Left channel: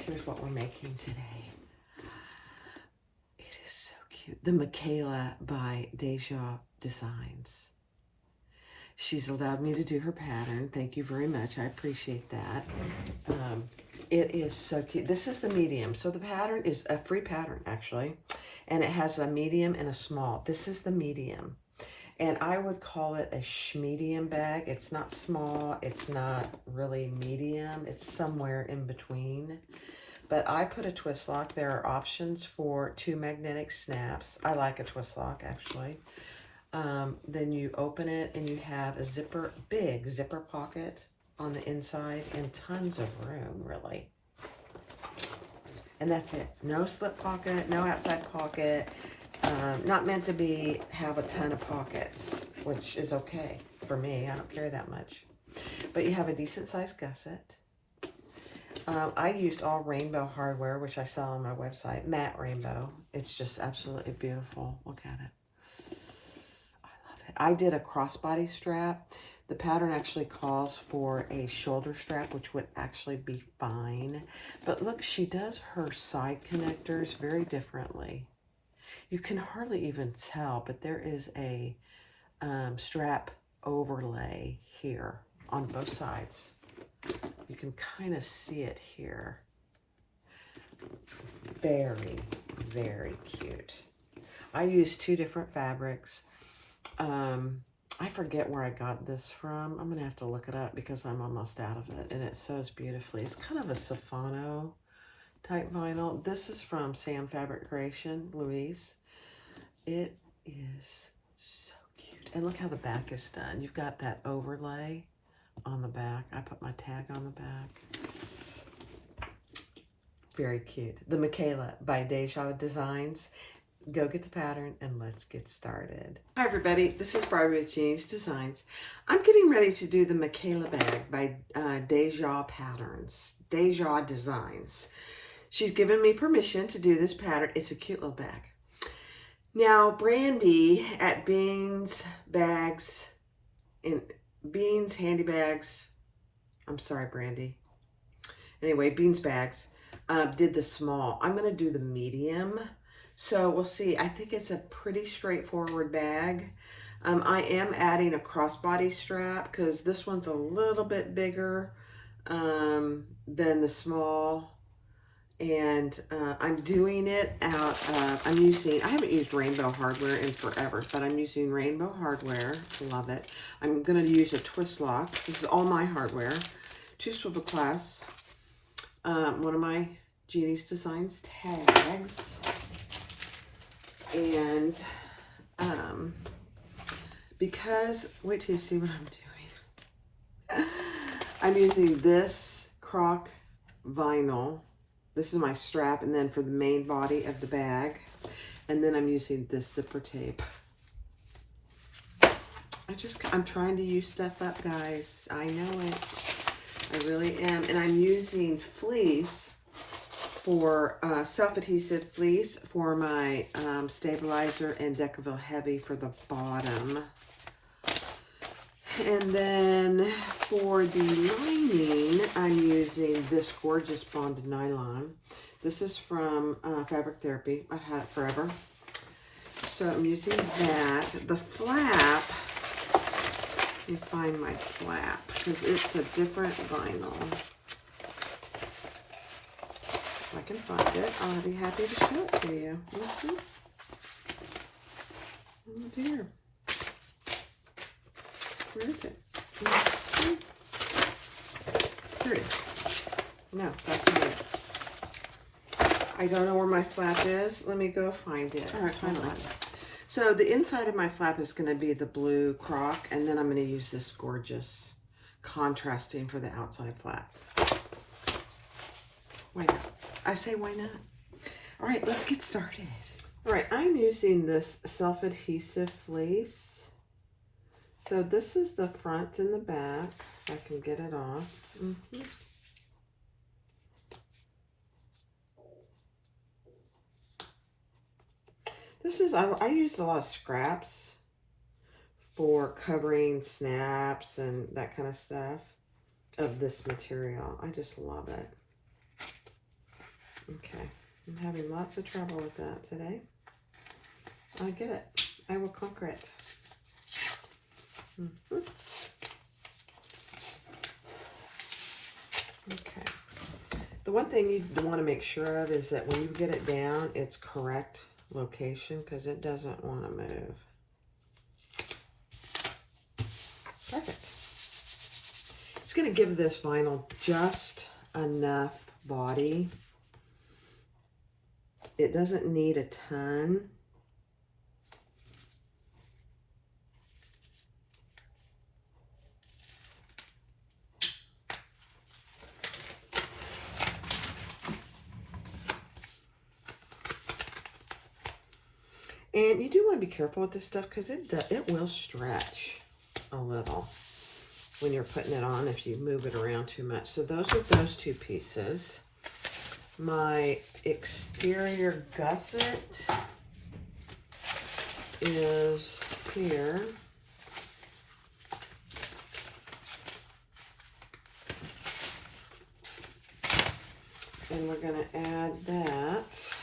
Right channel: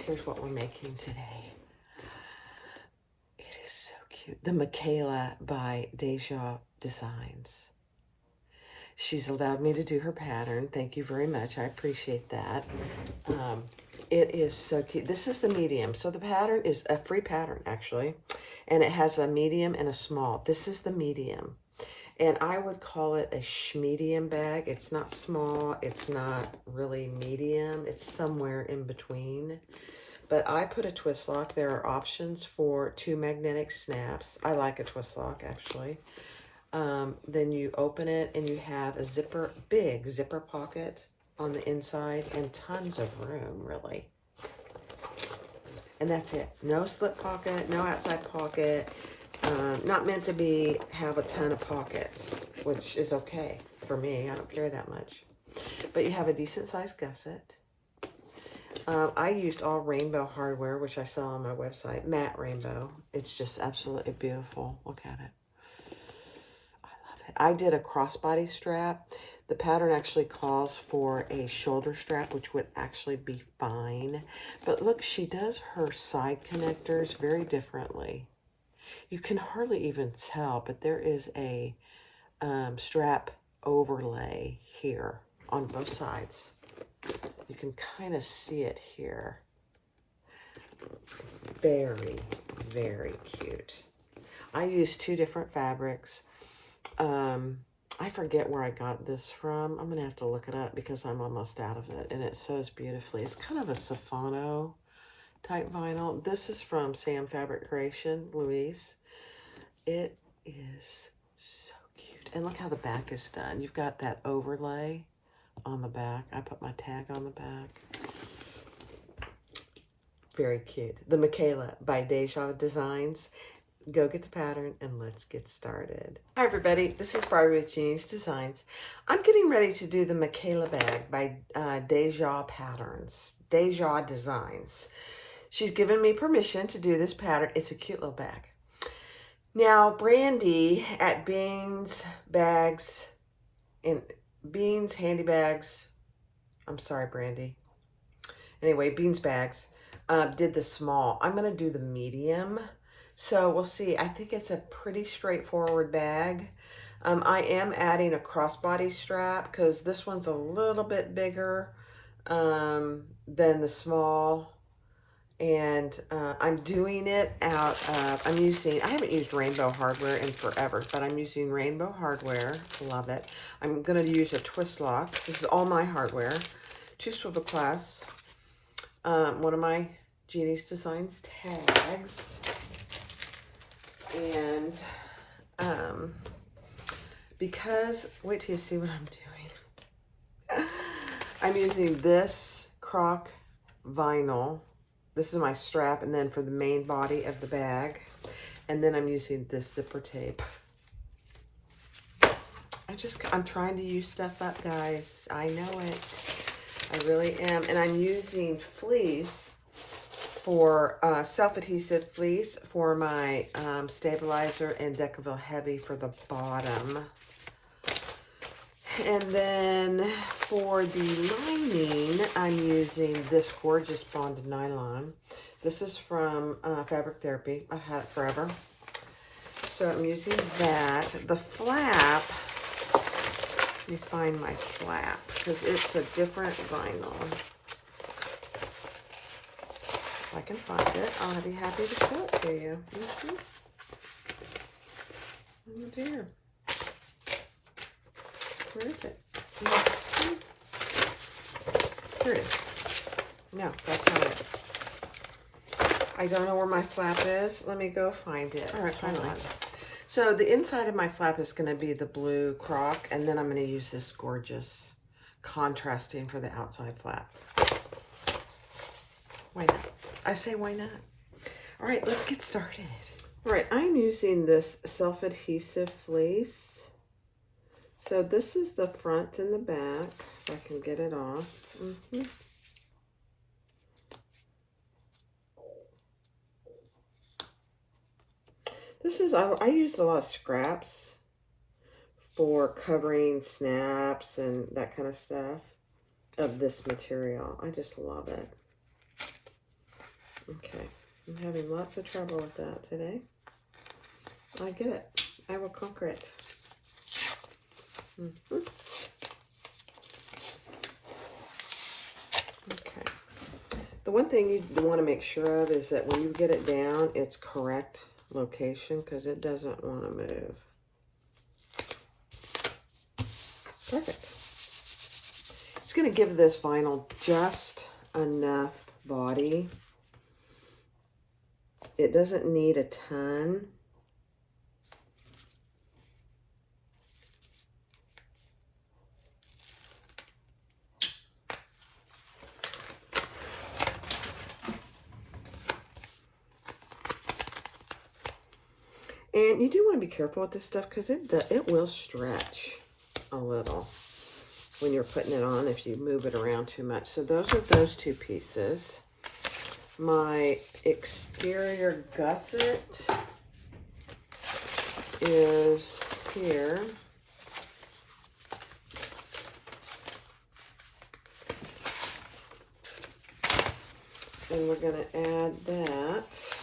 guys, here's what we're making today. It is so cute. The Makayla by Deja Designs. She's allowed me to do her pattern. Thank you very much. I appreciate that. It is so cute. This is the medium. So the pattern is a free pattern, actually. And it has a medium and a small. This is the medium. And I would call it a schmedium bag. It's not small. It's not really medium. It's somewhere in between. But I put a twist lock. There are options for 2 magnetic snaps. I like a twist lock, actually. Then you open it and you have a zipper, big zipper pocket on the inside and tons of room, really. And that's it. No slip pocket, no outside pocket. Not meant to have a ton of pockets, which is okay for me. I don't carry that much. But you have a decent sized gusset. I used all rainbow hardware, which I sell on my website. Matte rainbow. It's just absolutely beautiful. Look at it. I love it. I did a crossbody strap. The pattern actually calls for a shoulder strap, which would actually be fine. But look, she does her side connectors very differently. You can hardly even tell, but there is a strap overlay here on both sides. You can kind of see it here. Very, very cute. I used 2 different fabrics. I forget where I got this from. I'm going to have to look it up because I'm almost out of it. And it sews beautifully. It's kind of a Safano type vinyl. This is from Sam Fabric Creation, Louise. It is so cute. And look how the back is done. You've got that overlay on the back. I put my tag on the back. Very cute. The Makayla by Deja Designs. Go get the pattern and let's get started. Hi everybody, this is Barbara with Jeannie's Designs. I'm getting ready to do the Makayla bag by Deja Designs. She's given me permission to do this pattern. It's a cute little bag. Now, Brandy at Beans Handy Bags. I'm sorry, Brandy. Anyway, Beans Bags did the small. I'm going to do the medium. So we'll see. I think it's a pretty straightforward bag. I am adding a crossbody strap because this one's a little bit bigger than the small. And I'm doing it out of, I haven't used rainbow hardware in forever, but I'm using rainbow hardware. Love it. I'm going to use a twist lock. This is all my hardware. 2 swivel clasps. One of my Jeannie's Designs tags. And because, wait till you see what I'm doing. I'm using this croc vinyl. This is my strap, and then for the main body of the bag. And then I'm using this zipper tape. I'm trying to use stuff up, guys. I know it. I really am. And I'm using fleece for self-adhesive fleece for my stabilizer and Decaville Heavy for the bottom. And then for the lining, I'm using this gorgeous bonded nylon. This is from Fabric Therapy. I've had it forever. So I'm using that. The flap, let me find my flap because it's a different vinyl. If I can find it, I'll be happy to show it to you. Oh dear. Where is it? Here it is. No, that's not it. I don't know where my flap is. Let me go find it. All right, hold on. So the inside of my flap is going to be the blue croc, and then I'm going to use this gorgeous contrasting for the outside flap. Why not? I say why not? All right, let's get started. All right, I'm using this self-adhesive fleece. So this is the front and the back, if I can get it off. This is, I used a lot of scraps for covering snaps and that kind of stuff of this material. I just love it. Okay, I'm having lots of trouble with that today. I get it. I will conquer it. Okay. The one thing you want to make sure of is that when you get it down, it's correct location, because it doesn't want to move. Perfect. It's going to give this vinyl just enough body. It doesn't need a ton. And you do want to be careful with this stuff, because it will stretch a little when you're putting it on if you move it around too much. So those are those two pieces. My exterior gusset is here. And we're going to add that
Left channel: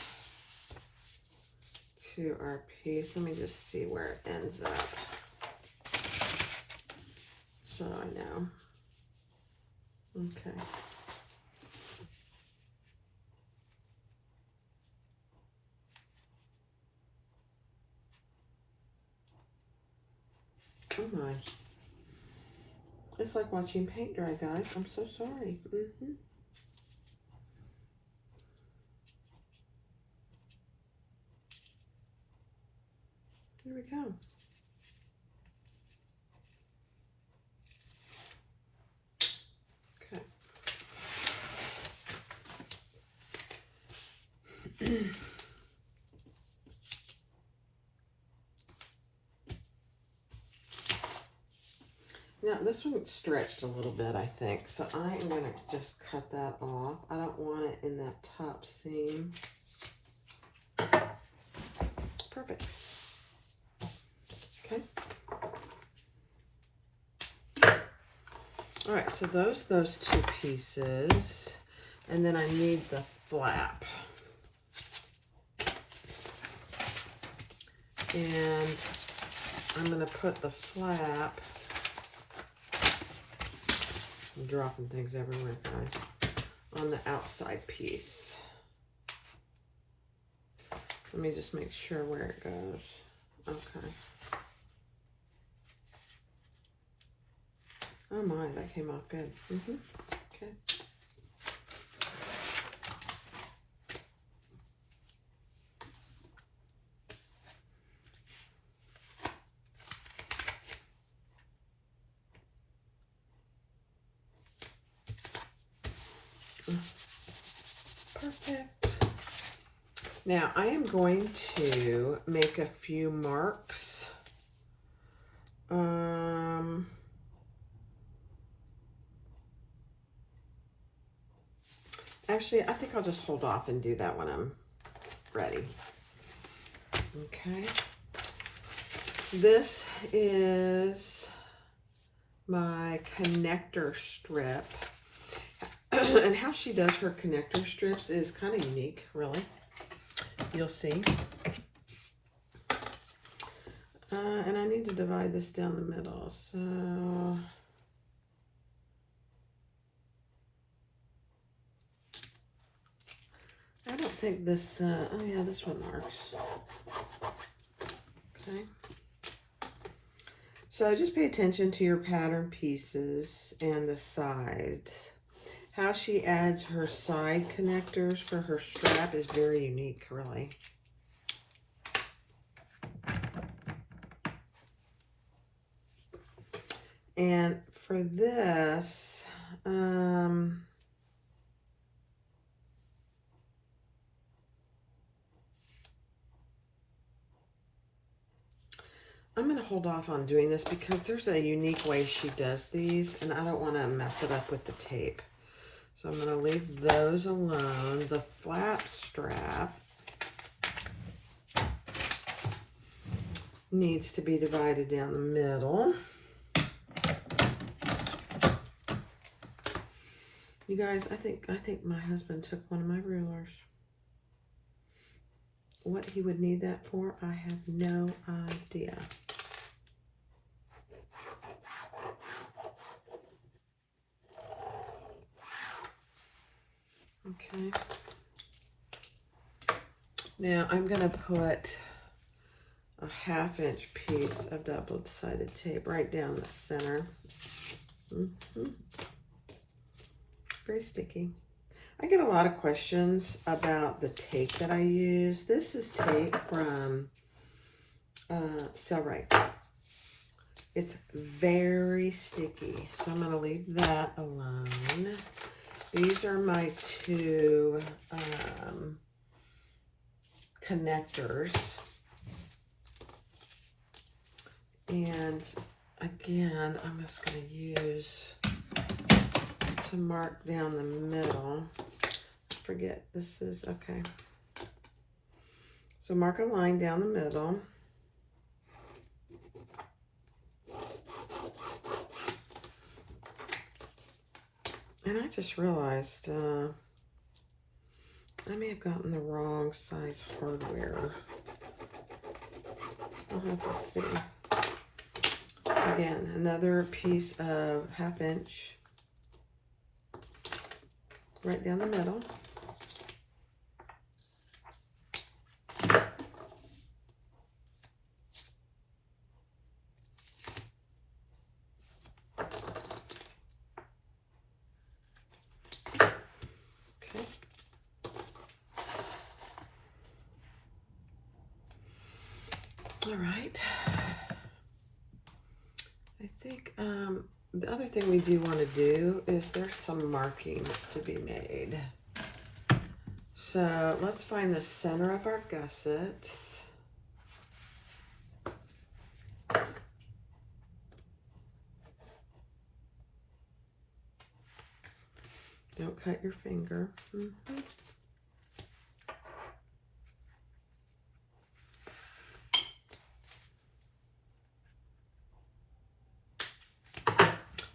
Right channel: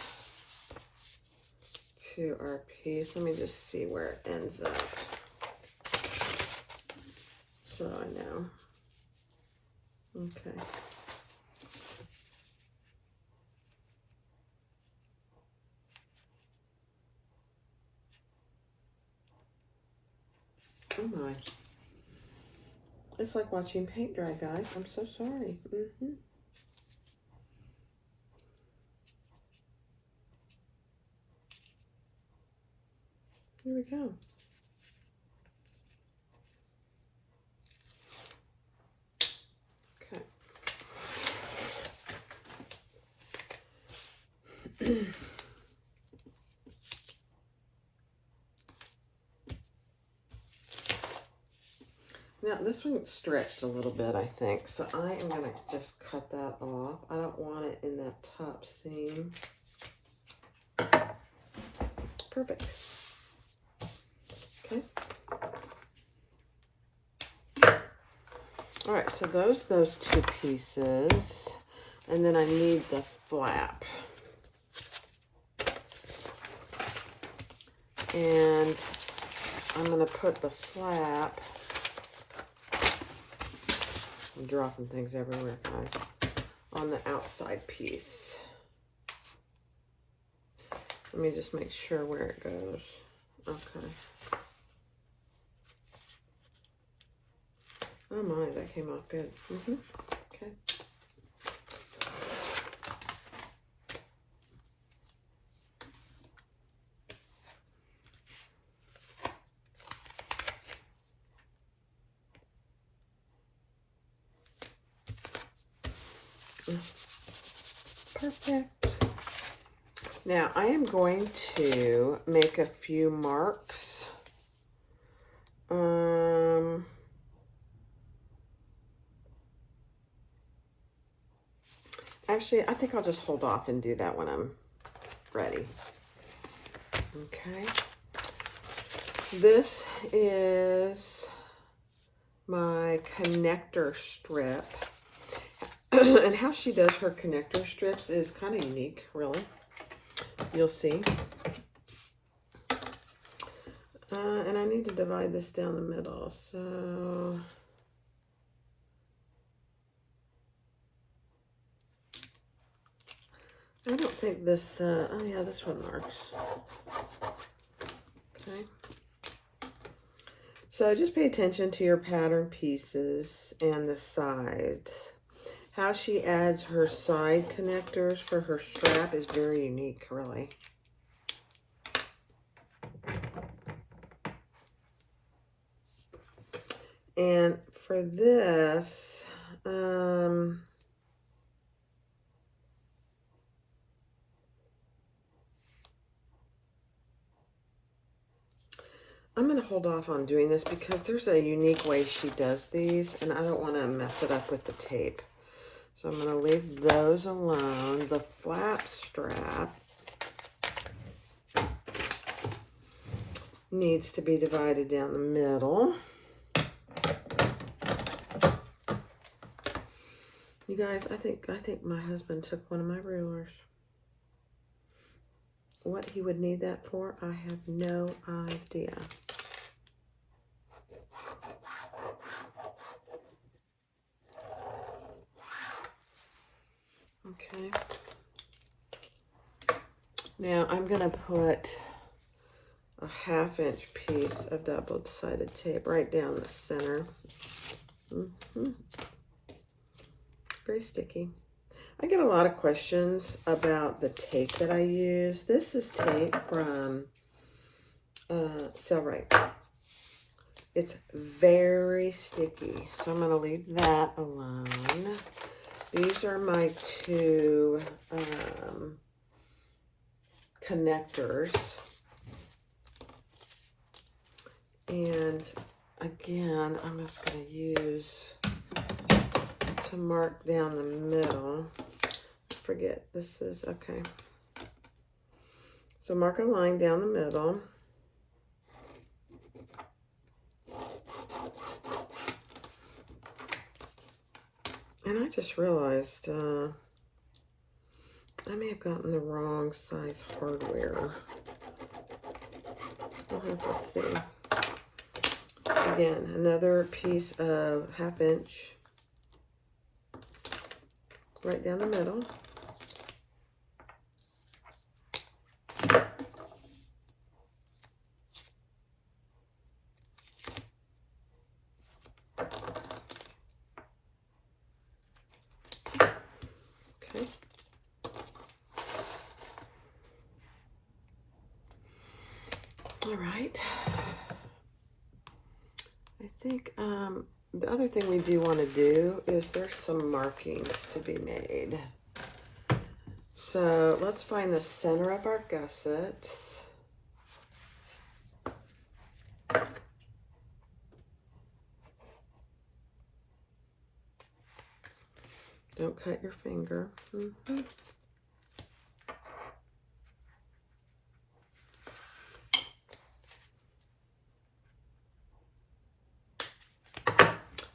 to our piece. Let me just see where it ends up, so I know. Okay. Oh my. It's like watching paint dry, guys. I'm so sorry. Here we go. Okay. Now, this one stretched a little bit, I think, so I am going to just cut that off. I don't want it in that top seam. Perfect. Okay. All right, so those two pieces, and then I need the flap. And I'm going to put the flap, I'm dropping things everywhere, guys, on the outside piece. Let me just make sure where it goes. Okay. Oh my, that came off good. Okay. Perfect. Now I am going to make a few marks. Actually, I think I'll just hold off and do that when I'm ready. Okay. This is my connector strip. And how she does her connector strips is kind of unique, really. You'll see. And I need to divide this down the middle, so... I don't think this, oh yeah, this one works. Okay. So just pay attention to your pattern pieces and the sides. How she adds her side connectors for her strap is very unique, really. And for this, I'm going to hold off on doing this because there's a unique way she does these, and I don't want to mess it up with the tape. So I'm going to leave those alone. The flap strap needs to be divided down the middle. You guys, I think my husband took one of my rulers. What he would need that for, I have no idea. Okay. Now I'm going to put a 1/2-inch piece of double-sided tape right down the center. Very sticky. I get a lot of questions about the tape that I use. This is tape from Right. It's very sticky, so I'm going to leave that alone. These are my two connectors. And again, I'm just going to use to mark down the middle. Forget, this is, okay. So mark a line down the middle. And I just realized I may have gotten the wrong size hardware. I'll have to see. Again, another piece of 1/2-inch right down the middle. Okay. All right. I think the other thing we do want to do is there's some markings to be made. So let's find the center of our gussets. Don't cut your finger.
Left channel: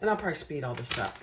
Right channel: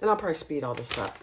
And I'll probably speed all this up.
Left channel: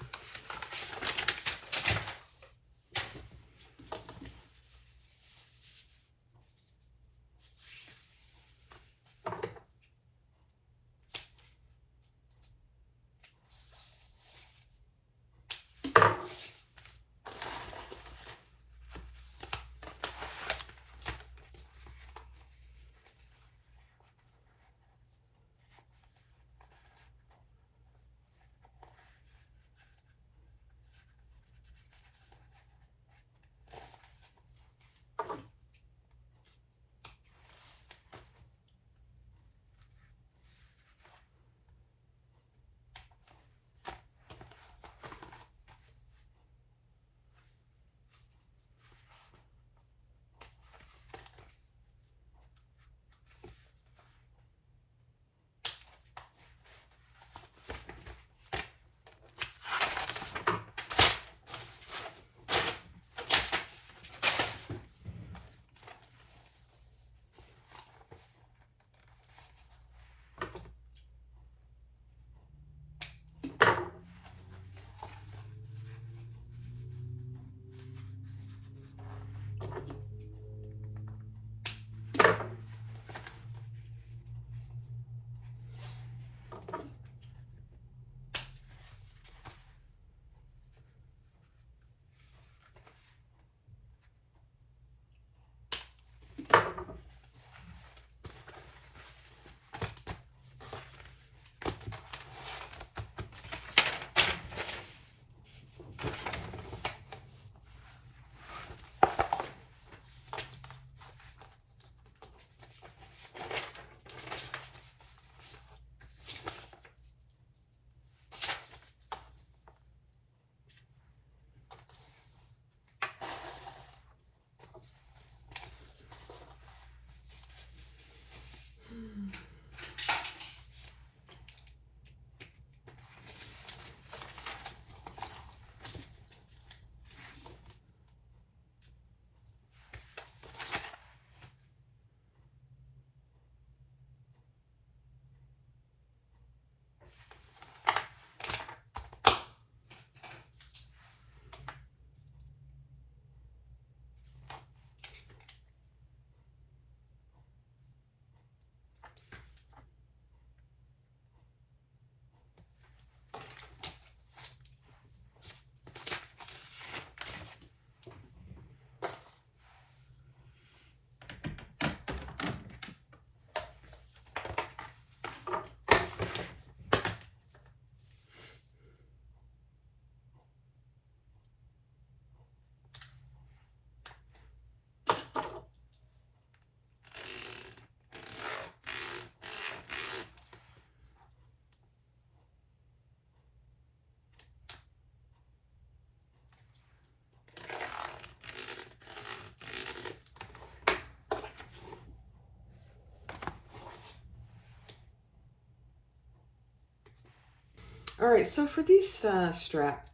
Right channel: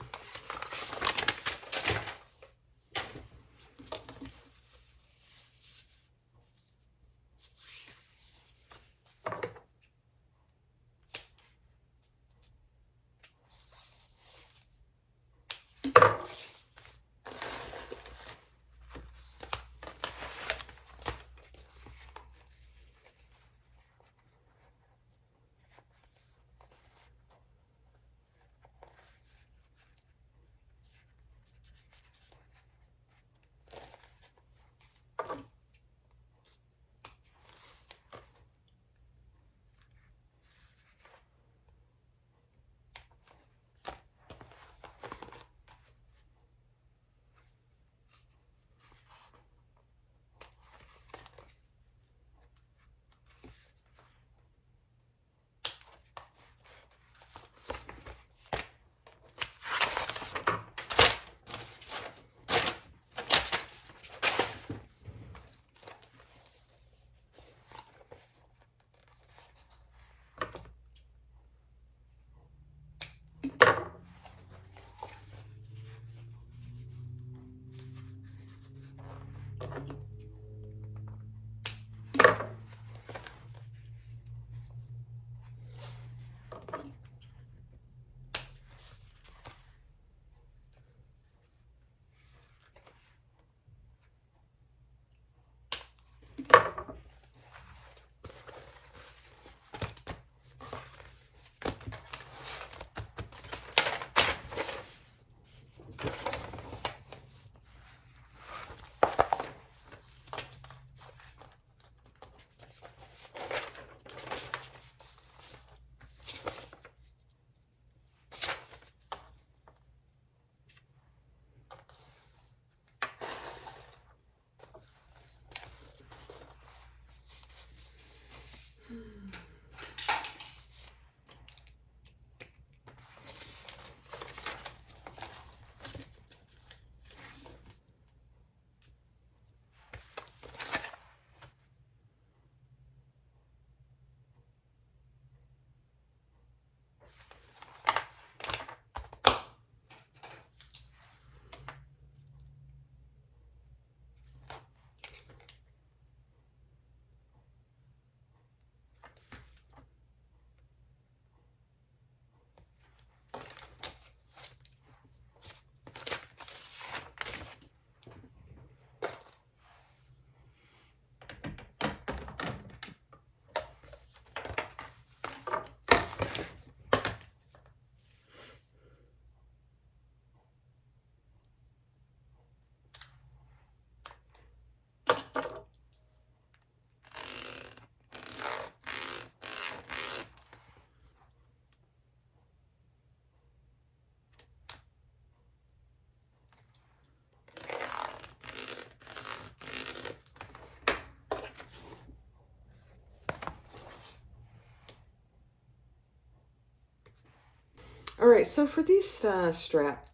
All right, so for these strap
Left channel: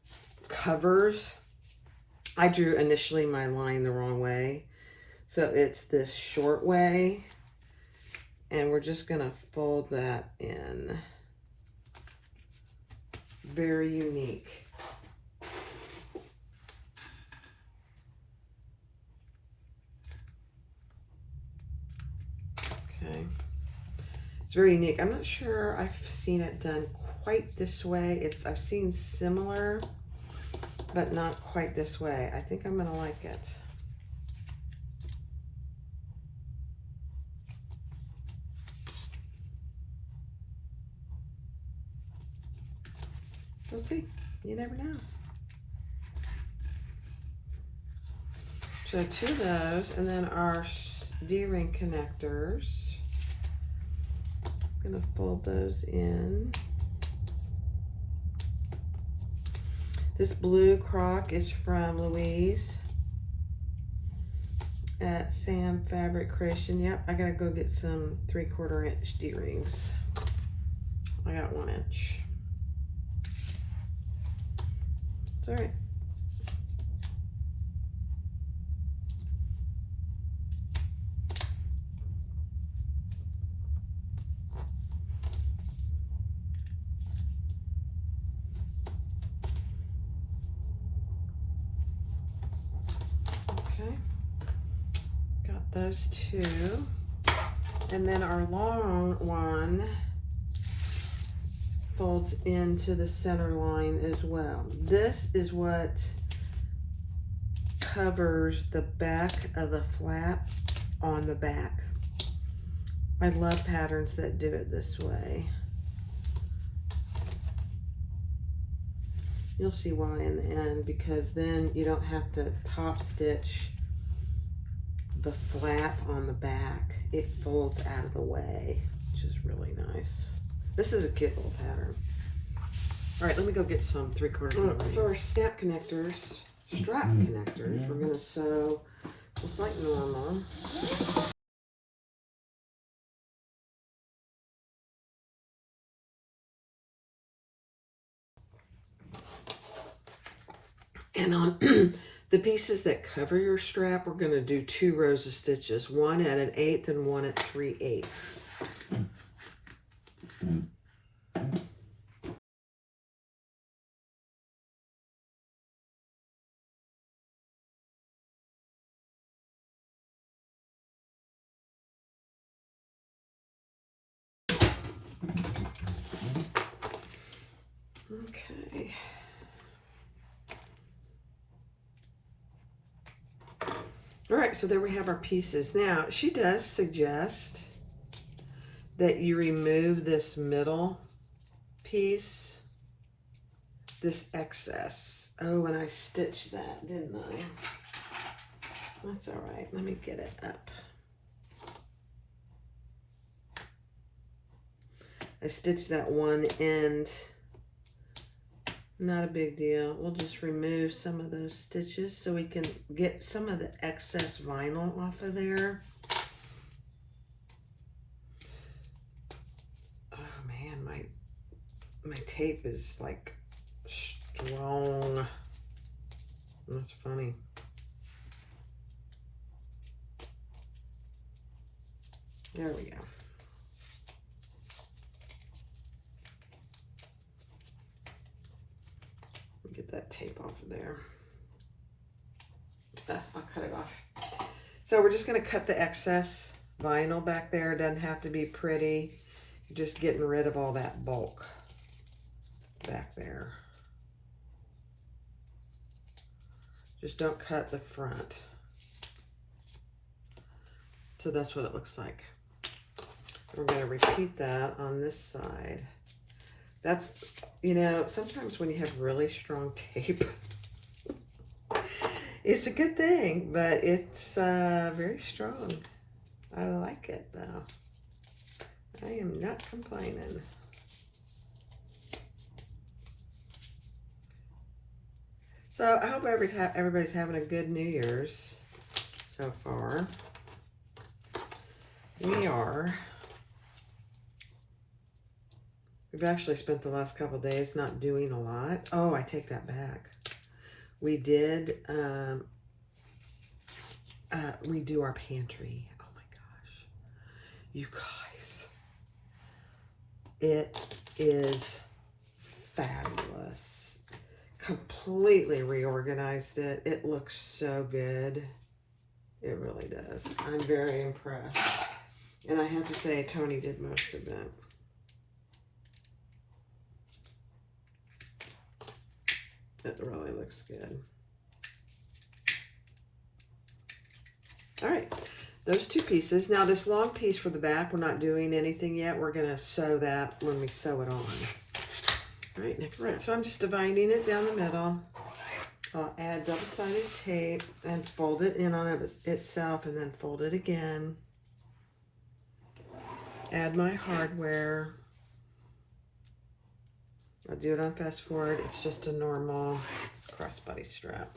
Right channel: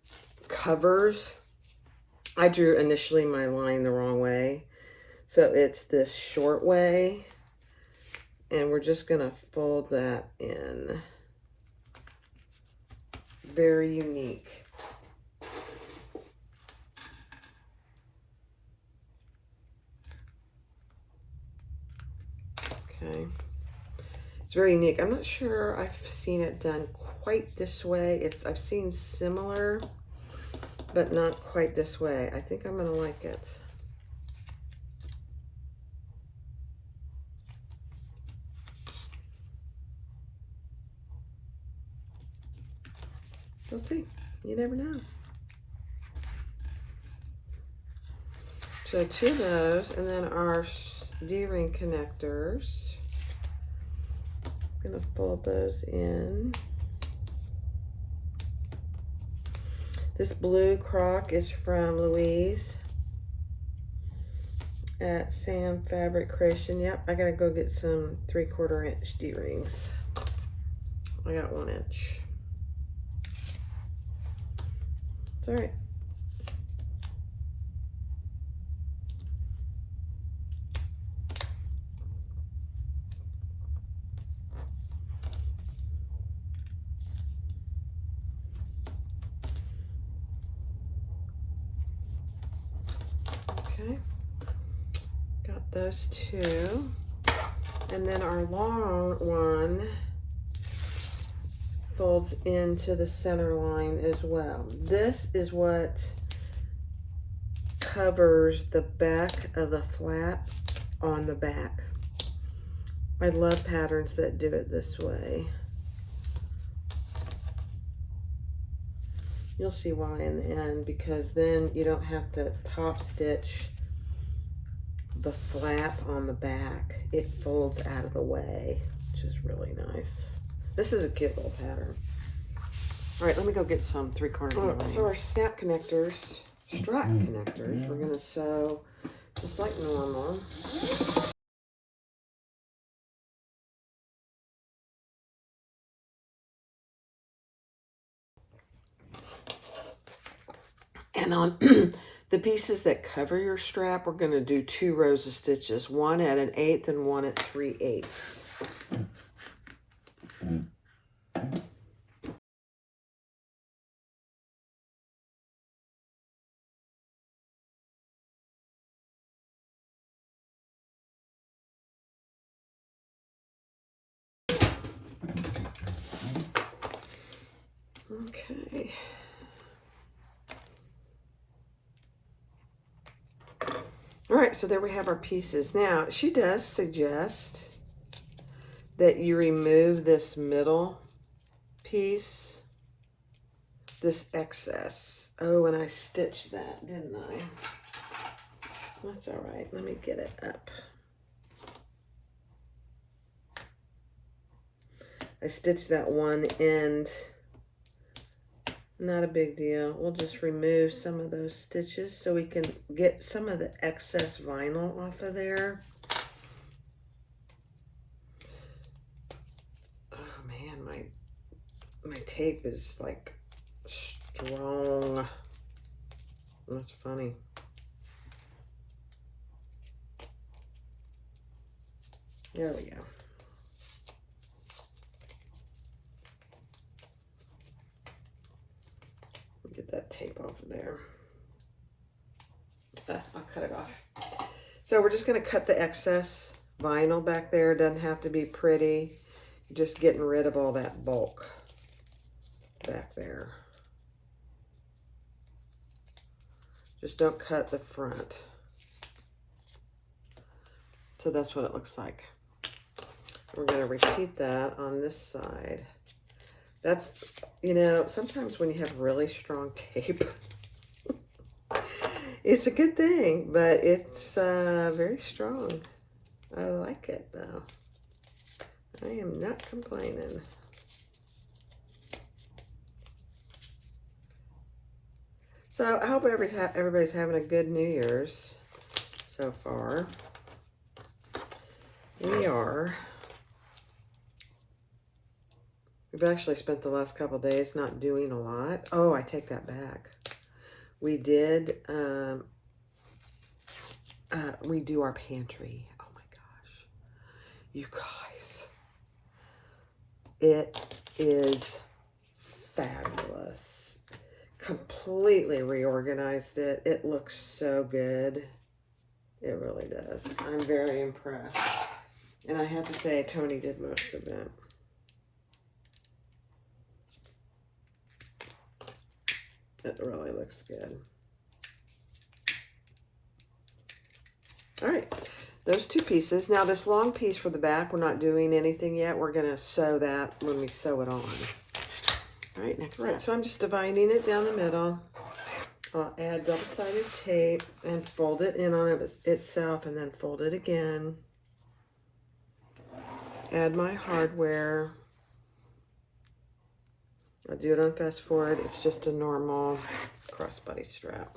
covers, I drew initially my line the wrong way. So it's this short way, and we're just gonna fold that in. Very unique. Okay. It's very unique. I'm not sure I've seen it done quite this way. I've seen similar, but not quite this way. I think I'm gonna like it. We'll see. You never know. So 2 of those, and then our D-ring connectors. I'm gonna fold those in. This blue croc is from Louise at Sam Fabric Creation. Yep, I gotta go get some 3/4 inch D-rings. I got 1 inch. It's all right. Okay, got those 2. And then our long one folds into the center line as well. This is what covers the back of the flap on the back. I love patterns that do it this way. You'll see why in the end, because then you don't have to top stitch the flap on the back. It folds out of the way, which is really nice. This is a cute little pattern. All right, let me go get some 3/4 inch. So our snap connectors, strap connectors, we're gonna sew just like normal. And on the pieces that cover your strap, we're gonna do 2 rows of stitches, 1 at 1/8 and 1 at 3/8. Okay. All right, so there we have our pieces. Now, she does suggest that you remove this middle piece, this excess. Oh, and I stitched that, didn't I? That's all right. Let me get it up. I stitched that one end. Not a big deal. We'll just remove some of those stitches so we can get some of the excess vinyl off of there. Oh man, my tape is like strong. That's funny. There we go. Get that tape off of there. I'll cut it off. So we're just going to cut the excess vinyl back there. It doesn't have to be pretty. You're just getting rid of all that bulk back there. Just don't cut the front. So that's what it looks like. We're going to repeat that on this side. That's, you know, sometimes when you have really strong tape, it's a good thing, but it's very strong. I like it though. I am not complaining. So I hope everybody's having a good New Year's so far. We are We've actually spent the last couple days not doing a lot. Oh, I take that back. We did redo our pantry. Oh my gosh. You guys. It is fabulous. Completely reorganized it. It looks so good. It really does. I'm very impressed. And I have to say, Tony did most of it. It really looks good. All right, those two pieces. Now this long piece for the back, we're not doing anything yet. We're gonna sew that when we sew it on. All right, next step. So I'm just dividing it down the middle. I'll add double-sided tape and fold it in on itself and then fold it again. Add my hardware. I'll do it on fast forward. It's just a normal crossbody strap.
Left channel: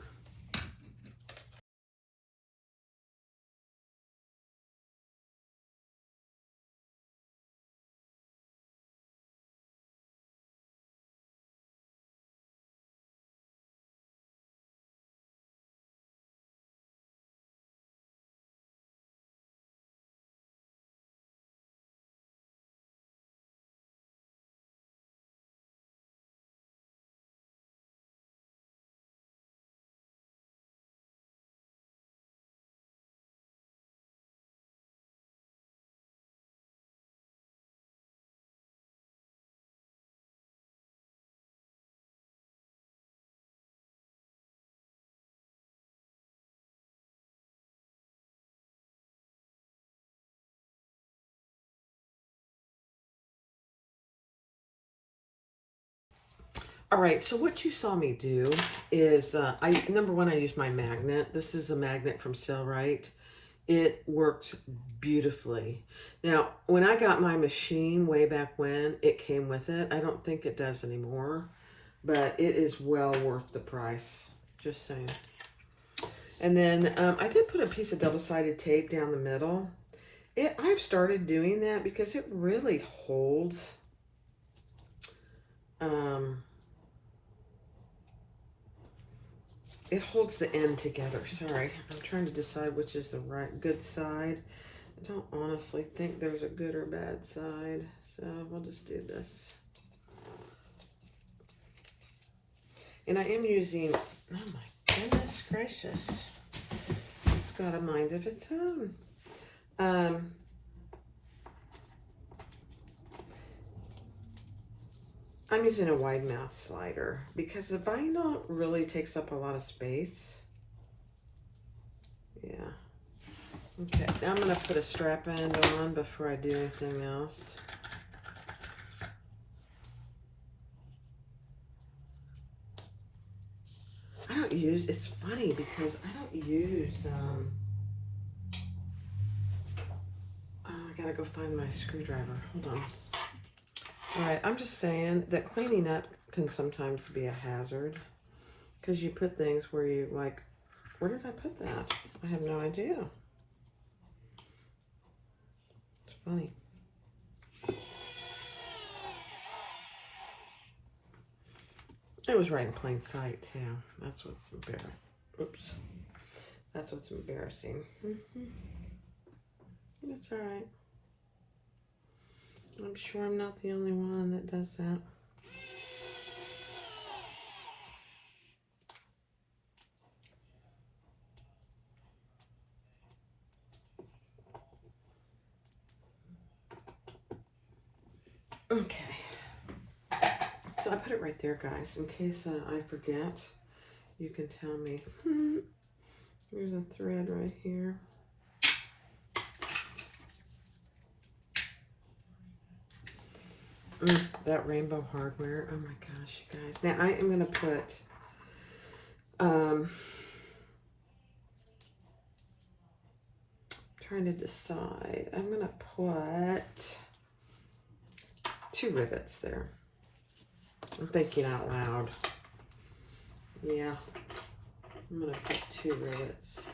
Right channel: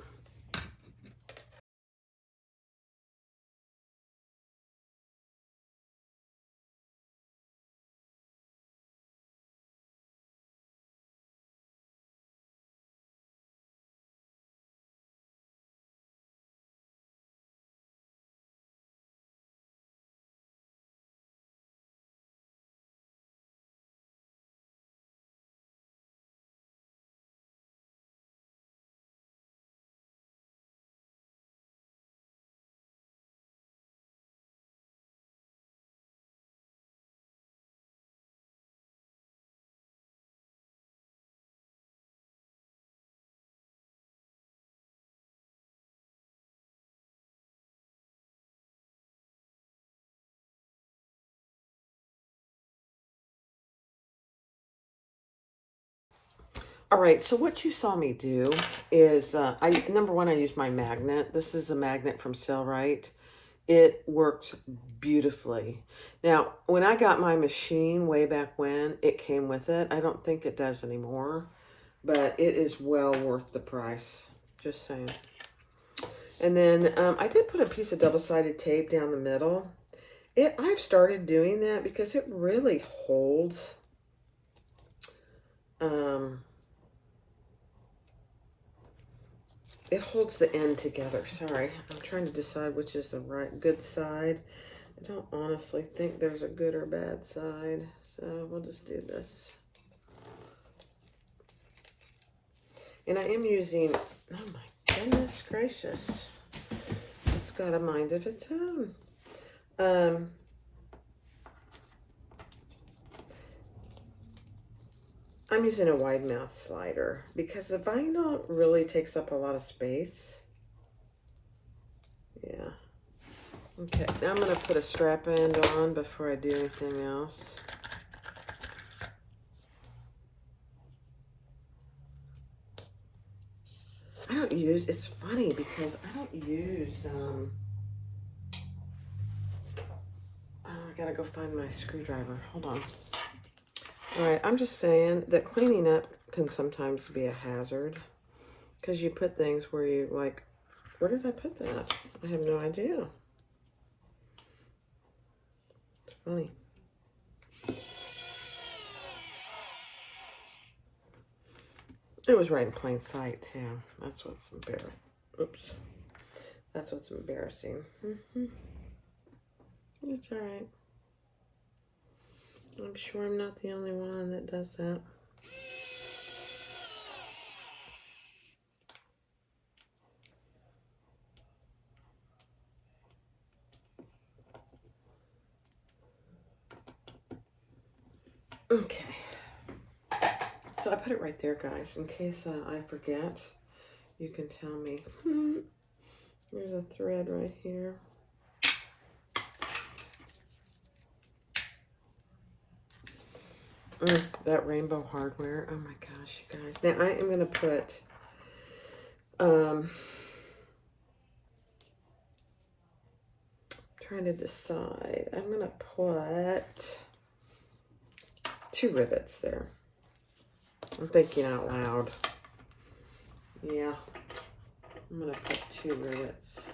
All right, so what you saw me do is, number one, I used my magnet. This is a magnet from Sailrite. It worked beautifully. Now, when I got my machine way back when, it came with it. I don't think it does anymore, but it is well worth the price. Just saying. And then I did put a piece of double-sided tape down the middle. I've started doing that because it really holds. It holds the end together. Sorry, I'm trying to decide which is the good side. I don't honestly think there's a good or bad side, so we'll just do this. And I am using, oh my goodness gracious, it's got a mind of its own. I'm using a wide mouth slider because the vinyl really takes up a lot of space. Yeah. Okay, now I'm going to put a strap end on before I do anything else. I don't use, it's funny because I don't use, oh, I gotta go find my screwdriver. Hold on. All right, I'm just saying that cleaning up can sometimes be a hazard because you put things where you like, where did I put that? I have no idea. It's funny. It was right in plain sight too. That's what's embarrassing. Oops. That's what's embarrassing. It's all right. I'm sure I'm not the only one that does that. Okay. So I put it right there, guys, in case I forget. You can tell me. There's a thread right here. That rainbow hardware. Oh my gosh, you guys. Now I am going to put trying to decide. I'm going to put 2 rivets there. I'm thinking out loud. Yeah. I'm going to put 2 rivets.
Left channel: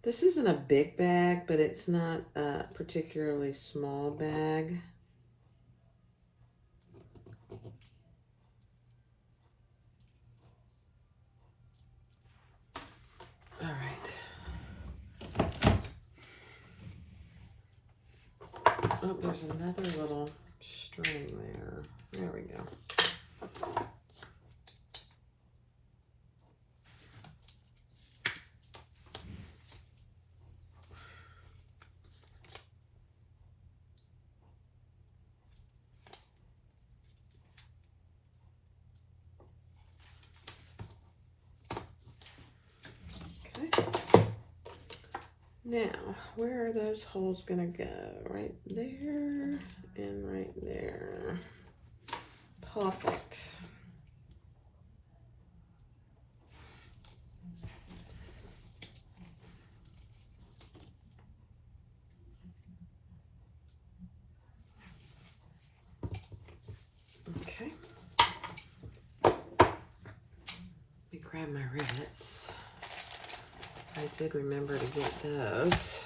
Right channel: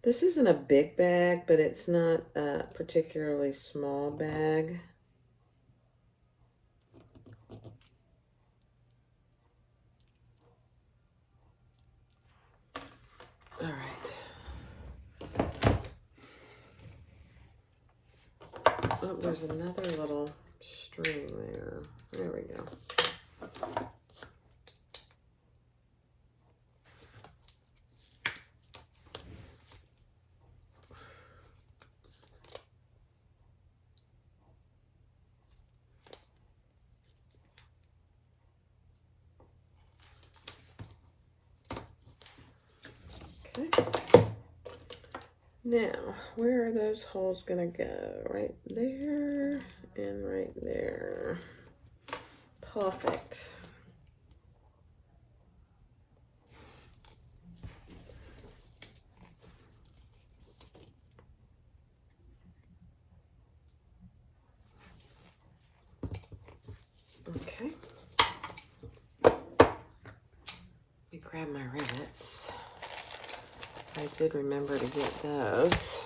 This isn't a big bag, but it's not a particularly small bag. Oh, there's another little string there. There we go. Now, where are those holes gonna go? Right there and right there. Perfect. Okay. Let me grab my rivets. I did remember to get those.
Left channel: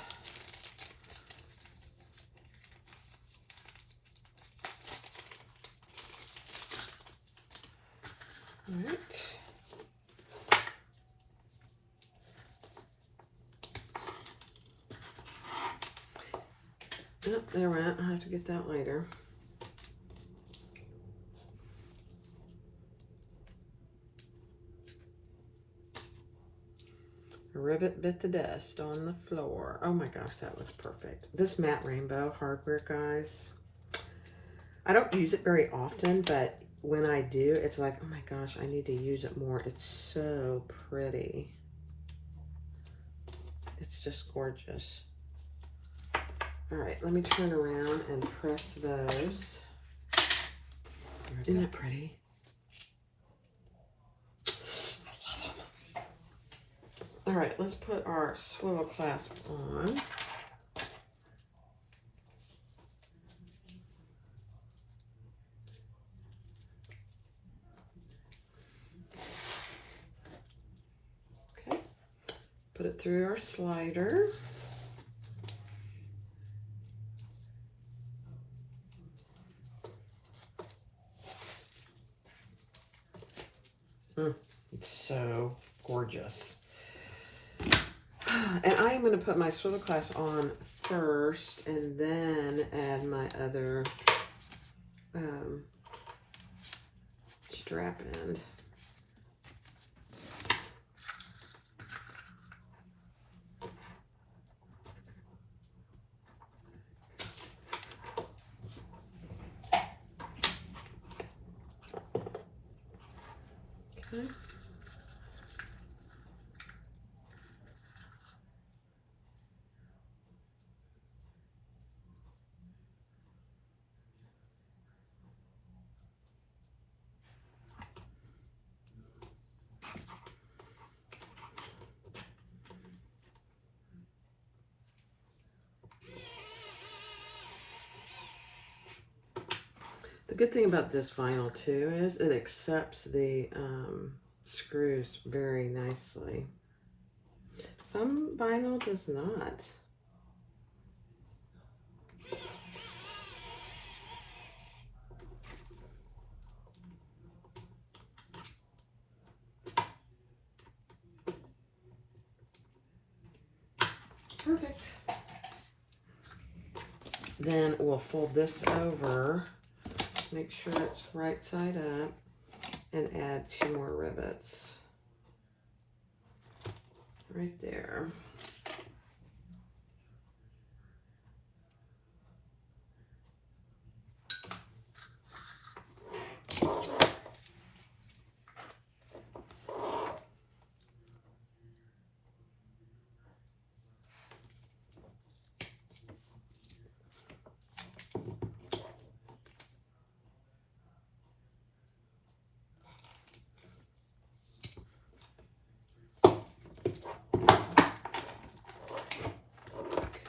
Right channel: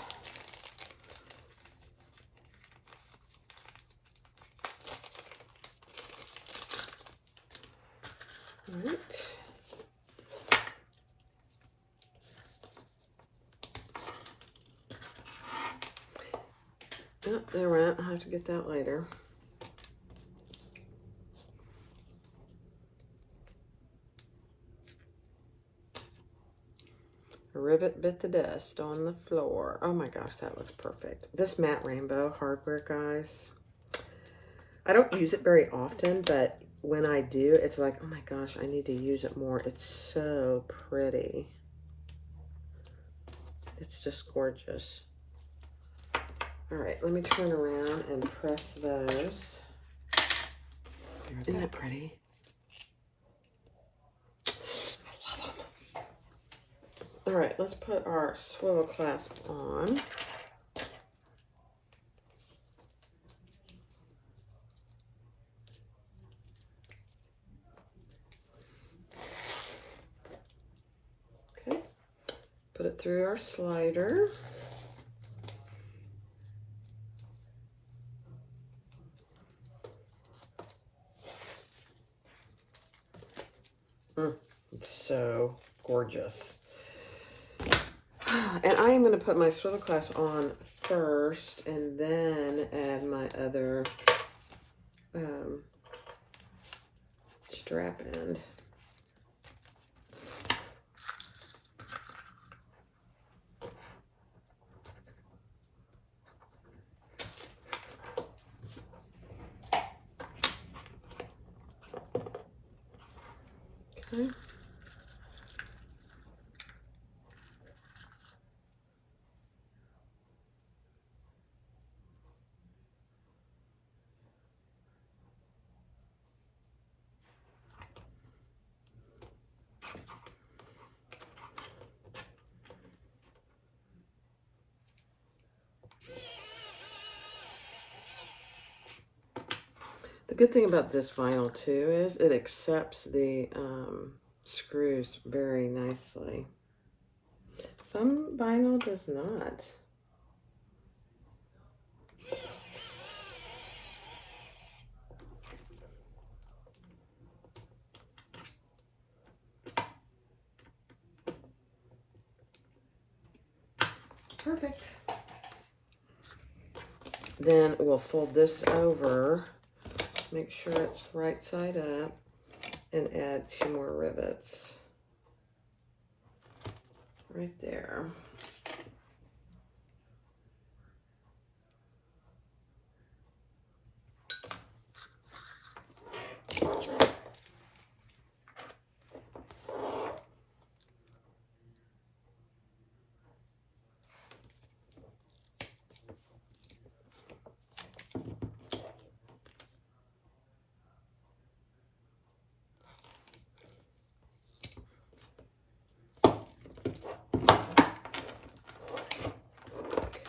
All right. Oh, they're right. I'll have to get that later. A rivet bit the dust on the floor. Oh my gosh, that looks perfect. This matte rainbow hardware, guys. I don't use it very often, but when I do, it's like, oh my gosh, I need to use it more. It's so pretty. It's just gorgeous. All right, let me turn around and press those. Isn't that pretty? I love them. All right, let's put our swivel clasp on. Okay, put it through our slider. It's so gorgeous. And I am going to put my swivel clasp on first and then add my other strap end. Okay. The good thing about this vinyl too is it accepts the screws very nicely. Some vinyl does not. Perfect. Then we'll fold this over, make sure it's right side up, and add 2 more rivets. Right there.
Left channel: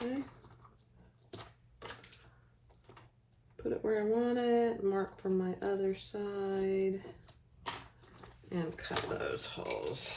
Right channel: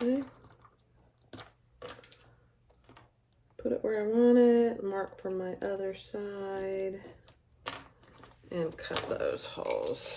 Okay. Put it where I want it, mark from my other side, and cut those holes.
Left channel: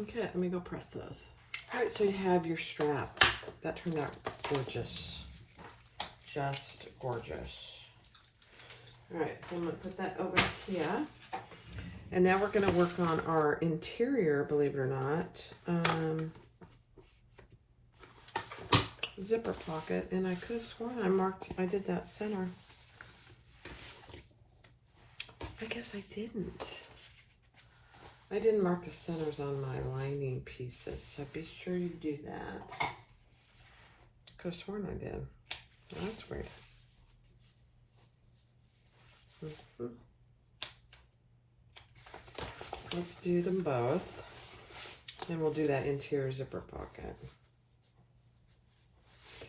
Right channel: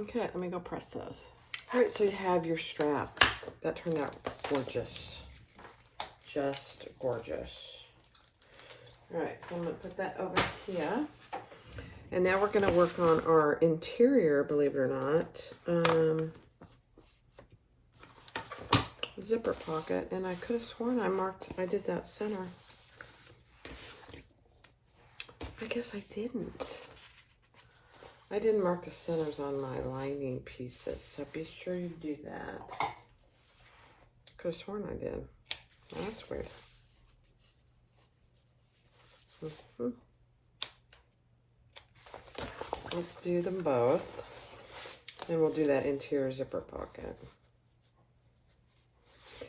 Okay, let me go press those. All right, so you have your strap. That turned out gorgeous. Just gorgeous. All right, so I'm gonna put that over here. And now we're gonna work on our interior, believe it or not. Zipper pocket, and I could have sworn I did that center. I guess I didn't. I didn't mark the centers on my lining pieces, so be sure you do that. Could have sworn I did. Well, that's weird. Let's do them both. And we'll do that interior zipper pocket.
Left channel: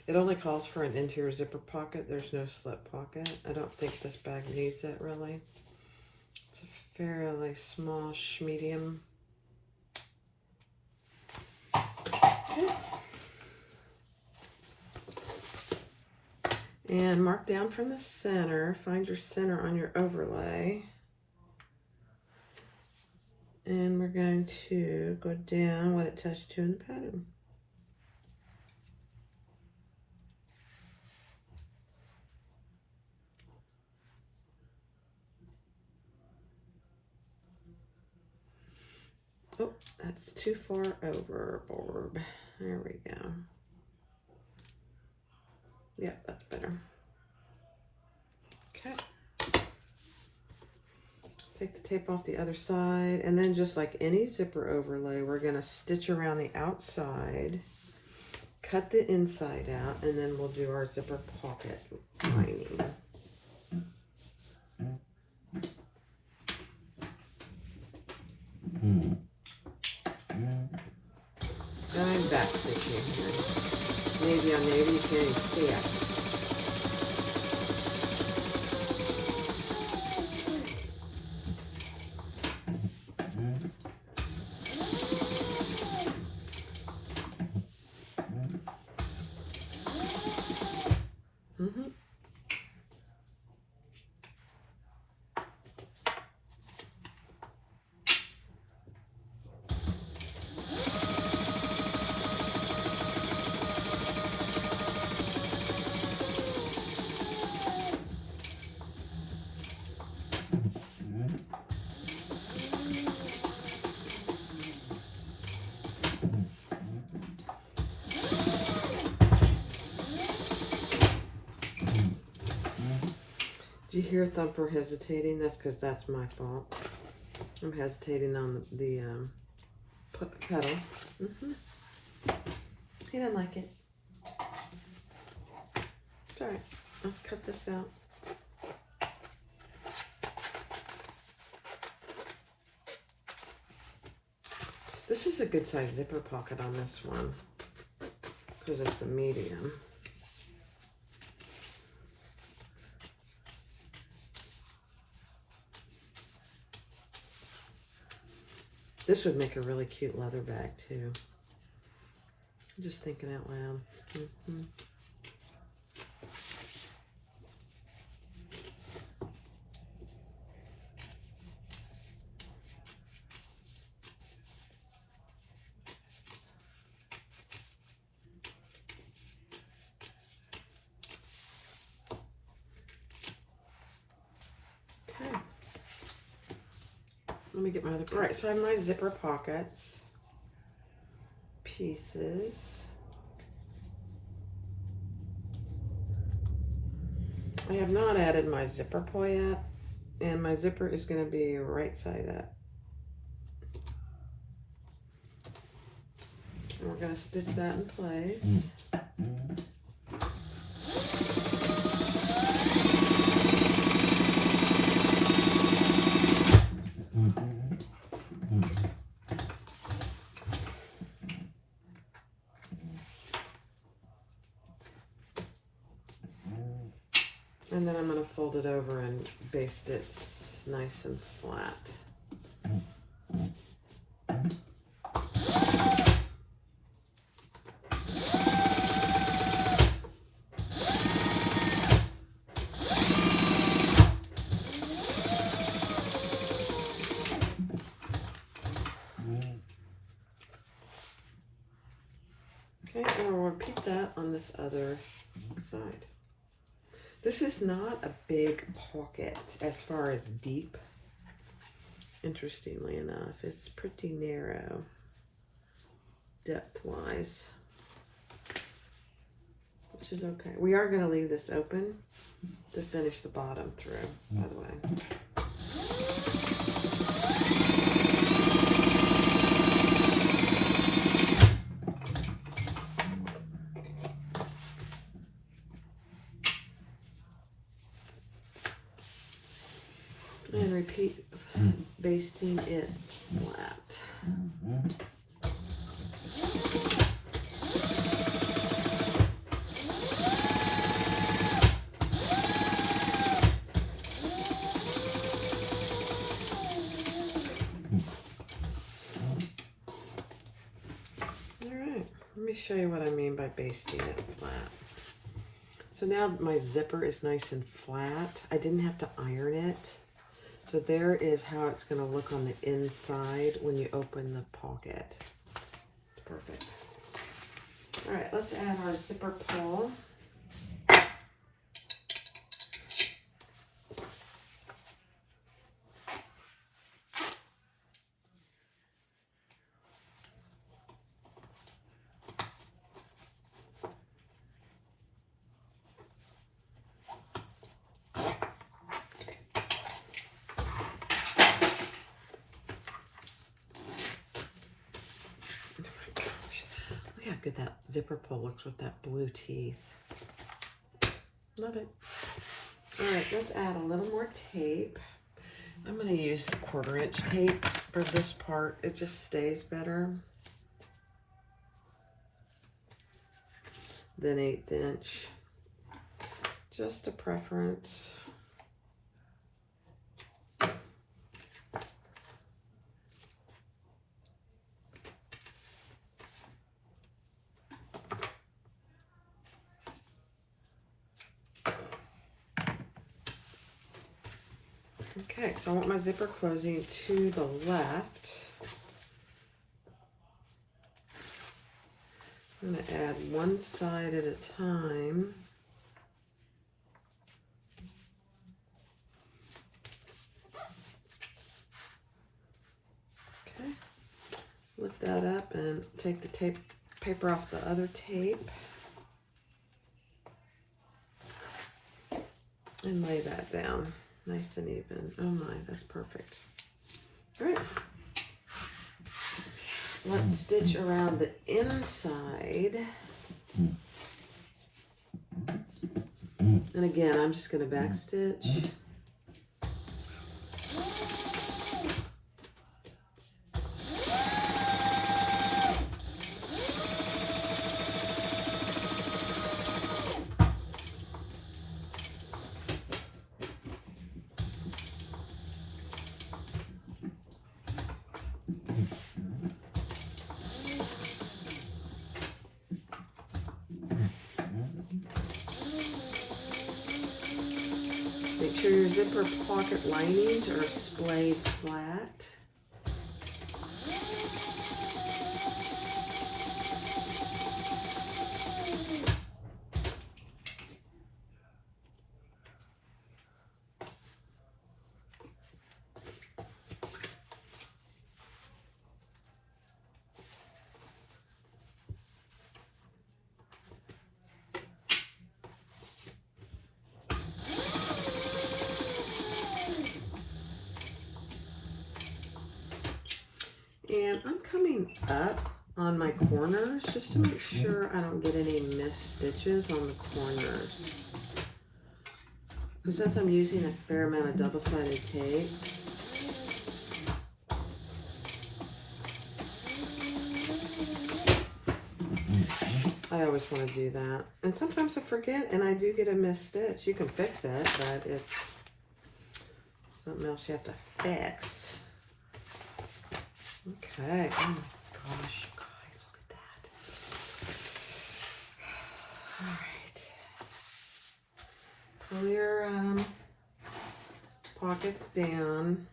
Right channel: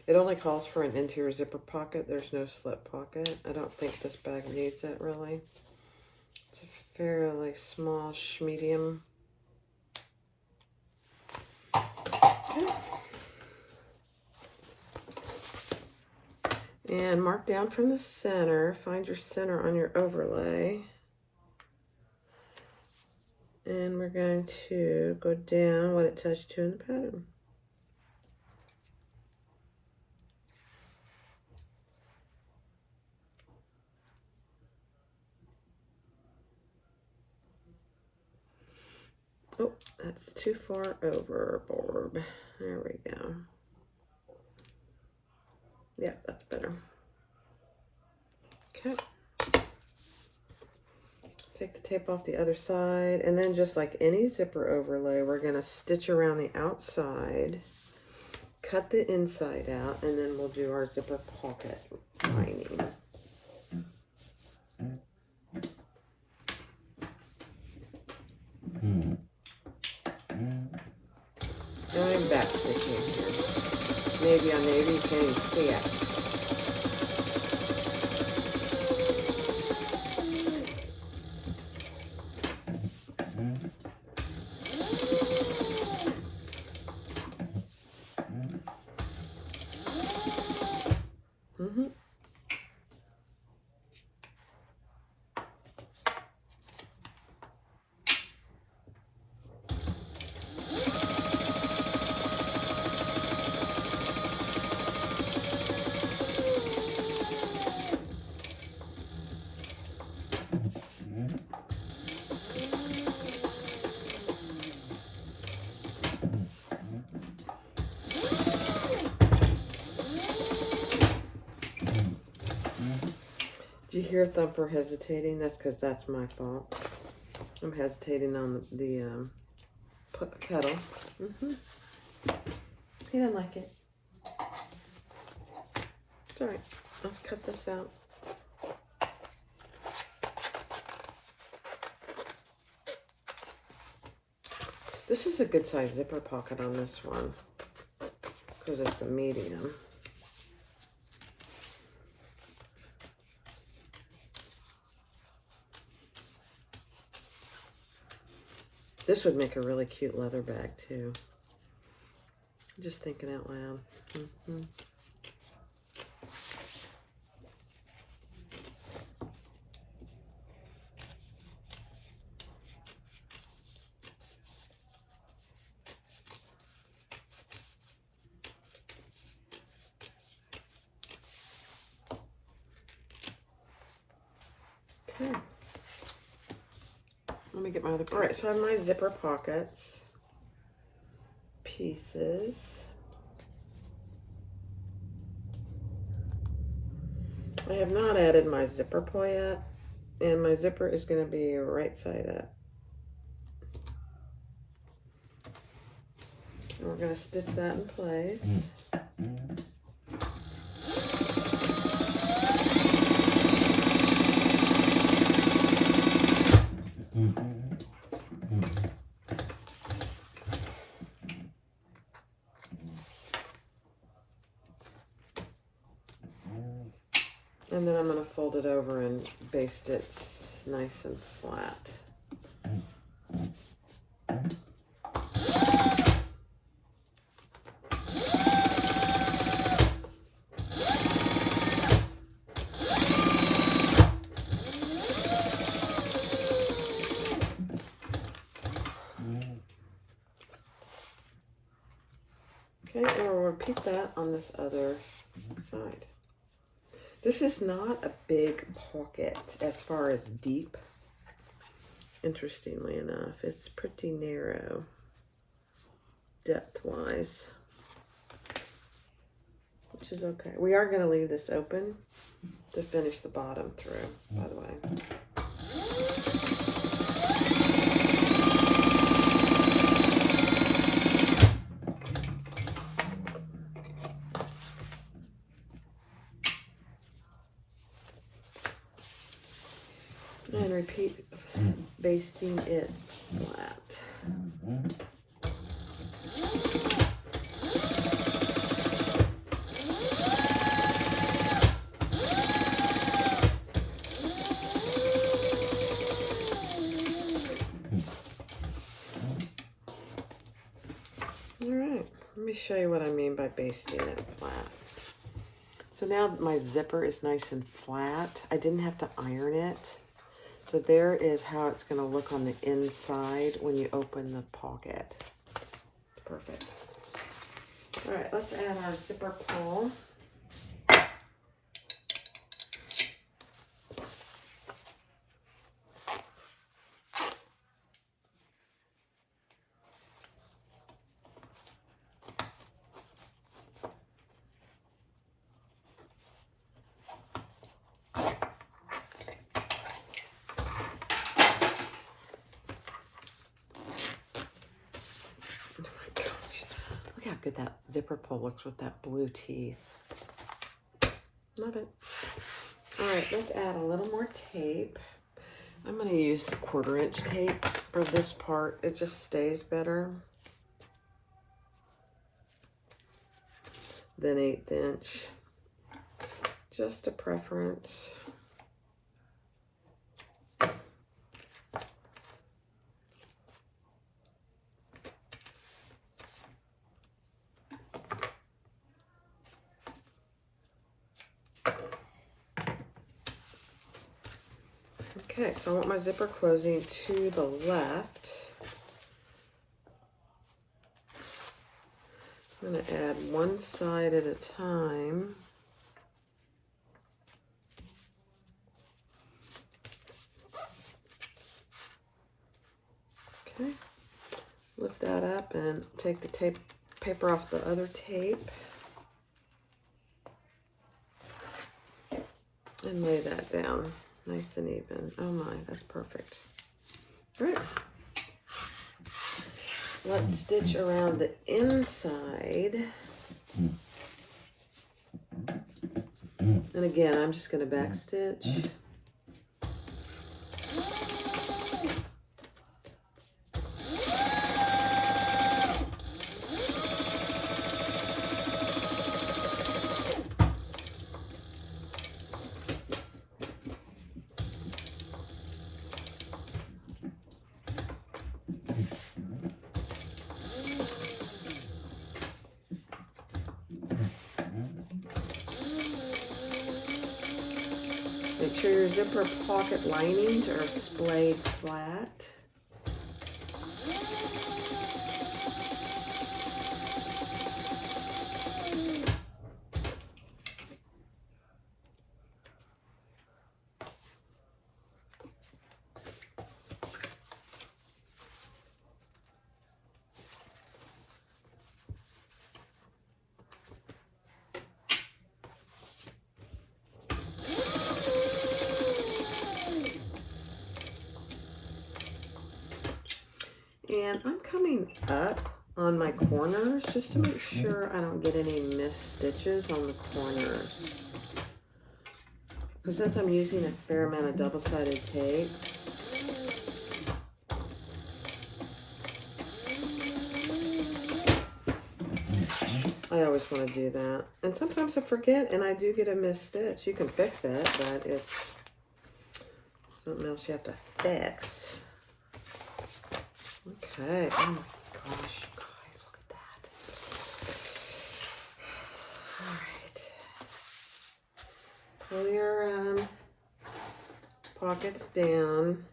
It only calls for an interior zipper pocket. There's no slip pocket. I don't think this bag needs it, really. It's a fairly small medium. Okay. And mark down from the center. Find your center on your overlay. And we're going to go down what it touched to in the pattern. Oh, that's too far overboard. There we go. Yeah, that's better. Okay. Take the tape off the other side, and then just like any zipper overlay, we're going to stitch around the outside, cut the inside out, and then we'll do our zipper pocket lining. I'm back stitching here. Maybe you can't even see it. Do you hear Thumper hesitating? That's because that's my fault. I'm hesitating on the kettle. He didn't like it. It's all right. Let's cut this out. This is a good size zipper pocket on this one because it's the medium. This would make a really cute leather bag too. I'm just thinking out loud. Okay. Let me get my other piece. All right, so I have my zipper pockets pieces. I have not added my zipper pull yet, and my zipper is going to be right side up. And we're going to stitch that in place. And then I'm going to fold it over and baste it nice and flat. repeat that on this other side. This is not a big pocket as far as deep. Interestingly enough, it's pretty narrow depth-wise, which is okay. We are going to leave this open to finish the bottom through, by the way. And repeat basting it flat. Alright, let me show you what I mean by basting it flat. So now my zipper is nice and flat. I didn't have to iron it. So there is how it's going to look on the inside when you open the pocket. Perfect. All right, let's add our zipper pull. Good, that zipper pull looks with that blue teeth. Love it. All right, let's add a little more tape. I'm going to use 1/4 inch tape for this part. It just stays better than 1/8 inch. Just a preference. Okay, so I want my zipper closing to the left. I'm going to add one side at a time. Okay, lift that up and take the paper off the other tape. And lay that down. Nice and even. Oh my, that's perfect. All right. Let's stitch around the inside. And again, I'm just going to back stitch. Make sure your zipper pocket linings are splayed flat. And I'm coming up on my corners just to make sure I don't get any missed stitches on the corners. Because since I'm using a fair amount of double-sided tape, I always want to do that. And sometimes I forget and I do get a missed stitch. You can fix it, but it's something else you have to fix. Okay. Oh my gosh, you guys, look at that. All right. Pull your pockets down.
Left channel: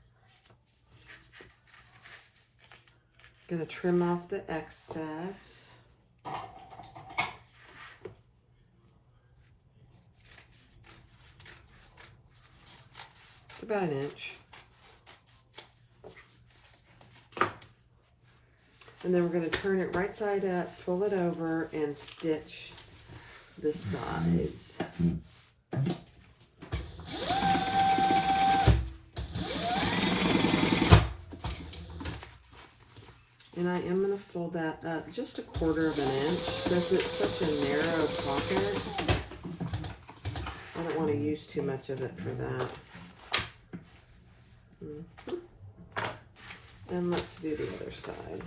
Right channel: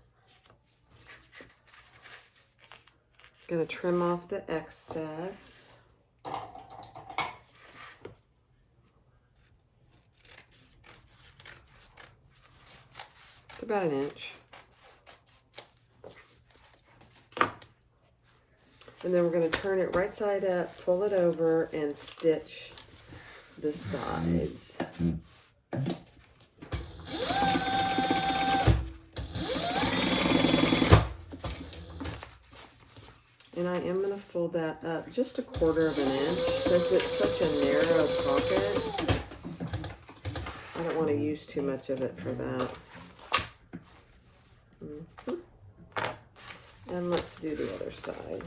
Gonna trim off the excess. about an inch. And then we're going to turn it right side up, pull it over, and stitch the sides. And I am going to fold that up just 1/4 of an inch. Since it's such a narrow pocket, I don't want to use too much of it for that. And let's do the other side.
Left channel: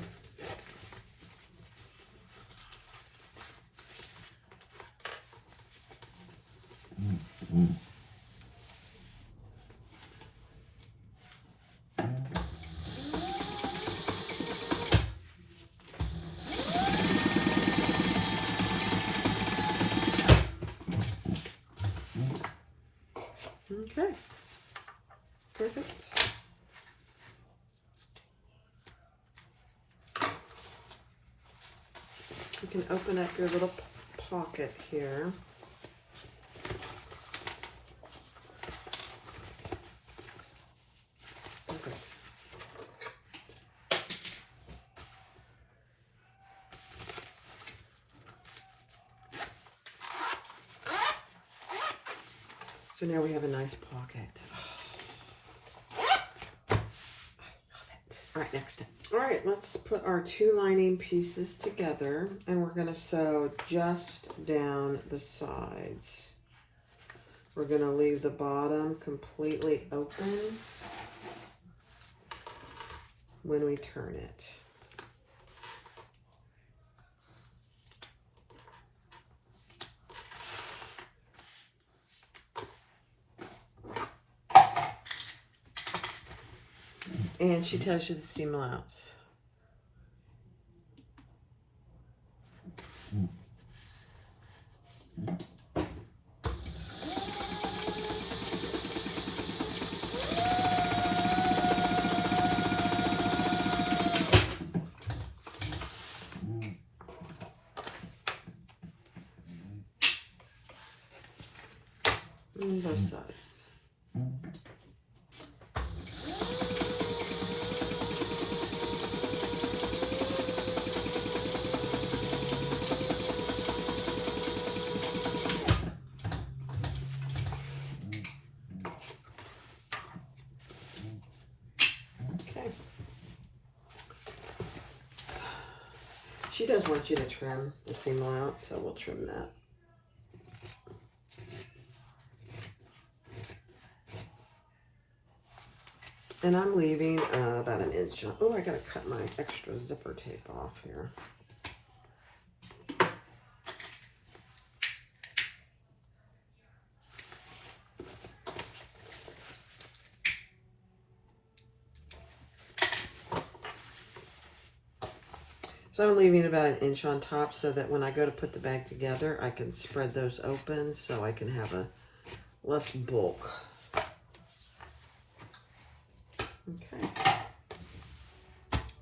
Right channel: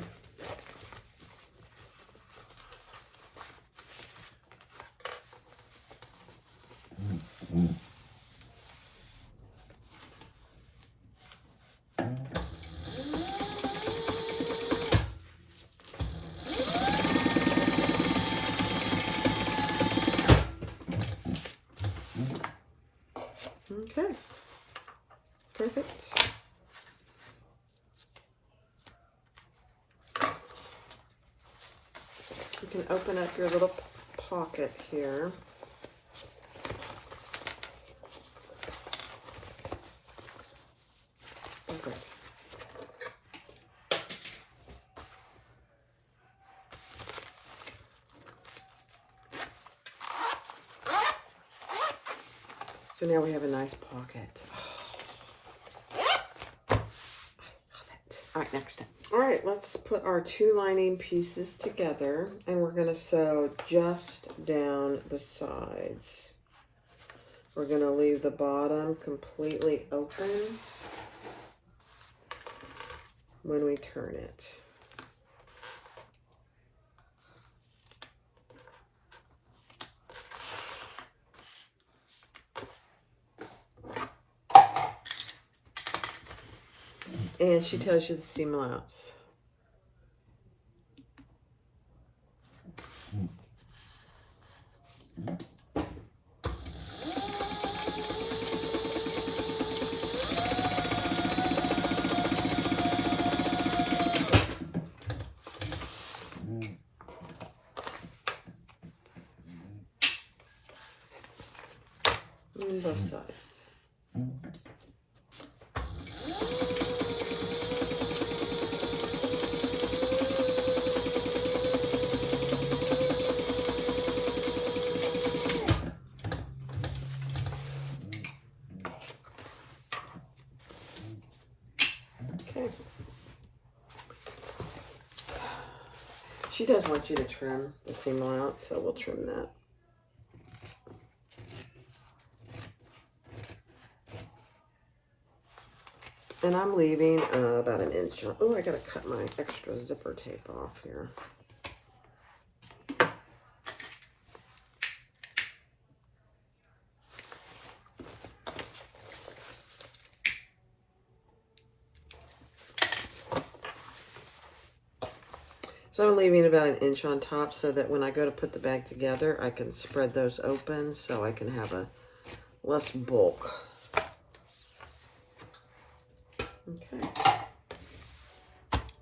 Okay, perfect. You can open up your little pocket here. Okay. So now we have a nice pocket. I love it. All right, next step. All right, let's put our 2 lining pieces together, and we're going to sew just down the sides. We're going to leave the bottom completely open when we turn it. And she tells you the seam allowance. And both sides. She does want you to trim the seam allowance, so we'll trim that. And I'm leaving about an inch. Oh, I gotta cut my extra zipper tape off here. So I'm leaving about an inch on top so that when I go to put the bag together, I can spread those open so I can have a less bulk. Okay.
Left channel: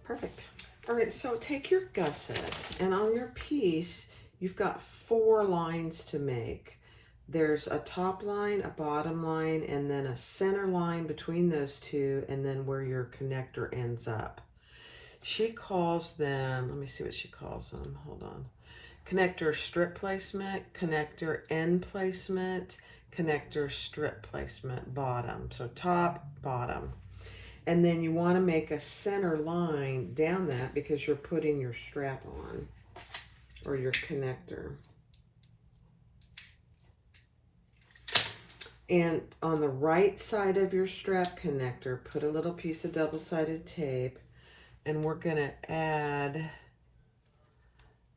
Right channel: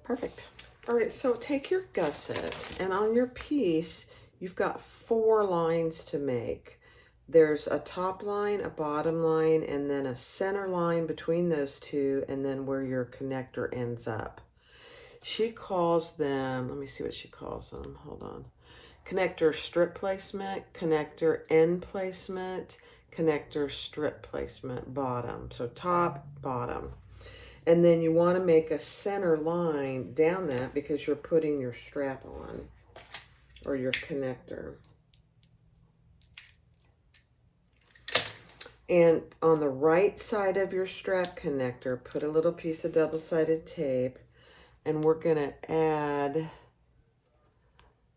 Perfect. All right, so take your gusset, and on your piece, you've got 4 lines to make. There's a top line, a bottom line, and then a center line between those 2, and then where your connector ends up. She calls them, let me see what she calls them, hold on. Connector strip placement, connector end placement, connector strip placement, bottom. So top, bottom. And then you want to make a center line down that because you're putting your strap on or your connector. And on the right side of your strap connector, put a little piece of double-sided tape, and we're going to add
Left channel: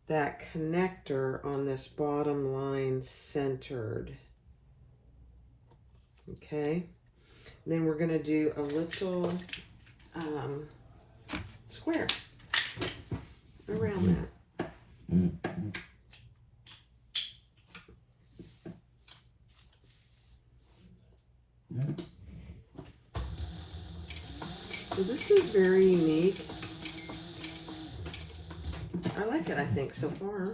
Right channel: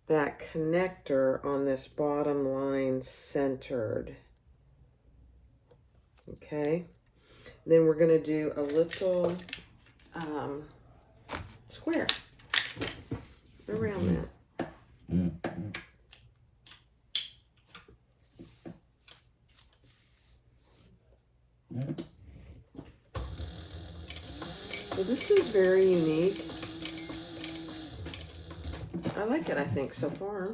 that connector on this bottom line centered. Okay. Then we're going to do a little square around that. So this is very unique. I like it, I think, so far.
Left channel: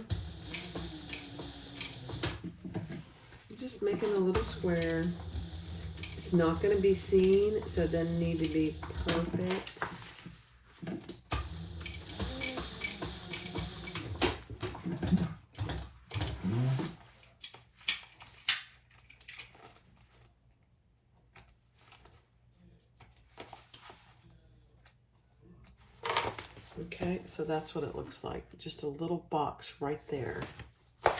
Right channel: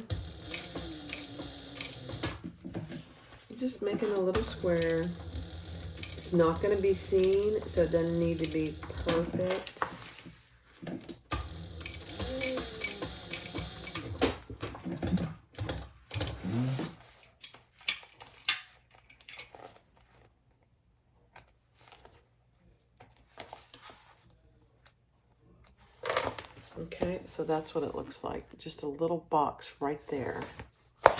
Just making a little square. It's not going to be seen, so it doesn't need to be perfect. Okay, so that's what it looks like. Just a little box right there. Okay,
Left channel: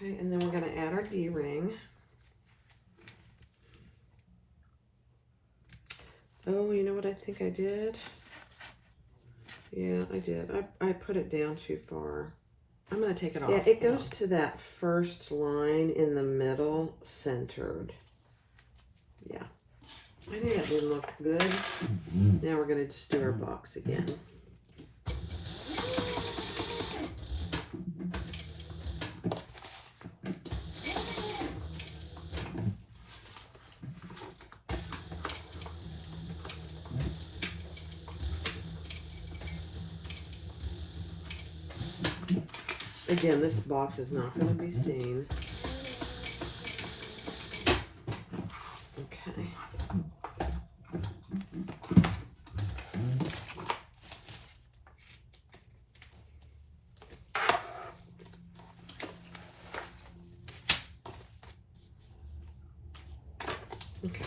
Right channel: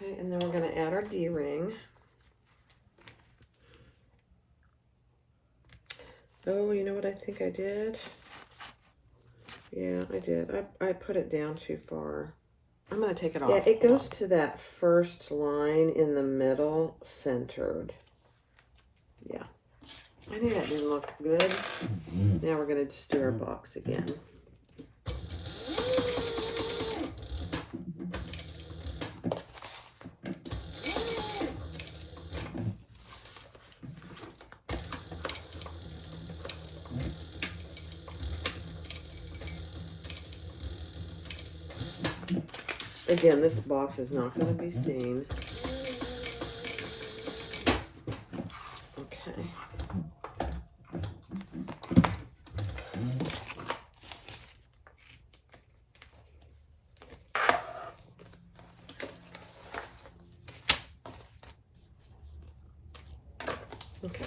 and then we're going to add our D-ring. Oh, you know what I think I did? Yeah, I did. I put it down too far. I'm going to take it off. Yeah, it goes to that first line in the middle, centered. Yeah. I knew that didn't look good. Now we're going to just do our box again. Again, this box is not going to be seen. Okay. Okay,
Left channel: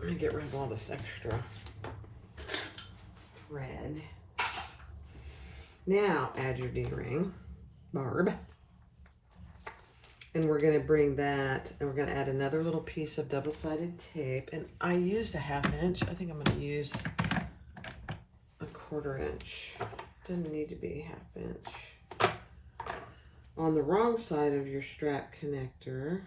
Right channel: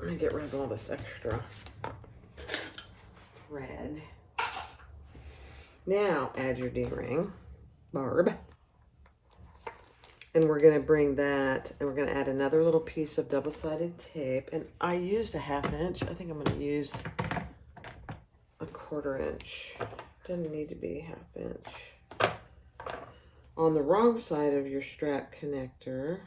let me get rid of all this extra red. Now add your D-ring, barb. And we're going to bring that, and we're going to add another little piece of double-sided tape. And I used a 1/2 inch. I think I'm going to use a 1/4 inch. Doesn't need to be 1/2 inch. On the wrong side of your strap connector.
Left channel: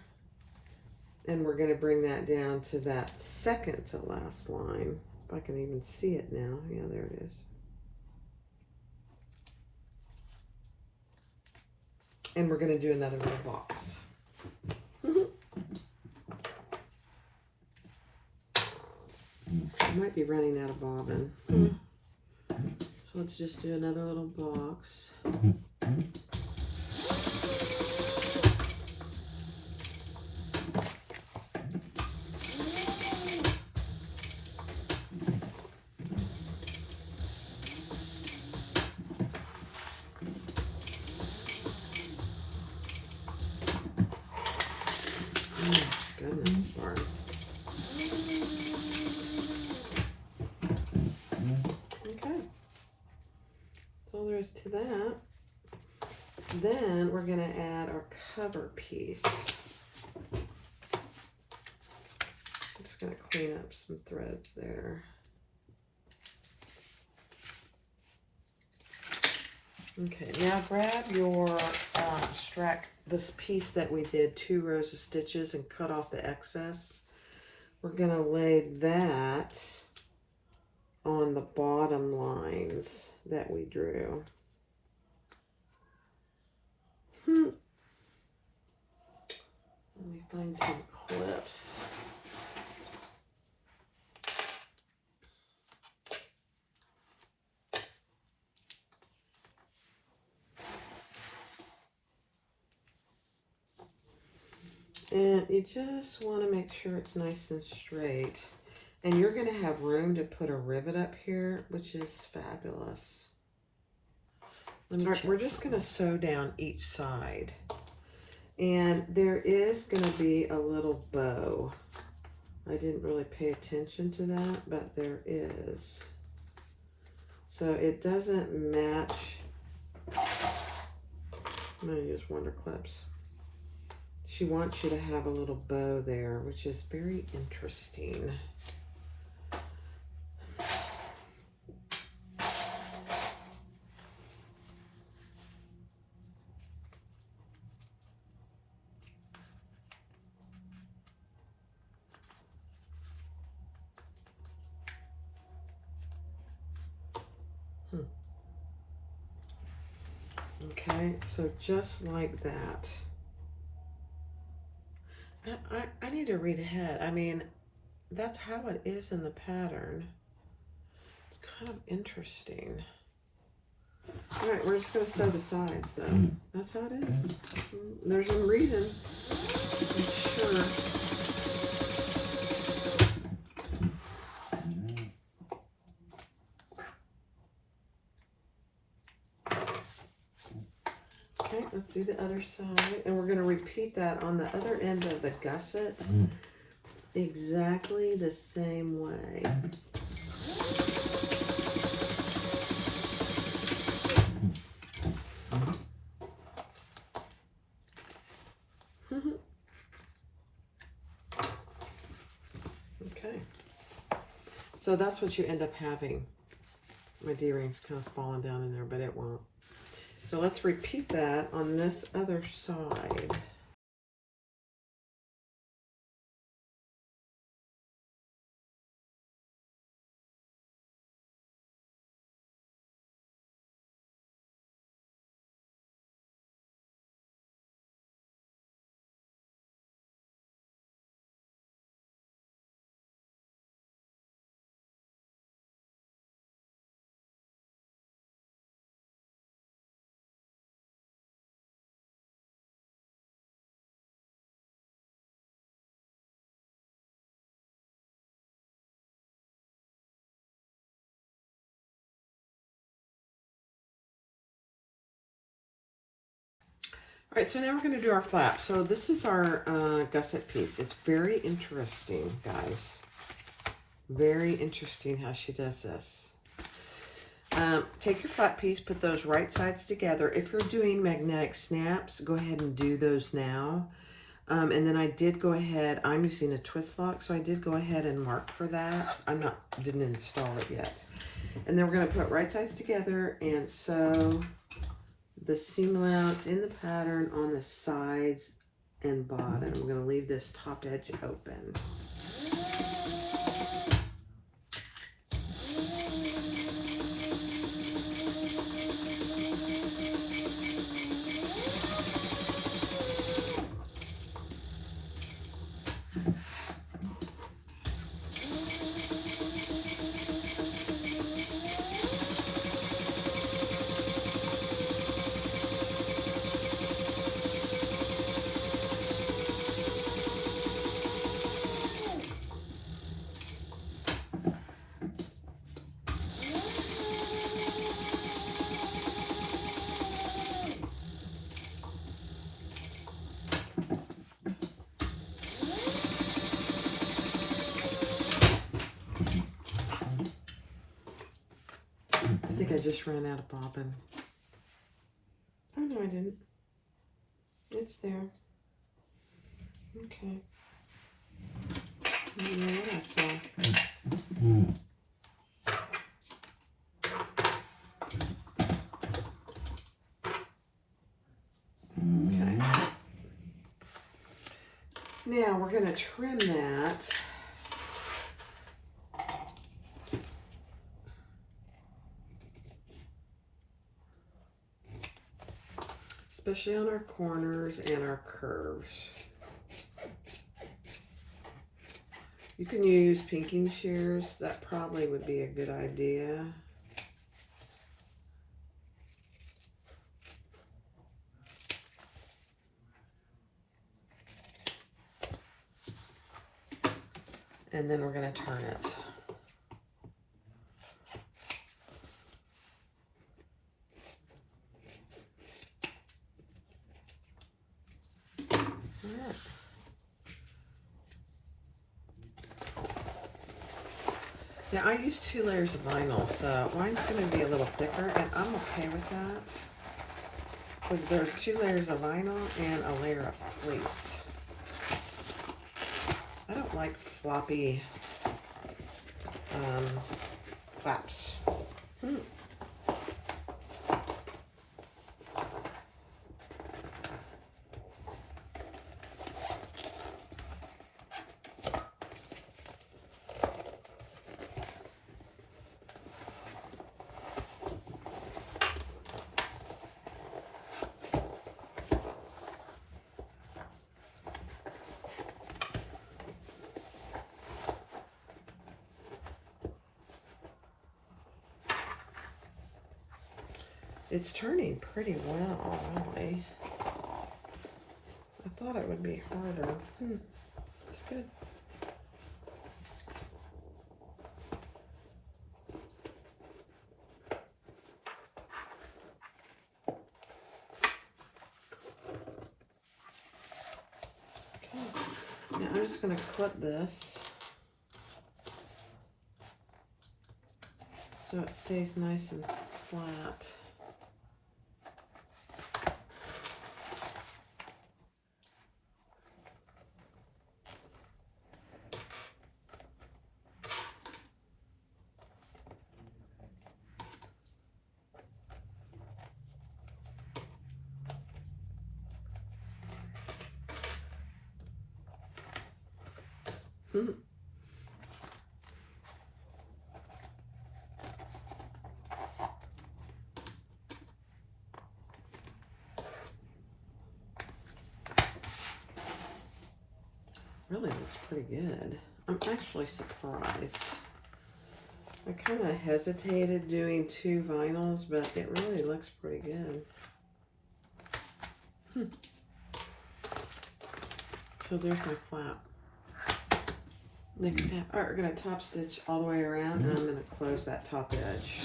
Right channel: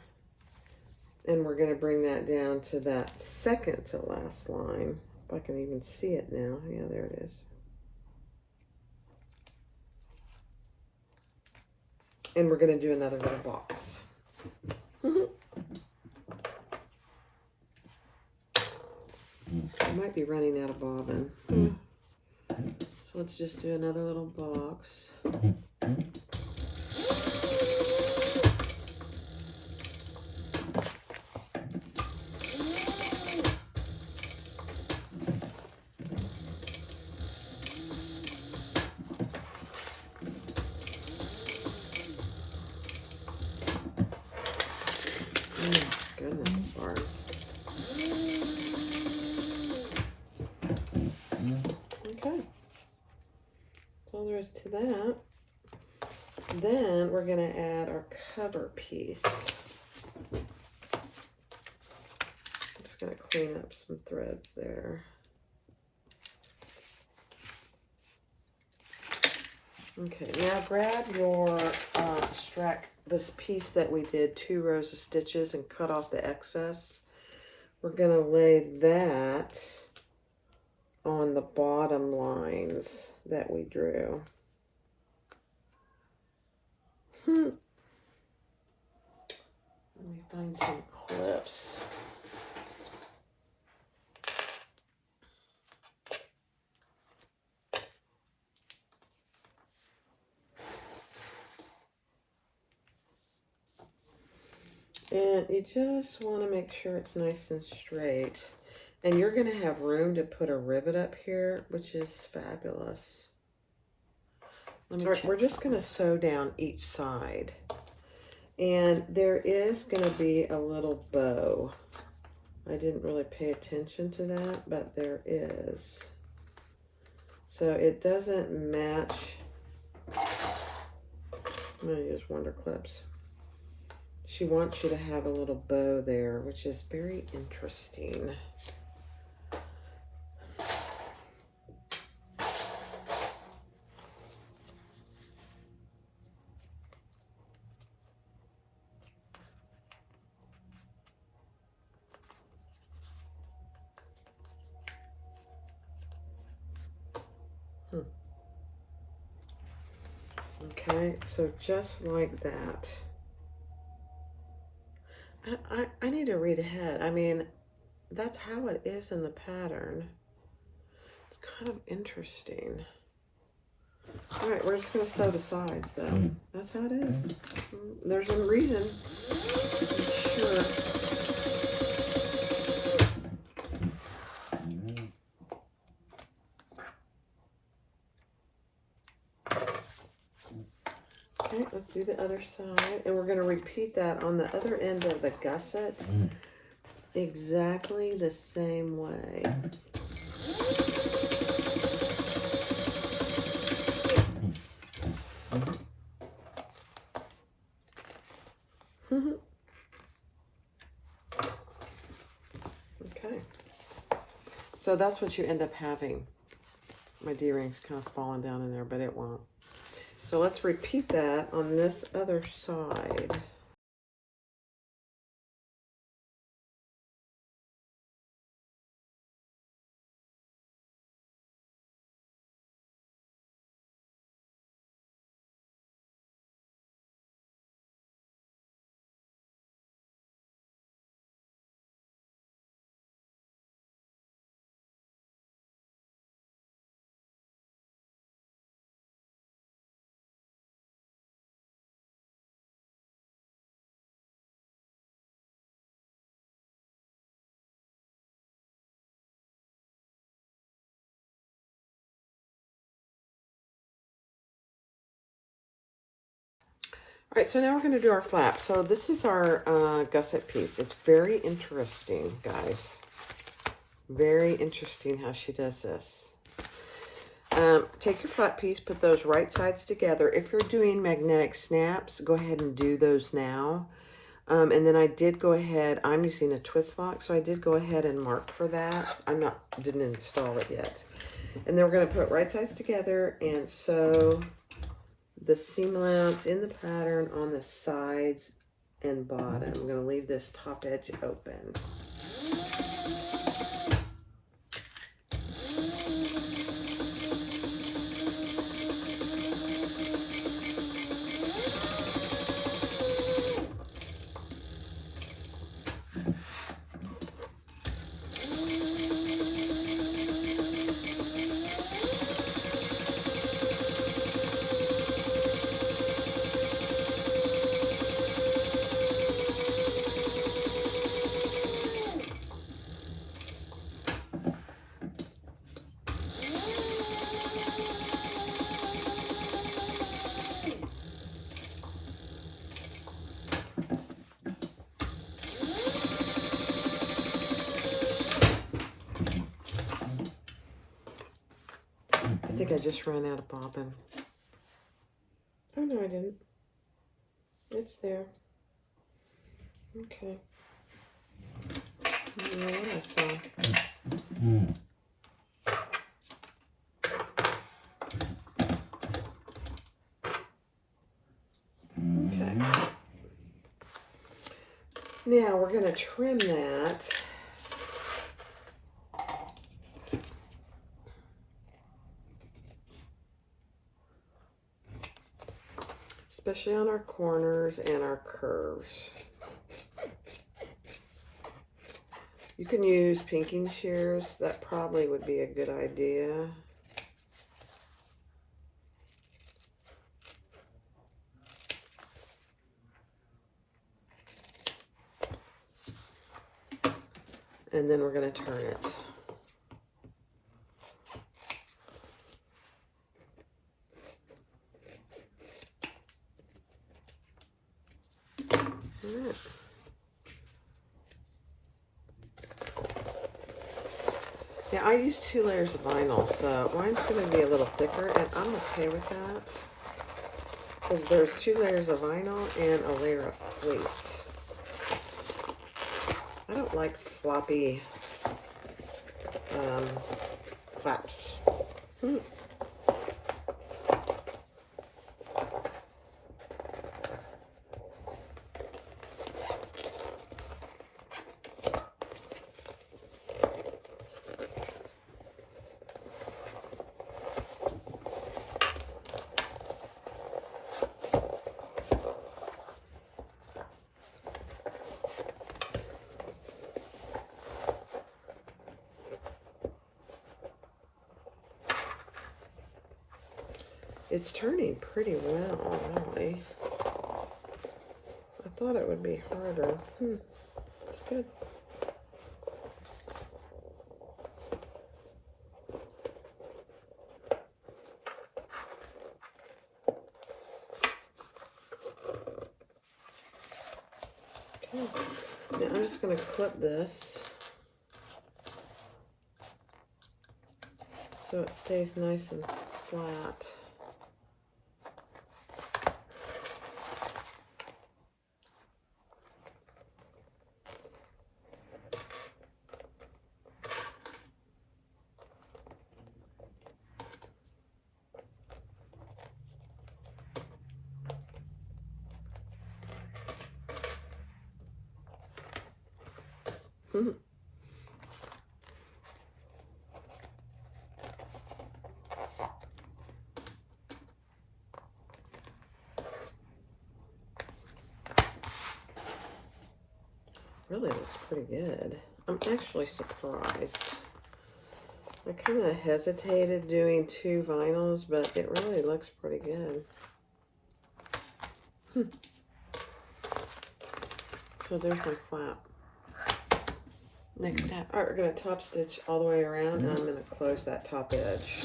And we're going to bring that down to that second to last line. If I can even see it now. Yeah, there it is. And we're going to do another little box. I might be running out of bobbin. So let's just do another little box. Goodness, Barb. Okay. That's all there is to that. Then we're going to add our cover piece. Just going to clean up some threads there. Okay, now grab your this piece that we did 2 rows of stitches and cut off the excess. We're going to lay that on the bottom lines that we drew. Let me find some clips. And you just want to make sure it's nice and straight. And you're going to have room to put a rivet up here, which is fabulous. We're just going to sew down each side. And there is going to be a little bow. I didn't really pay attention to that, but there is. So it doesn't match. I'm going to use Wonder Clips. She wants you to have a little bow there, which is very interesting. Okay, so just like that. I need to read ahead. I mean, that's how it is in the pattern. It's kind of interesting. All right, we're just going to sew the sides, though. That's how it is. There's a reason. I'm sure. Let's do the other side. And we're going to repeat that on the other end of the gusset exactly the same way. Okay. So that's what you end up having. My D-ring's kind of falling down in there, but it won't. So let's repeat that on this other side. All right, so now we're going to do our flap. So this is our gusset piece. It's very interesting, guys. Very interesting how she does this. Take your flat piece, put those right sides together. If you're doing magnetic snaps, go ahead and do those now. And then I did go ahead, I'm using a twist lock, so I did go ahead and mark for that. Didn't install it yet. And then we're going to put right sides together and sew the seam allowance in the pattern on the sides and bottom. I'm going to leave this top edge open. I think I just ran out of bobbin. Oh, no, I didn't. It's there. Okay. I don't know what I saw. Okay. Now we're going to trim that. Especially on our corners and our curves. You can use pinking shears. That probably would be a good idea. And then we're going to turn it. Now, I use 2 layers of vinyl, so mine's going to be a little thicker, and I'm okay with that. Because there's 2 layers of vinyl and a layer of fleece. I don't like floppy flaps. It's turning pretty well, really. I thought it would be harder. It's good. Now I'm just going to clip this so it stays nice and flat. Really looks pretty good. I'm actually surprised. I kind of hesitated doing 2 vinyls, but it really looks pretty good. So there's my flap. Next step, we're going to top stitch all the way around, and I'm going to close that top edge.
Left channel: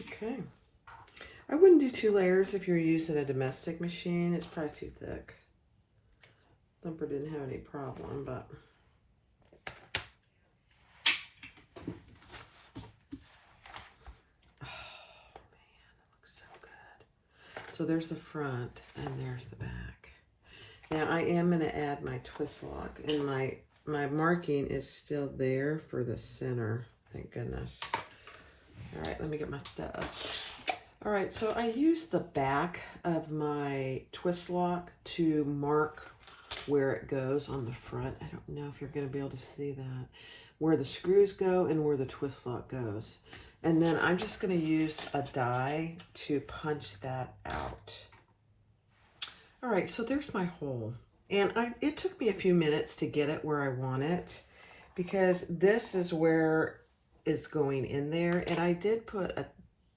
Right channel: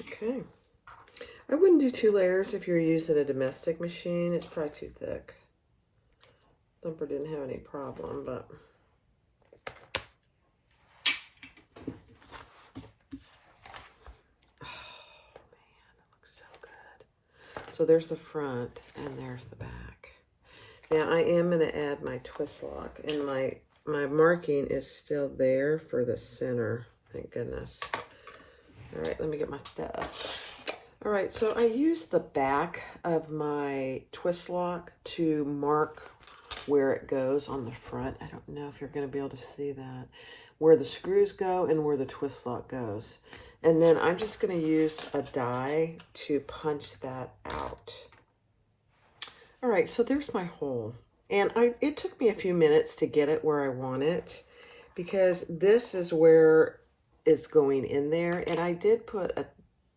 Okay. I wouldn't do 2 layers if you're using a domestic machine. It's probably too thick. Thumper didn't have any problem, but oh man, it looks so good. So there's the front and there's the back. Now I am going to add my twist lock, and my marking is still there for the center. Thank goodness. All right, let me get my stuff. All right, so I used the back of my twist lock to mark where it goes on the front. I don't know if you're going to be able to see that. Where the screws go and where the twist lock goes. And then I'm just going to use a die to punch that out. All right, so there's my hole. And it took me a few minutes to get it where I want it, because this is where it's going in there. And I did put a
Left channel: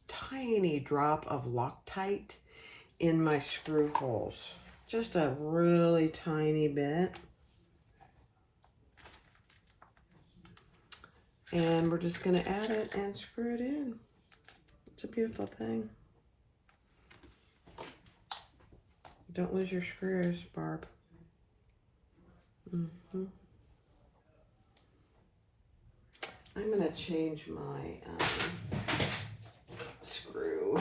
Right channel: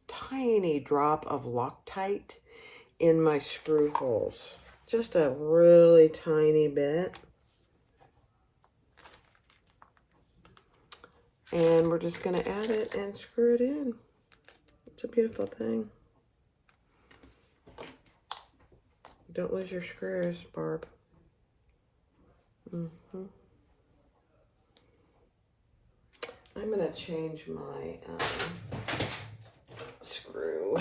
tiny drop of Loctite in my screw holes. Just a really tiny bit. And we're just going to add it and screw it in. It's a beautiful thing. Don't lose your screws, Barb. I'm going to change my screw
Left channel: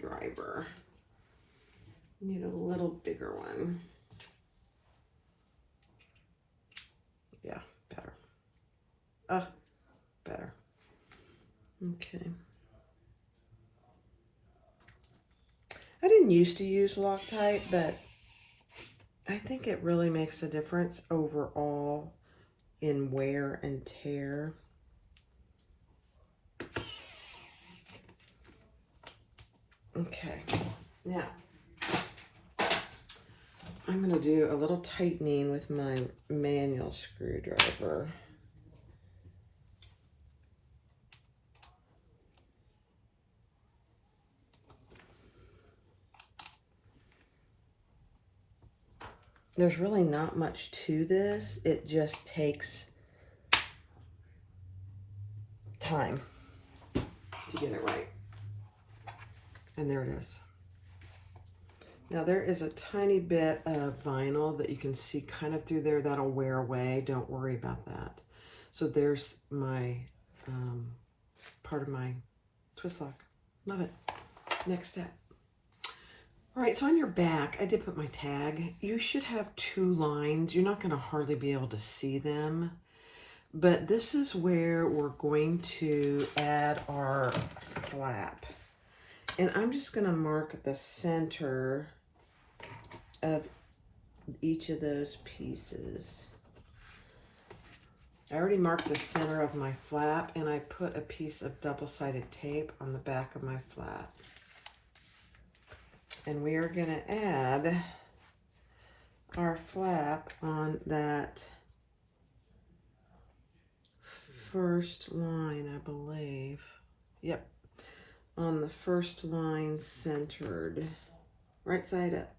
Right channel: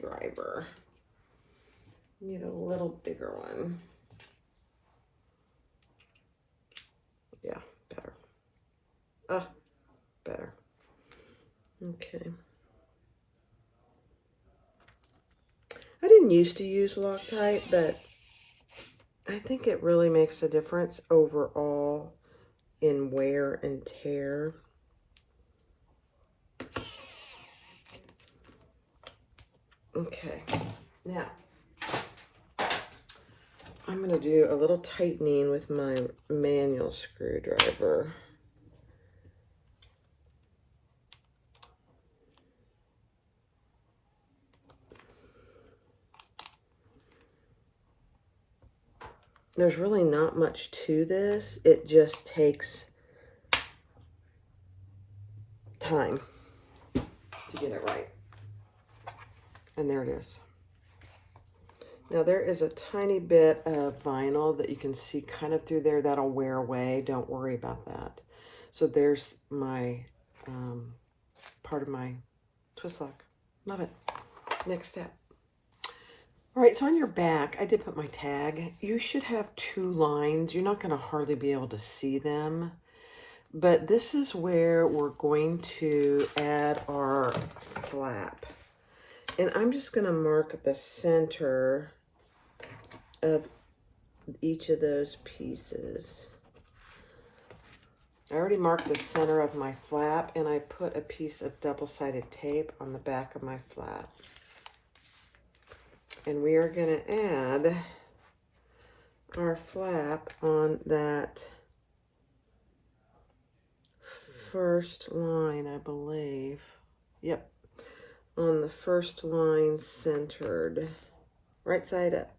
driver. Need a little bigger one. Yeah, better. Better. Okay. I didn't used to use Loctite, but I think it really makes a difference overall in wear and tear. Okay, now I'm going to do a little tightening with my manual screwdriver. There's really not much to this. It just takes time to get it right. And there it is. Now there is a tiny bit of vinyl that you can see kind of through there. That'll wear away. Don't worry about that. So there's my part of my twist lock. Love it. Next step. All right, so on your back, I did put my tag. You should have 2 lines. You're not going to hardly be able to see them. But this is where we're going to add our flap. And I'm just going to mark the center of each of those pieces. I already marked the center of my flap, and I put a piece of double-sided tape on the back of my flap. And we are going to add our flap on that first line, I believe. Yep. On the first line centered. Right side up.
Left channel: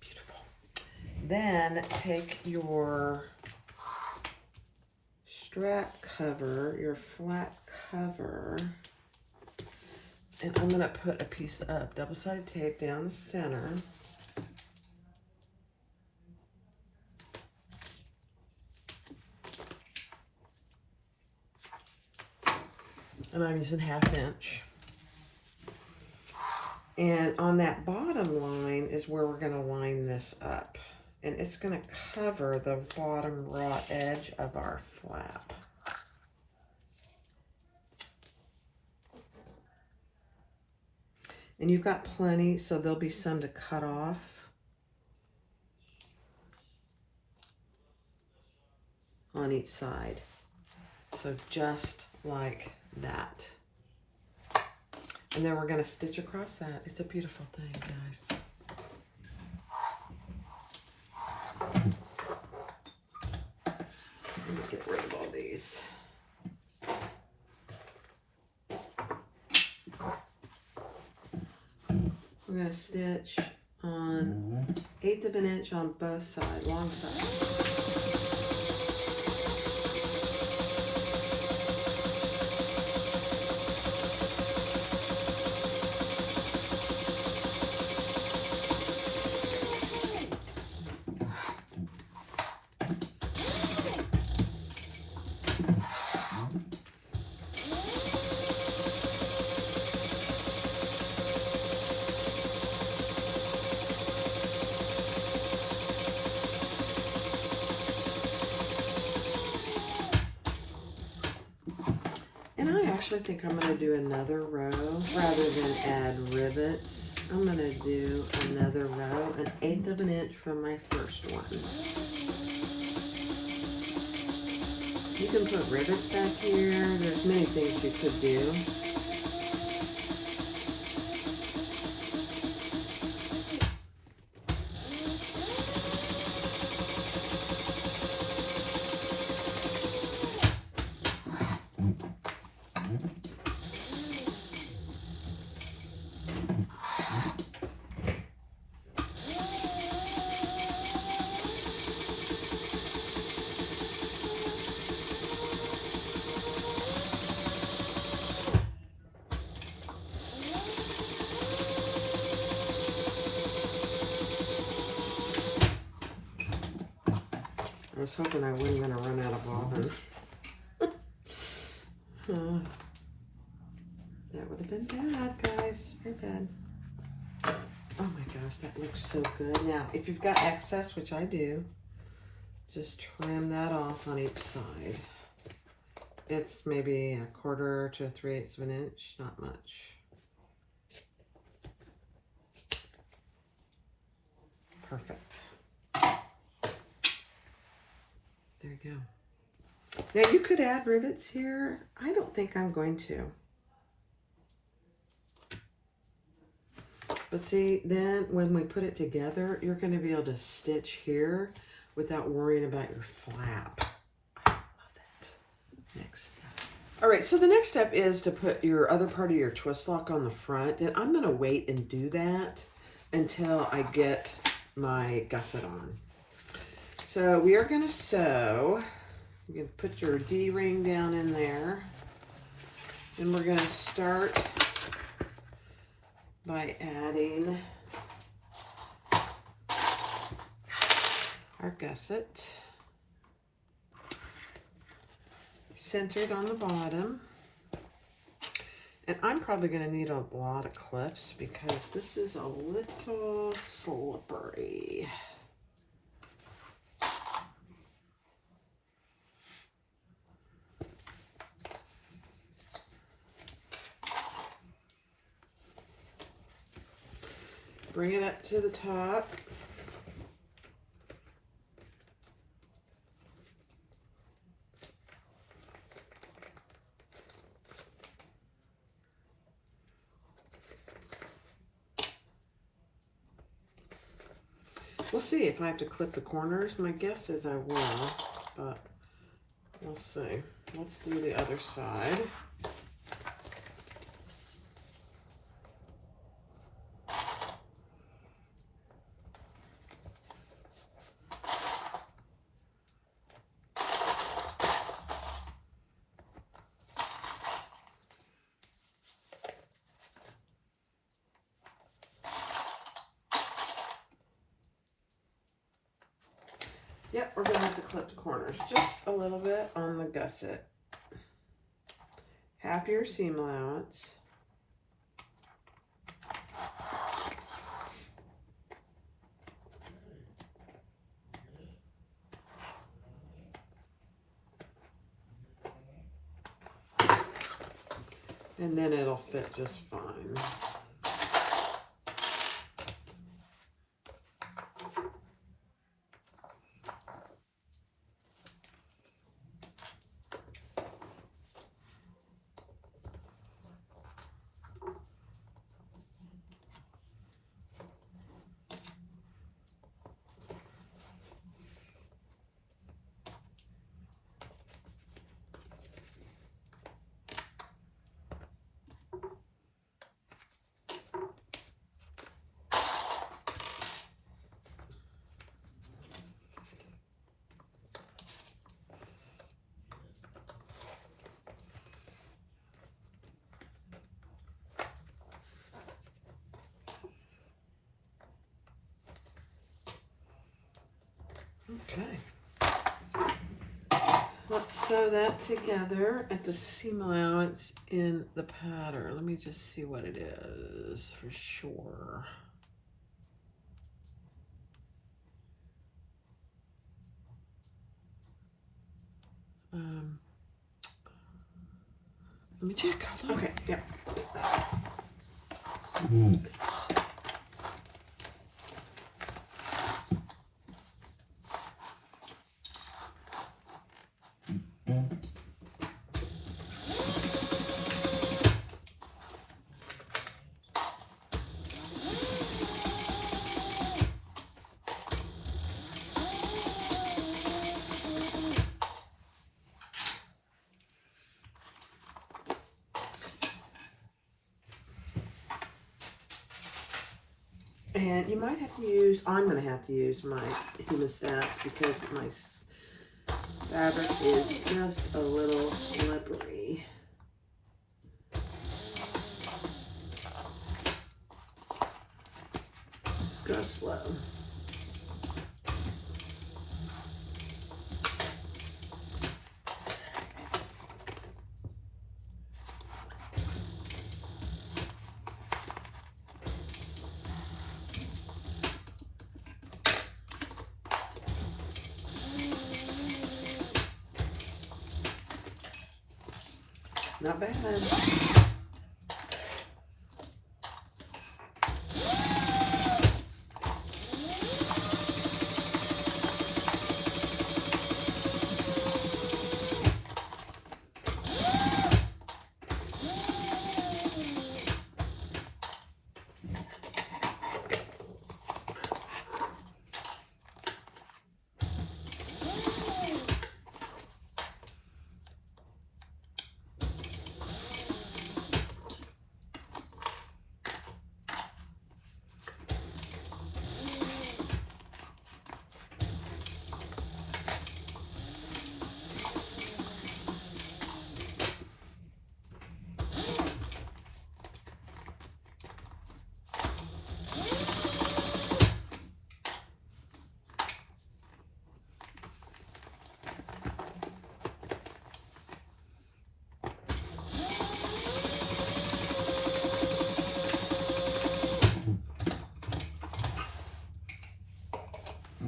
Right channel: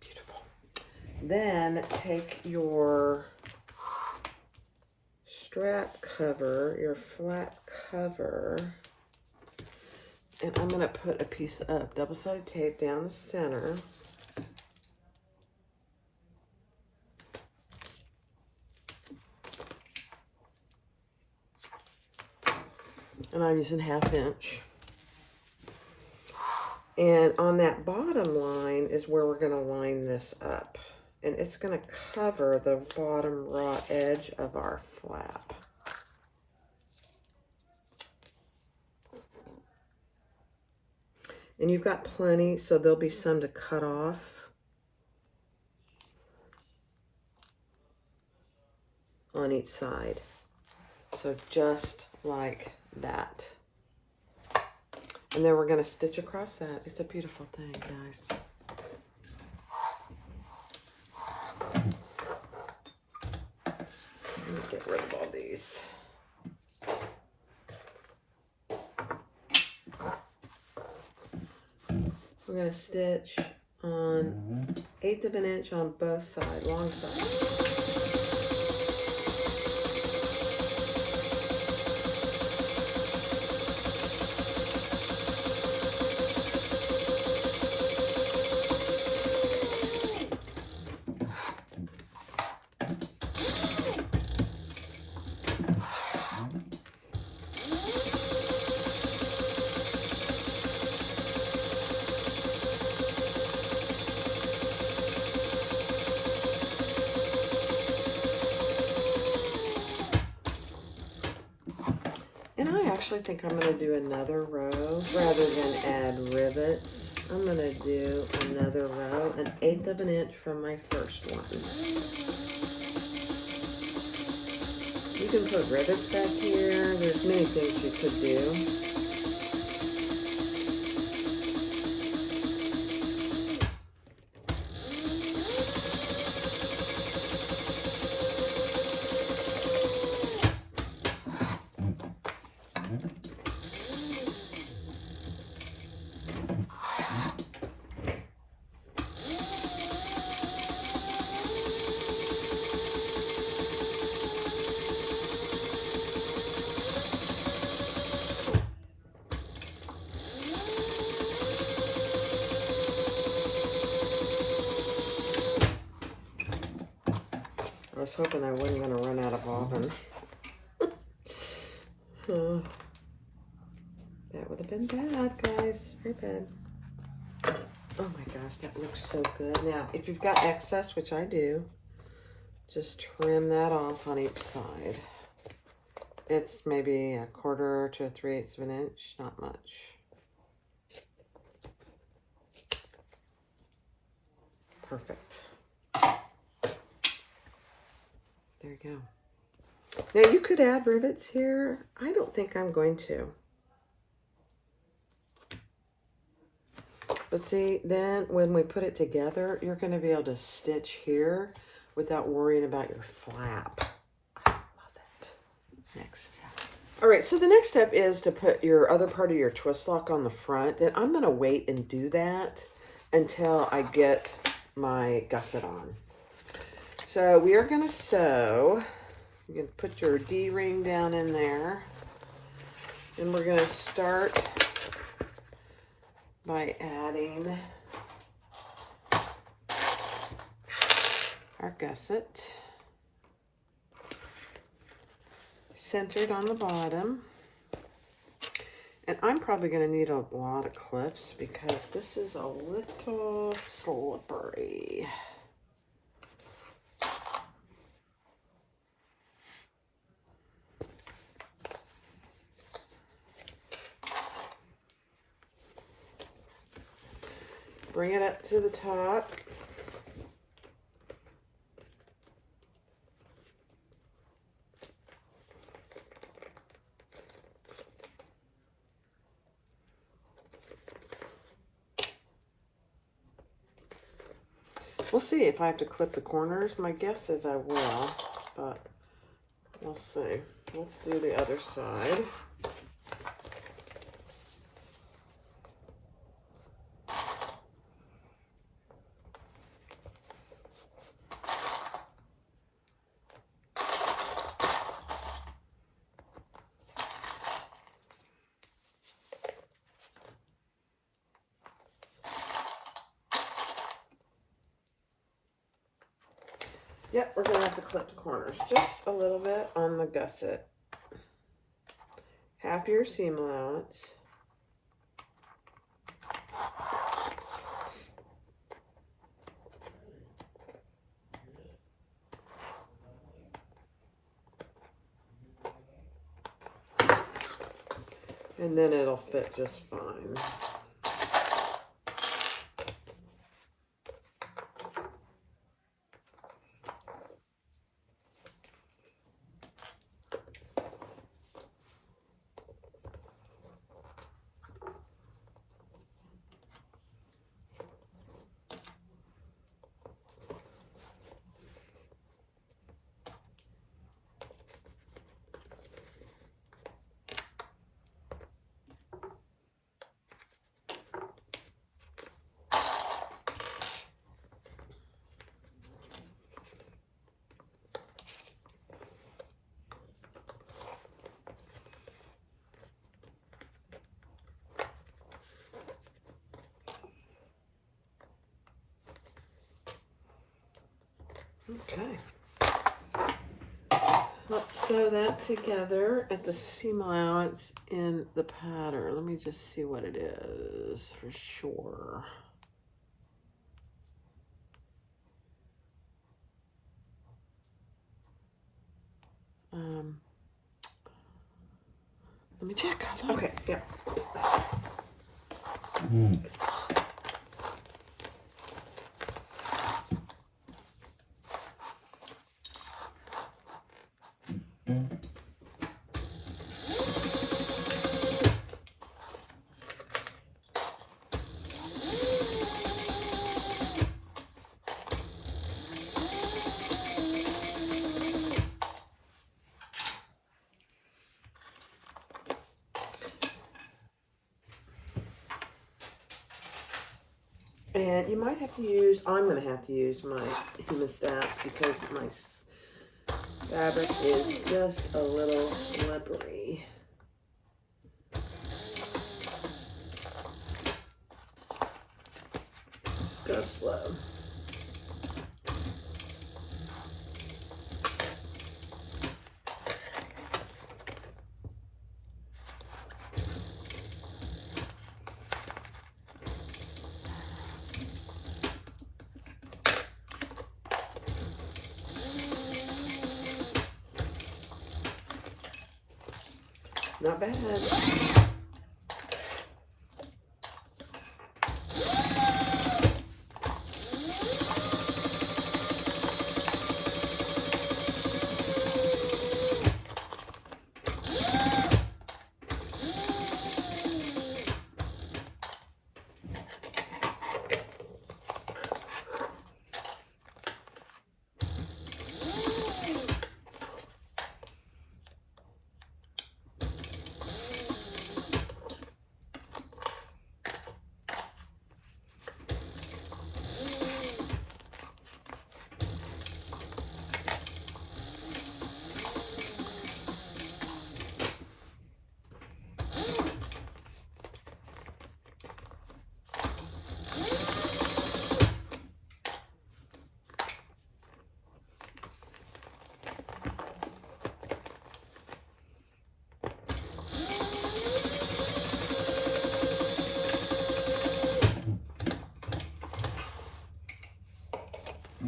Beautiful. Then take your strap cover, your flat cover, and I'm going to put a piece of double-sided tape down the center. And I'm using 1/2 inch. And on that bottom line is where we're going to line this up. And it's going to cover the bottom raw edge of our flap. And you've got plenty, so there'll be some to cut off on each side. So just like that. And then we're going to stitch across that. It's a beautiful thing, guys. Let me get rid of all these. We're going to stitch on 1/8 of an inch on both sides, long sides. I think I'm going to do another row rather than add rivets. I'm going to do another row, 1/8 of an inch from my first one. You can put rivets back here. There's many things you could do. I was hoping I wasn't going to run out of bobbin. That would have been bad, guys. Very bad. Oh my gosh, that looks so good. Now, if you've got excess, which I do, just trim that off on each side. It's maybe 1/4 to 3/8 of an inch, not much. Perfect. There you go. Now you could add rivets here. I don't think I'm going to. But see, then when we put it together, you're going to be able to stitch here without worrying about your flap. I love it. Next step. All right, so the next step is to put your other part of your twist lock on the front. Then I'm going to wait and do that until I get my gusset on. So we are going to sew. You can put your D-ring down in there. And we're going to start by adding our gusset, centered on the bottom. And I'm probably going to need a lot of clips because this is a little slippery. Bring it up to the top. We'll see if I have to clip the corners. My guess is I will, but we'll see. Let's do the other side. Yep, we're going to have to clip the corners just a little bit on the gusset. Half your seam allowance. And then it'll fit just fine. Okay. Let's sew that together at the seam allowance in the pattern. Let me just see what it is for sure. Let me check. Okay, yeah. And you might have to use, I'm going to have to use my hemostats because my fabric is just a little slippery. Just go slow. Not bad.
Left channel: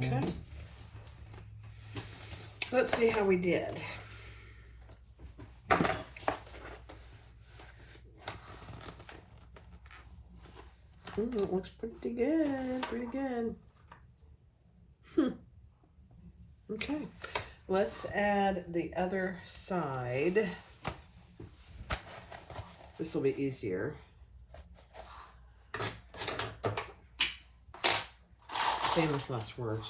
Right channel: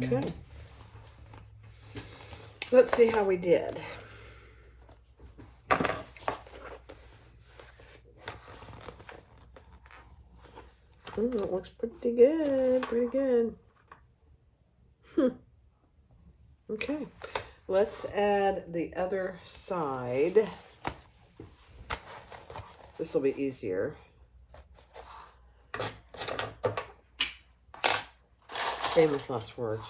Okay. Let's see how we did. It looks pretty good, pretty good. Okay, let's add the other side. This will be easier. Famous last words.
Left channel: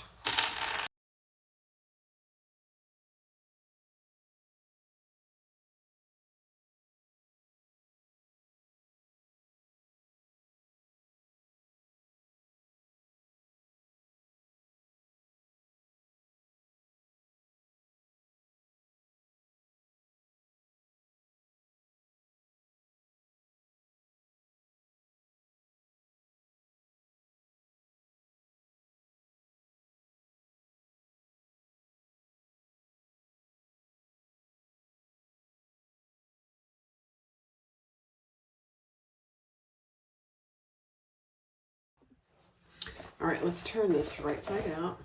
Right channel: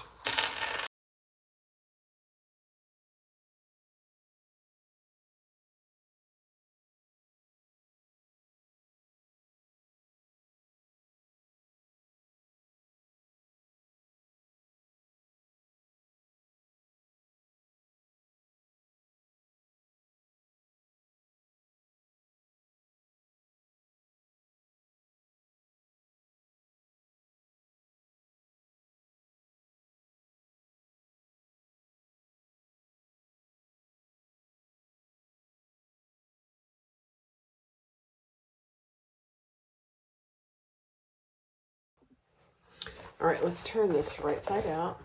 All right, let's turn this right side out.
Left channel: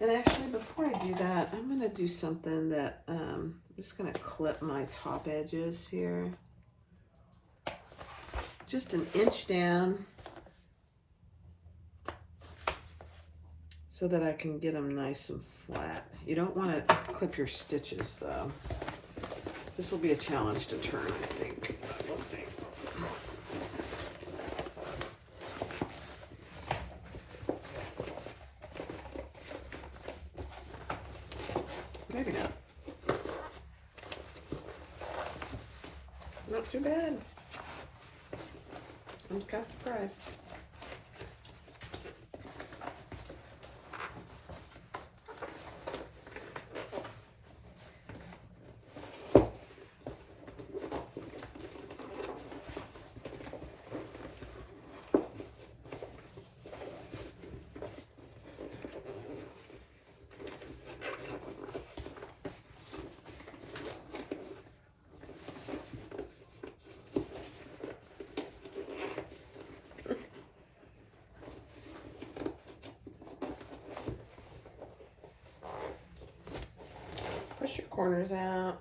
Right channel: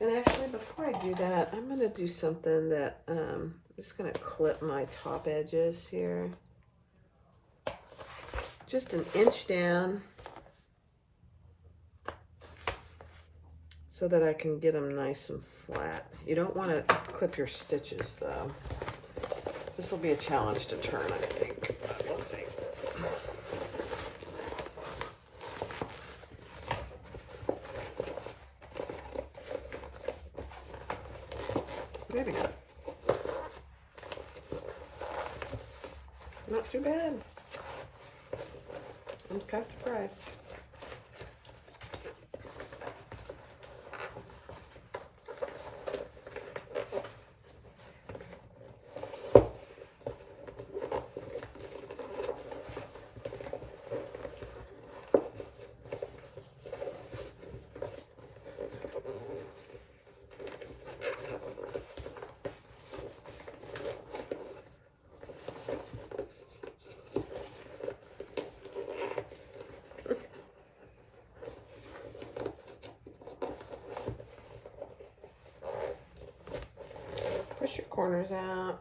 And actually, before I do that, I'm going to do something that I'm just going to clip my top edges here. Just an inch down so that I can get them nice and flat. You don't want to clip your stitches, though. This will be a challenge to turn, I think. But we'll see. There we go. Not too bad. I'm kind of surprised. Push your corners out.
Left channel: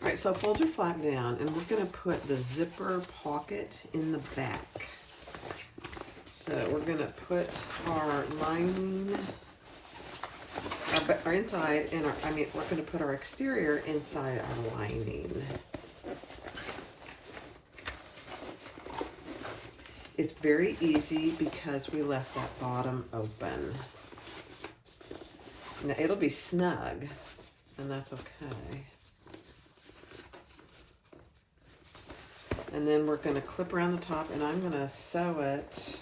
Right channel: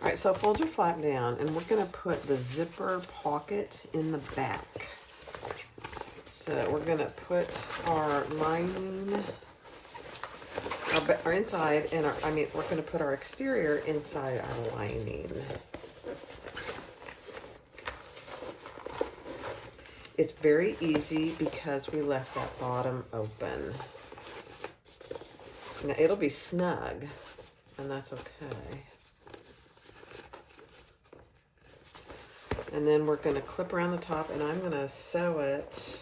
All right, so fold your flap down, and we're going to put the zipper pocket in the back. So we're going to put our lining, our inside, and we're going to put our exterior inside our lining. It's very easy because we left that bottom open. Now it'll be snug, and that's okay. And then we're going to clip around the top, and I'm going to sew it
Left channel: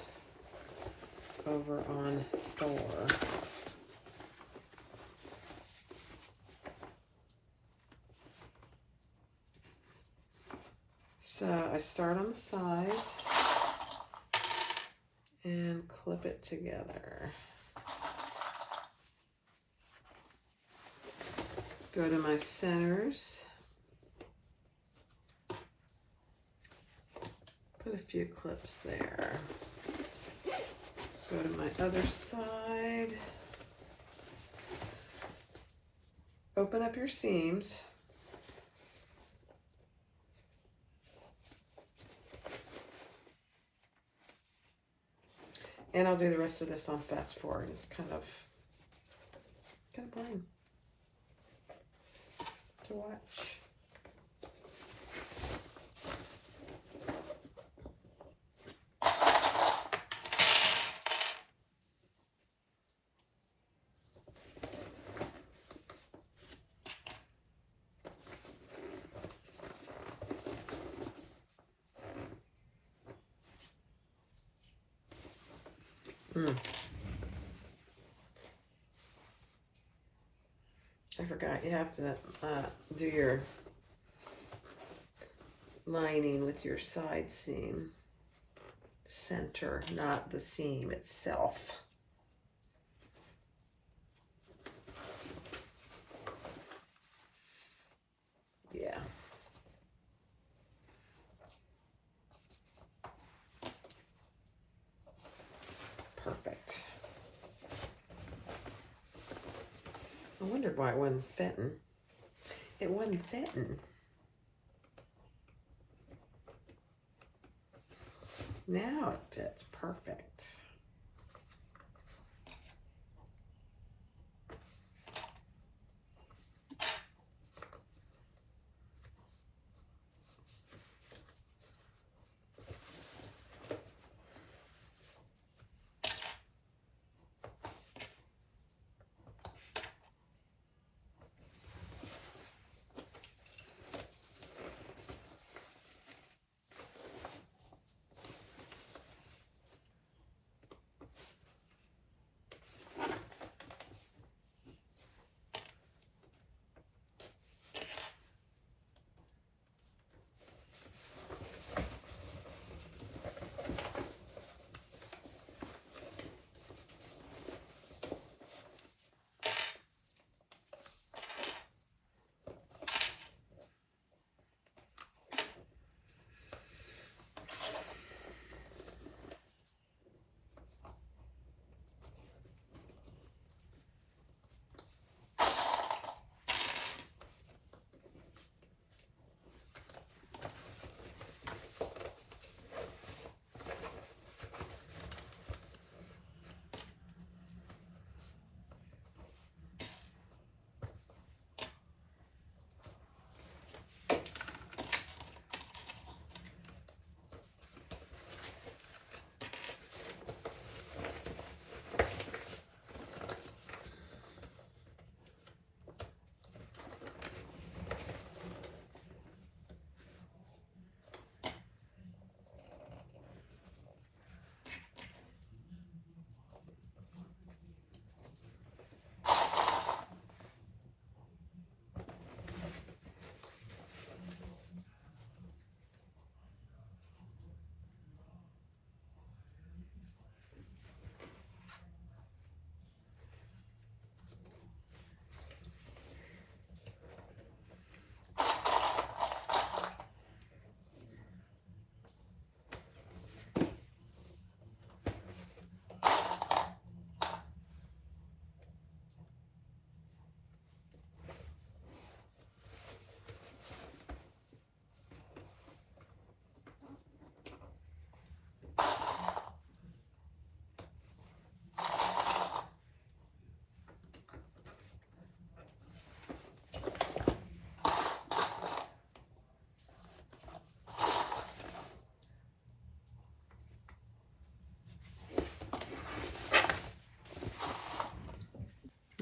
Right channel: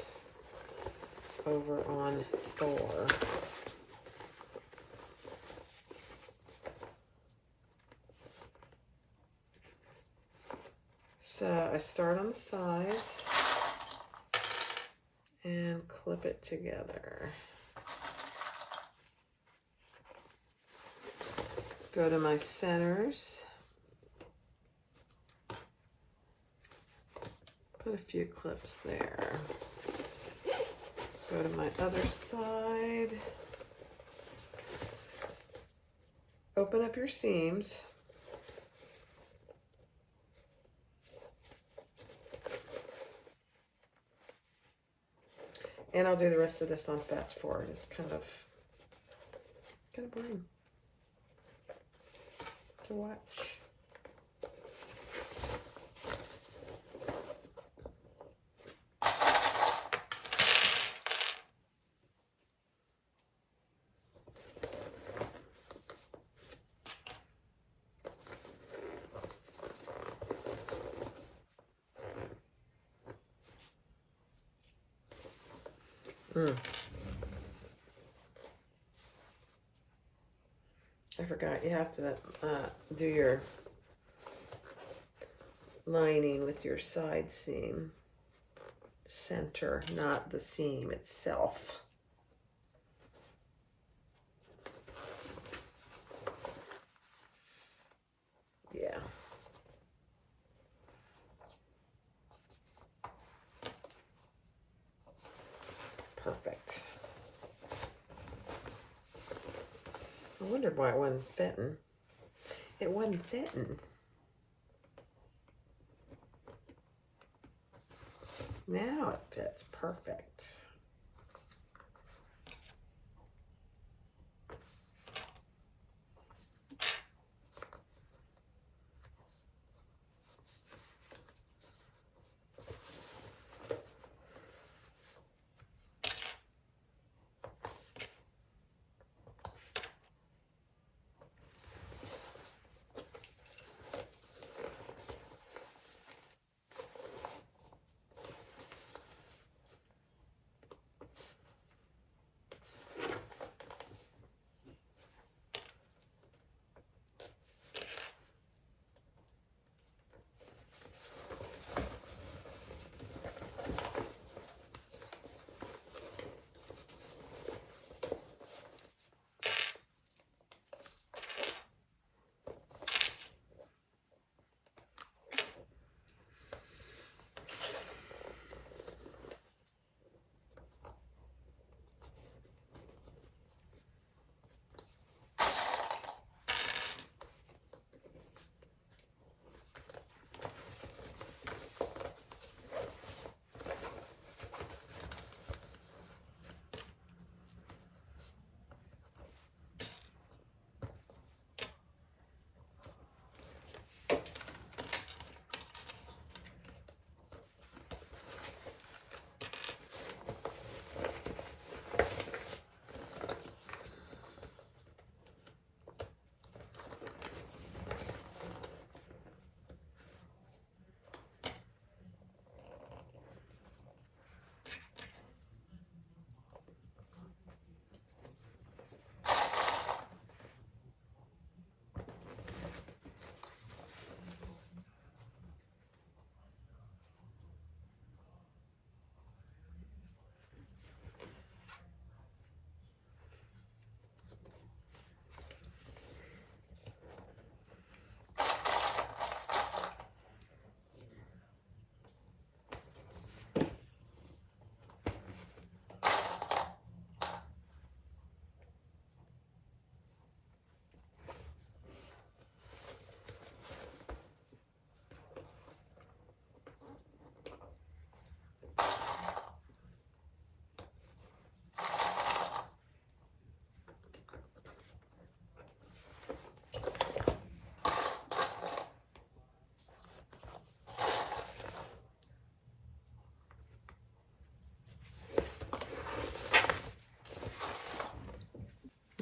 over on 4. So I start on the sides and clip it together. Go to my centers. Put a few clips there. Go to my other side. Open up your seams. And I'll do the rest of this on fast forward. It's kind of boring to watch. I forgot, you have to do your lining with your side seam center, not the seam itself. Yeah. Perfect. I wondered why it wasn't fitting. It wasn't fitting. Now it fits perfect.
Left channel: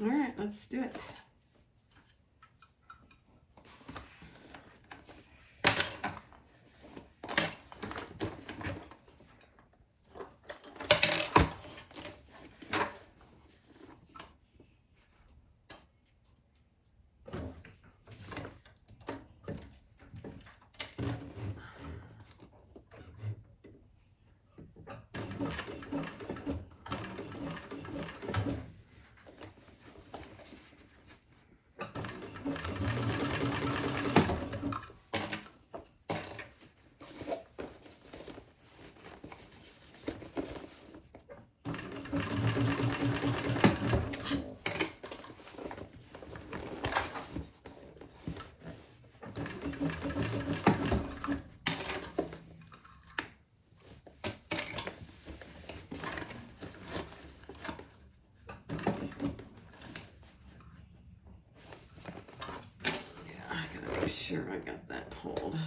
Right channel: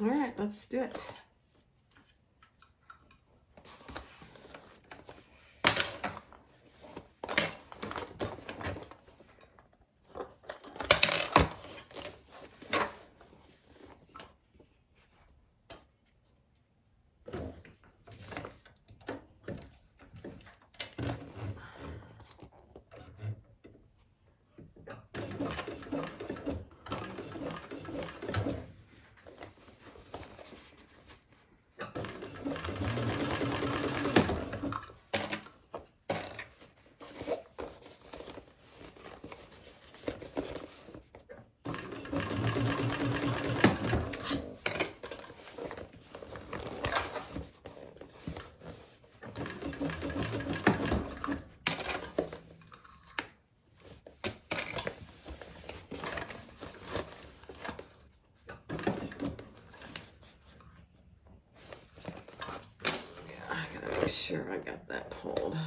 All right, let's do it. Make sure I got that pulled.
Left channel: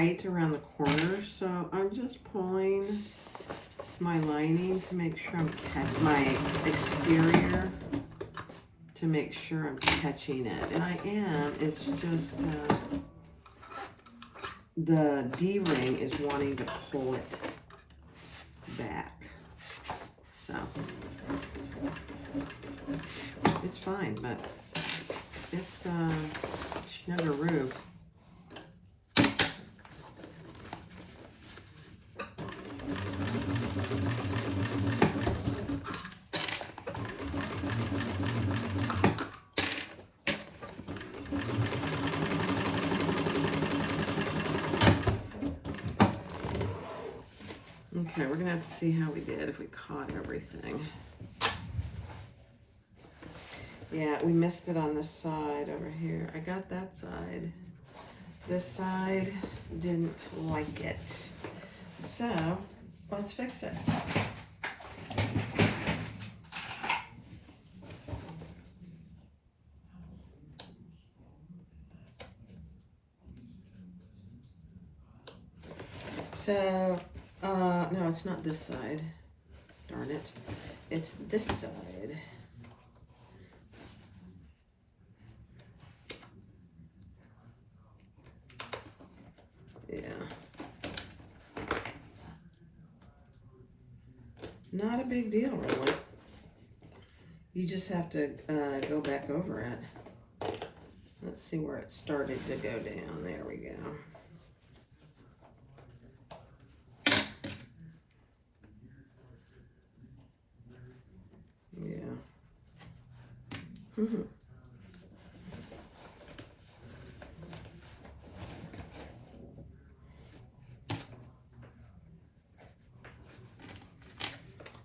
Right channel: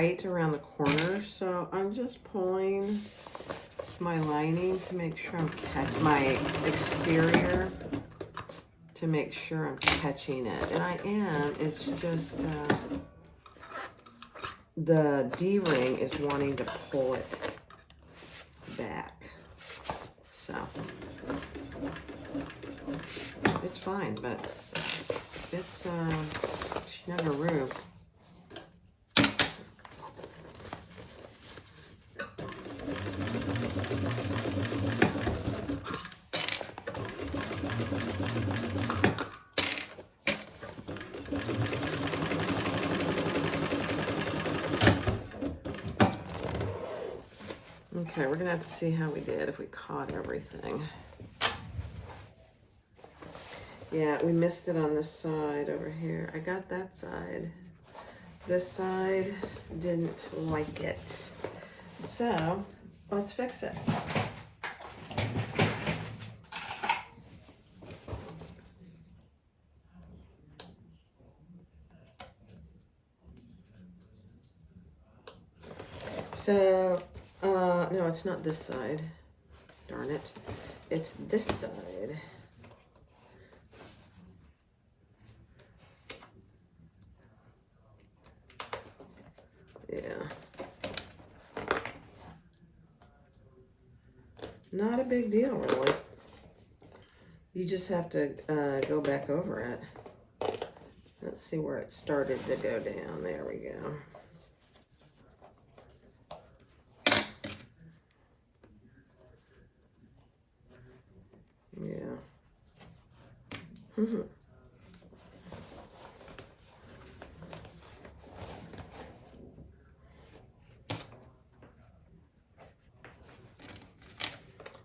tight around the corners, so I'm just pulling my lining to make sure I'm catching my exterior to make sure I'm catching it. And I am, it's just the D-ring is wanting to pull it back. So it's fine, but it's Schneideroo. Okay, we're gonna have to see how we did, if we caught everything. Yeah, we missed it on this side over here. I got that side. This side didn't like it. So, let's fix it. So, no, it's not this side. Darn it. It's this side. Yeah. Not a big deal, really. You just have to go back over it. Let's see where it started to go down. There we go. Yeah.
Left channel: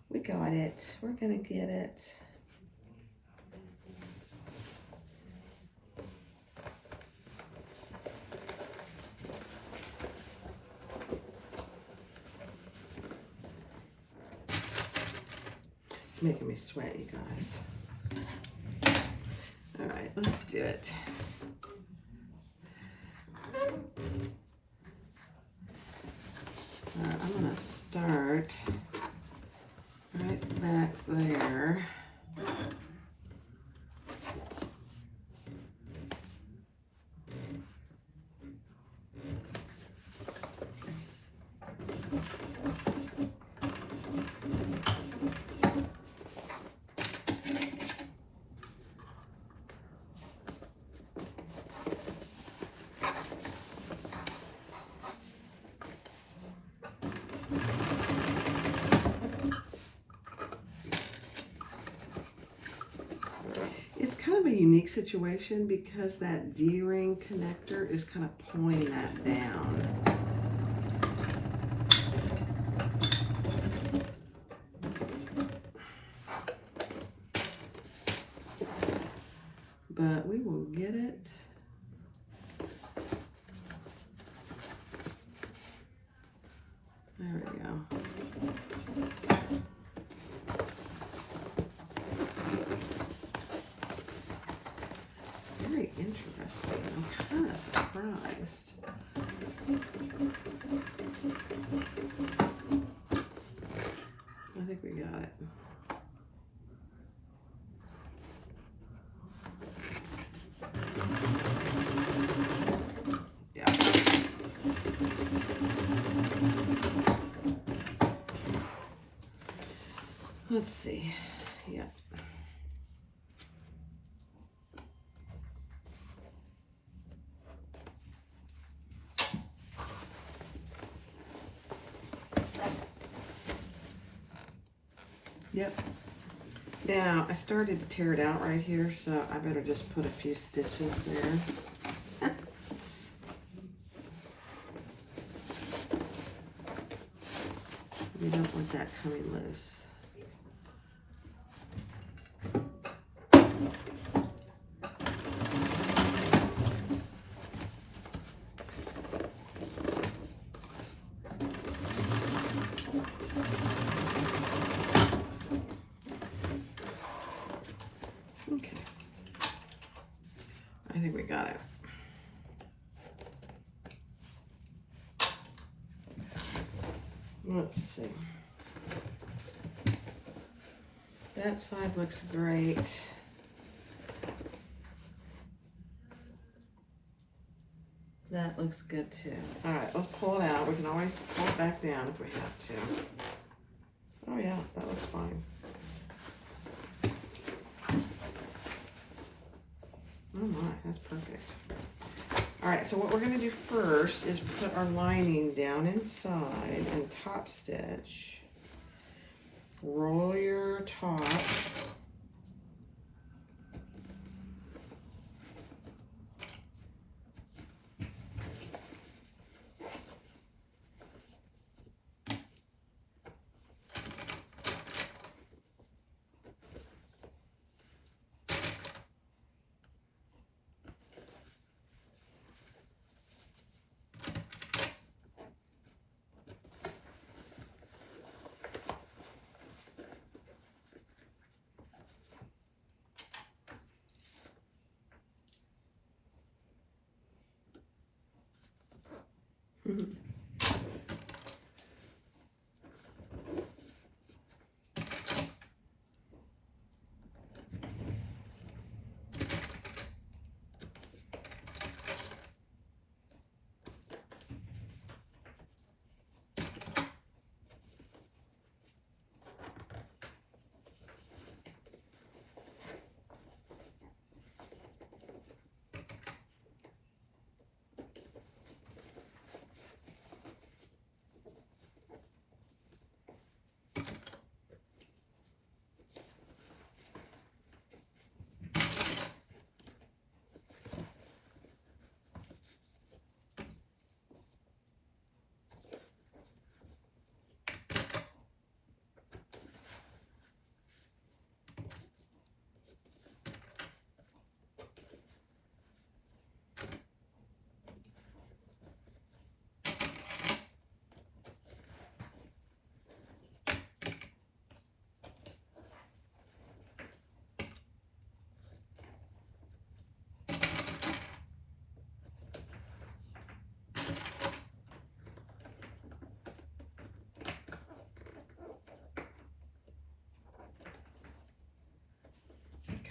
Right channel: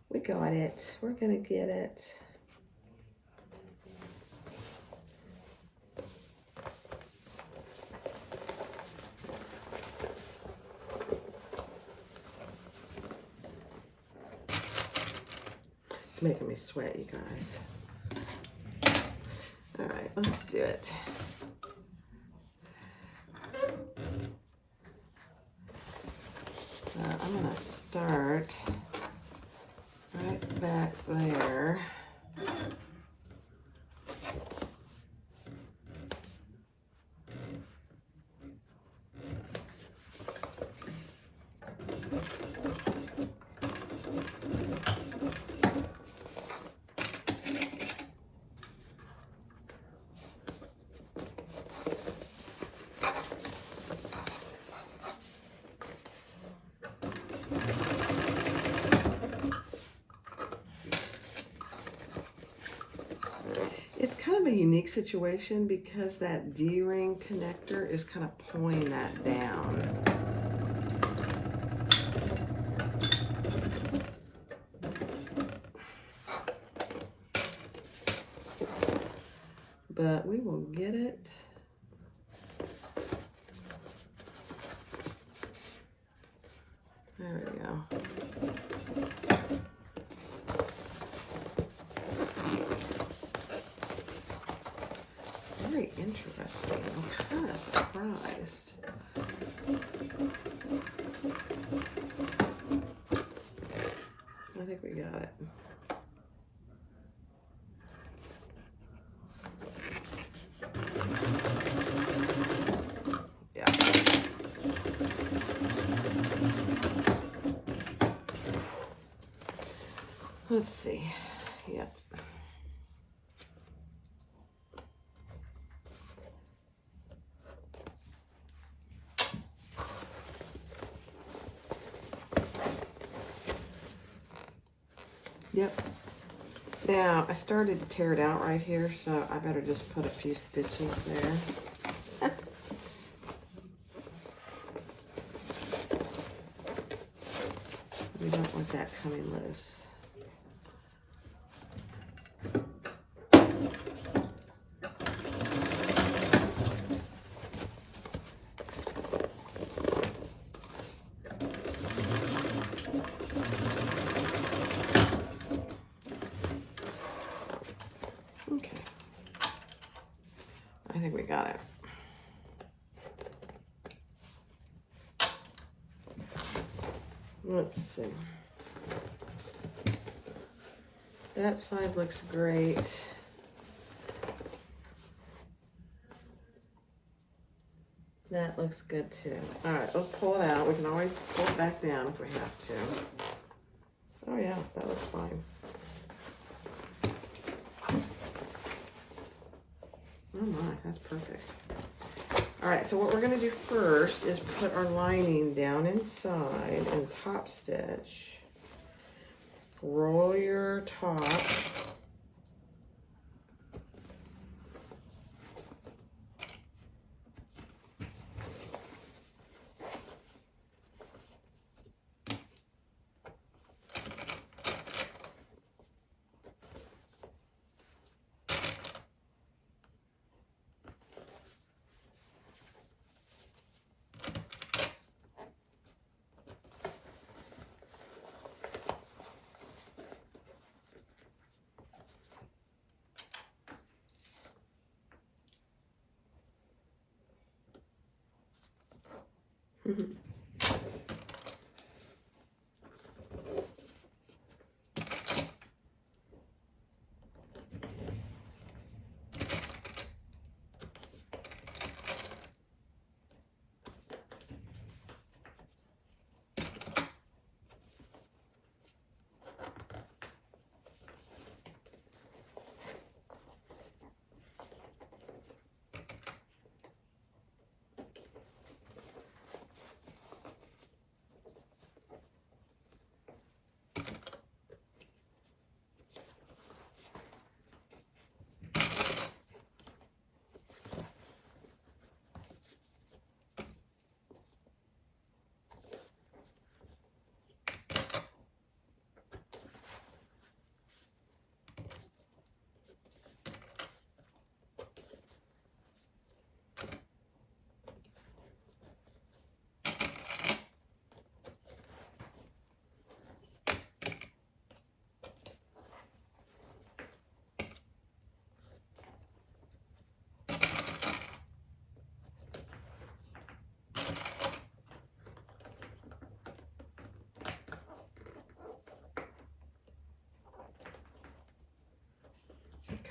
We got it. We're gonna get it. It's making me sweat, you guys. All right, let's do it. So I'm gonna start right back there. It's kind of a unique situation because that D-ring connector is kind of pulling that down. But we will get it. There we go. Very interesting. I'm kind of surprised. I think we got it. Yeah. Let's see. Yep. Yep. Now, I started to tear it out right here, so I better just put a few stitches there. We don't want that coming loose. Okay. I think we got it. Let's see. That side looks great. That looks good too. All right, let's pull it out. We can always pull it back down if we have to. Oh yeah, that looks fine. Oh my, that's perfect. All right, so what we're gonna do first is put our lining down inside and top stitch. Roll your top.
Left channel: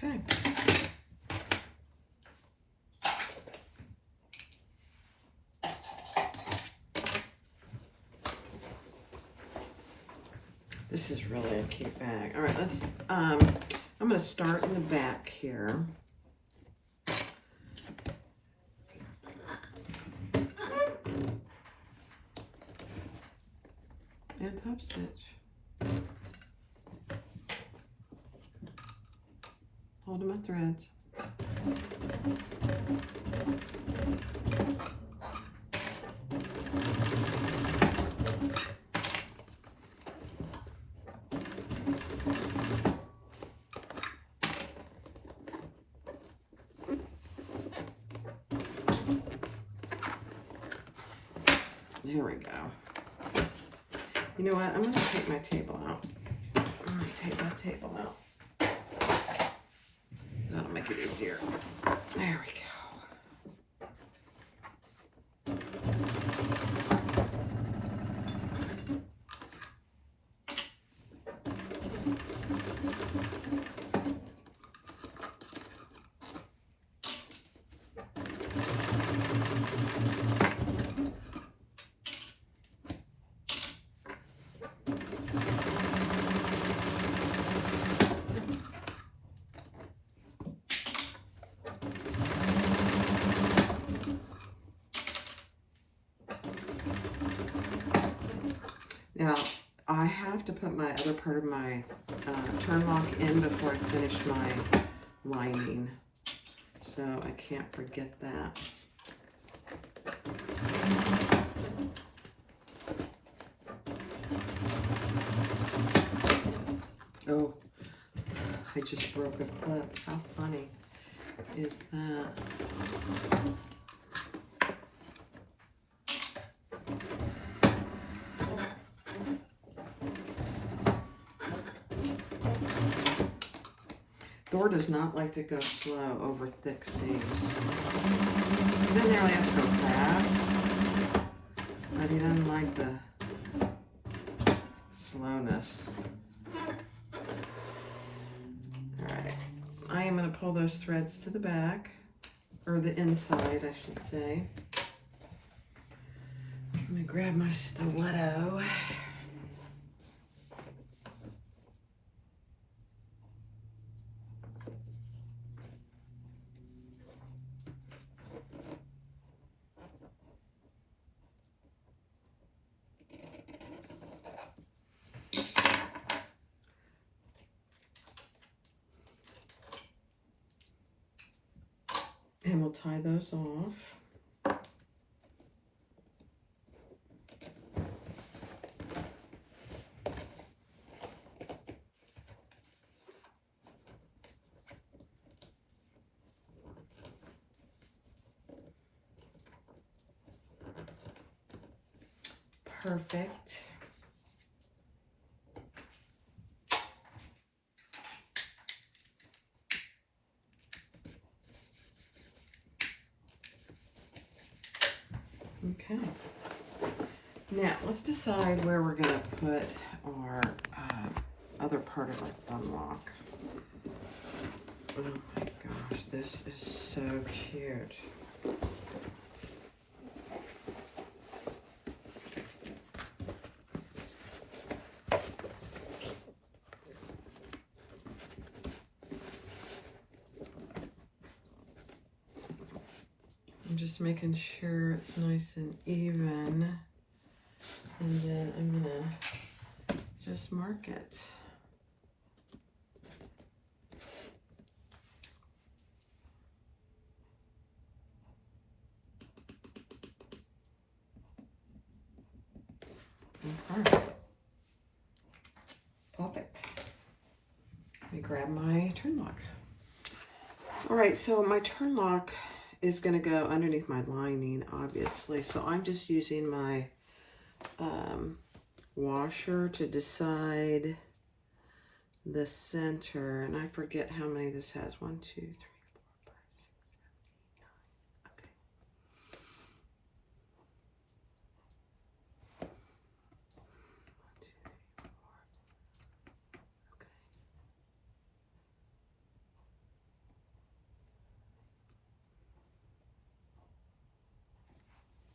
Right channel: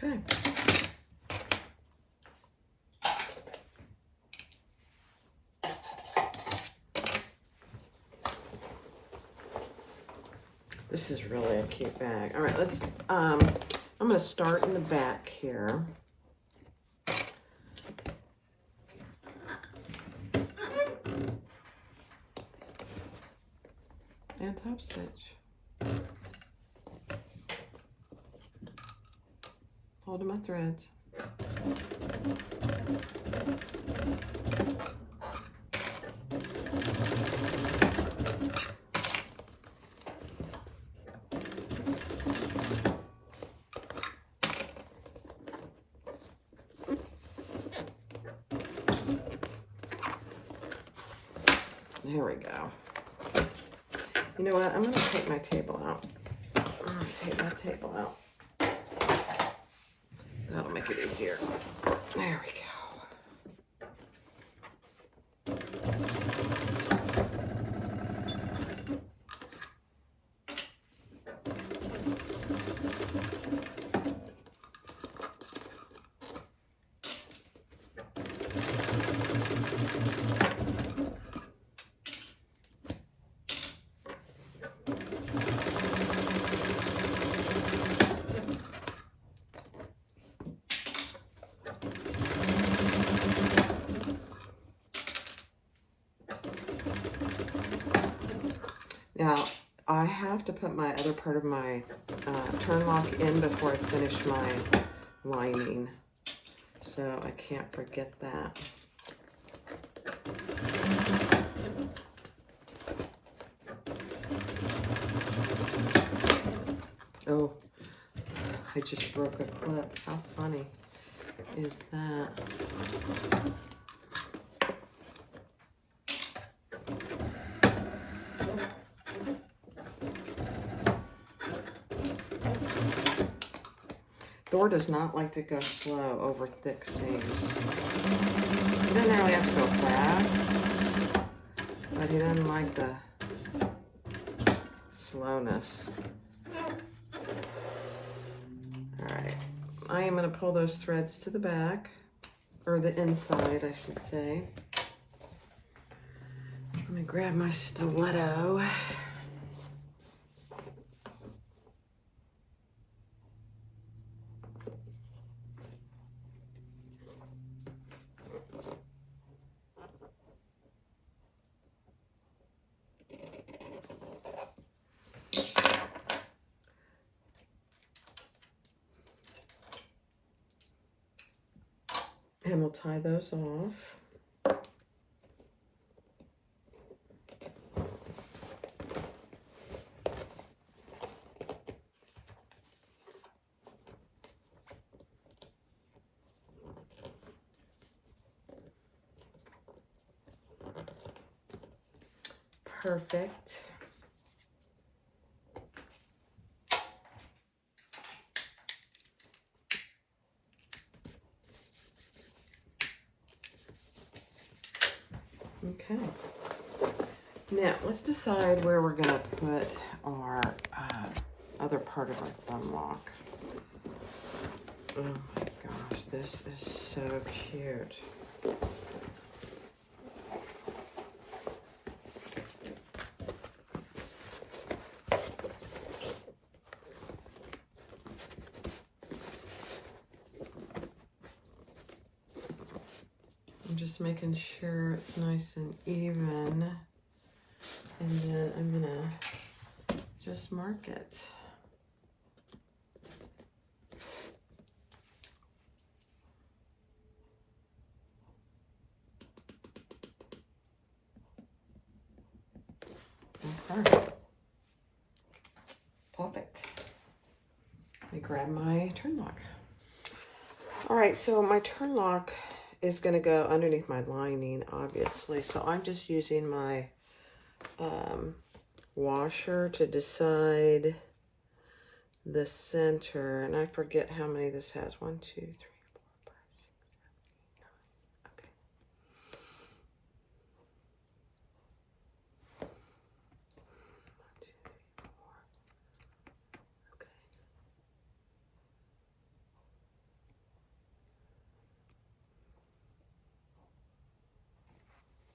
Okay. This is really a cute bag. All right, let's, I'm gonna start in the back here. And top stitch. Holding my threads. There we go. You know what? I'm going to take my table out. I'm going to take my table out. That'll make it easier. There we go. Now, I have to put my other part of my turn lock in before I finish my lining, so I can't forget that. Oh, I just broke a clip. How funny is that? Thor does not like to go slow over thick seams. He doesn't really have to go fast, but he doesn't like the slowness. All right, I am going to pull those threads to the back, or the inside, I should say. I'm going to grab my stiletto. And we'll tie those off. Perfect. Okay. Now, let's decide where we're going to put our other part of our thumb lock. Oh my gosh, this is so cute. I'm just making sure it's nice and even. And then I'm gonna just mark it. Okay. Perfect. Let me grab my turn lock. All right, so my turn lock is going to go underneath my lining, obviously. So I'm just using my washer to decide the center. And I forget how many this has. 1, 2, 3, 4, 5, 6, 7, 8, 9. Okay. 1, 2, 3, 4. Okay.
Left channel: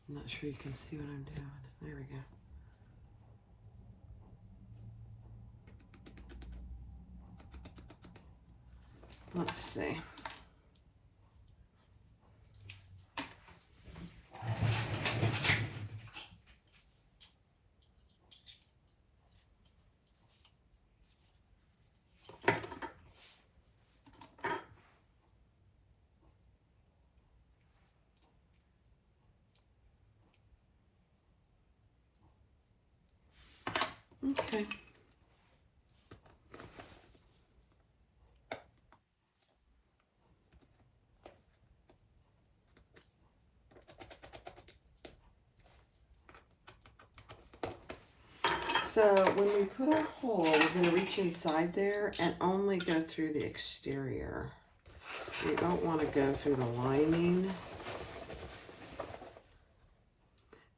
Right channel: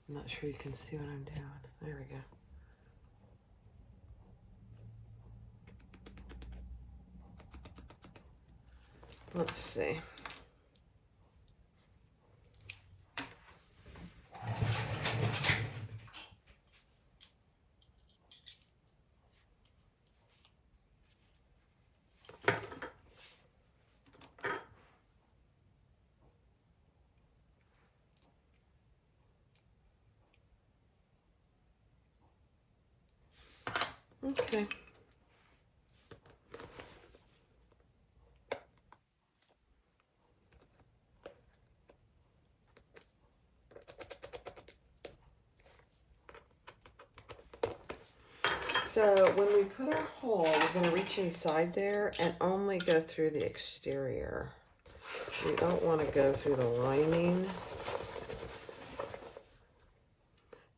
I'm not sure you can see what I'm doing. There we go. Let's see. Okay. So when we put our hole, we're going to reach inside there and only go through the exterior. We don't want to go through the lining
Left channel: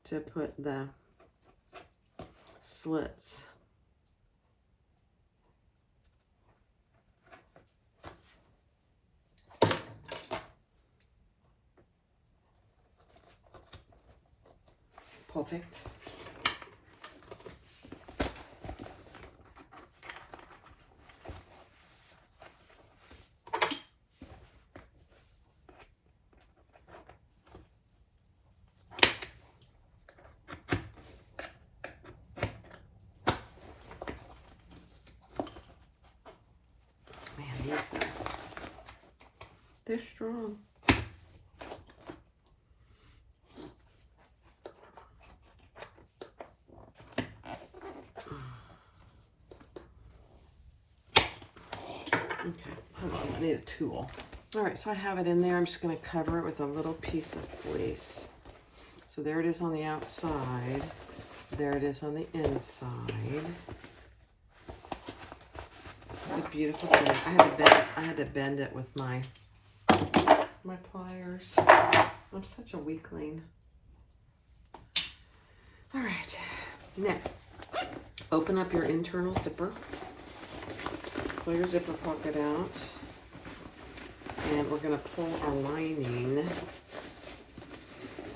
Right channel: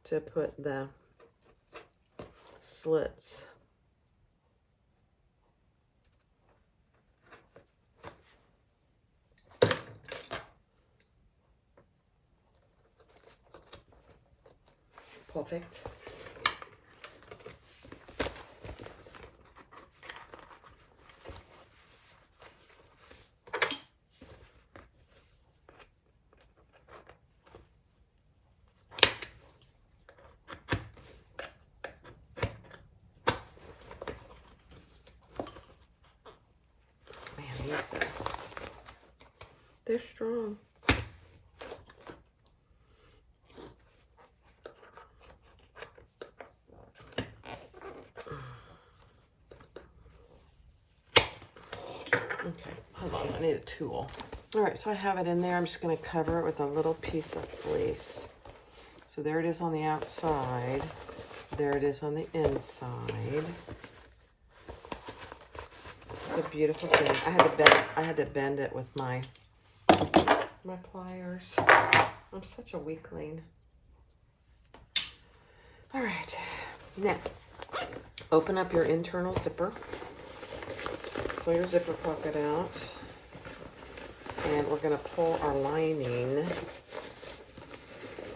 to put the slits. Perfect. They're strong. Okay, hold on, I need a tool. All right, so I have it in there. I'm just gonna cover it with a little piece of fleece. So there it is on the outside. There it is on the inside. It's a beautiful thing. I had to bend it with my pliers. I'm such a weakling. All right, now Open up your internal zipper. Pull your zipper pocket out. And we're going to pull our lining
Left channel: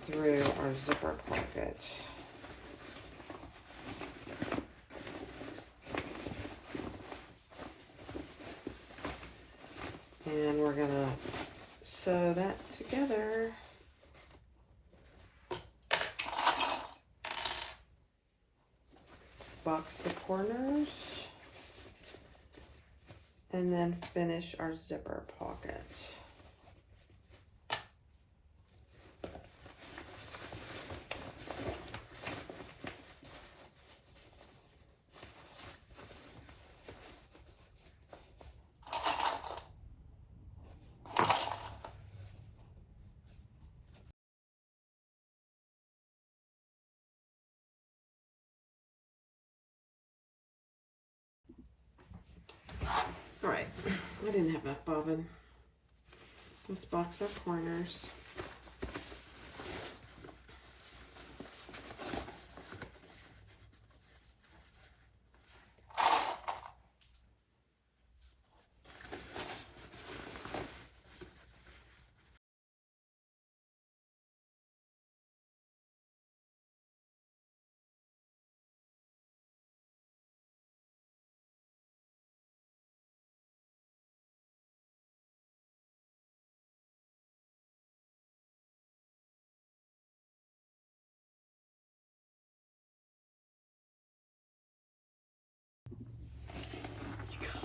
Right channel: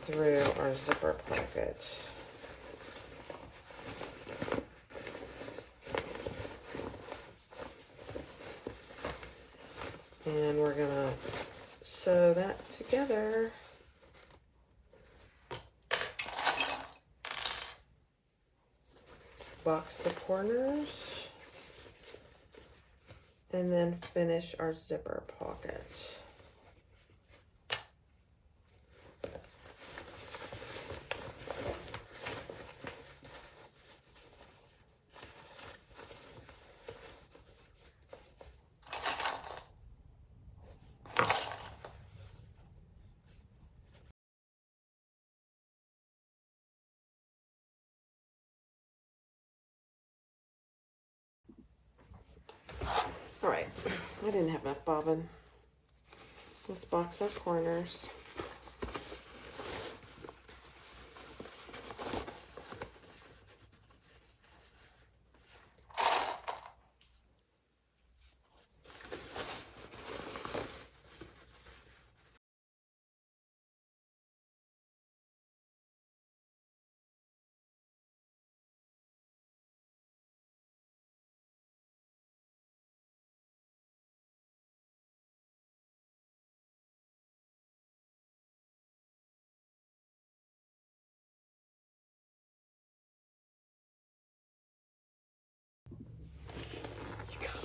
through our zipper pocket. And we're going to sew that together. Box the corners. And then finish our zipper pocket. All right, I didn't have enough bobbin. Let's box our corners.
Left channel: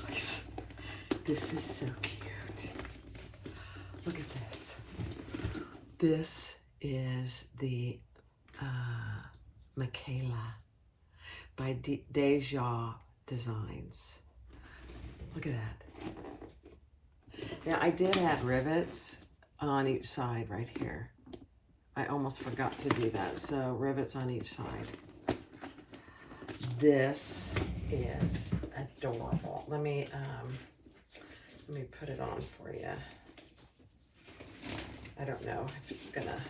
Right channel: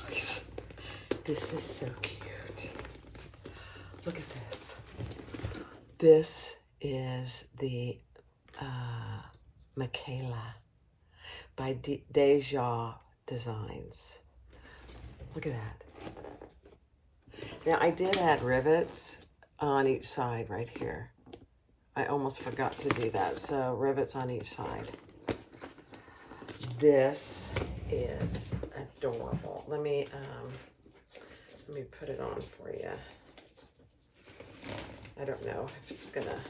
Guys, this is so cute. Look at this. This is the Makayla by Deja Designs. Look at that. Now, I did add rivets on each side right here. I almost forgot to do that. So, rivets on each side. This is adorable. Let me put it on for you. I don't know if it's gonna,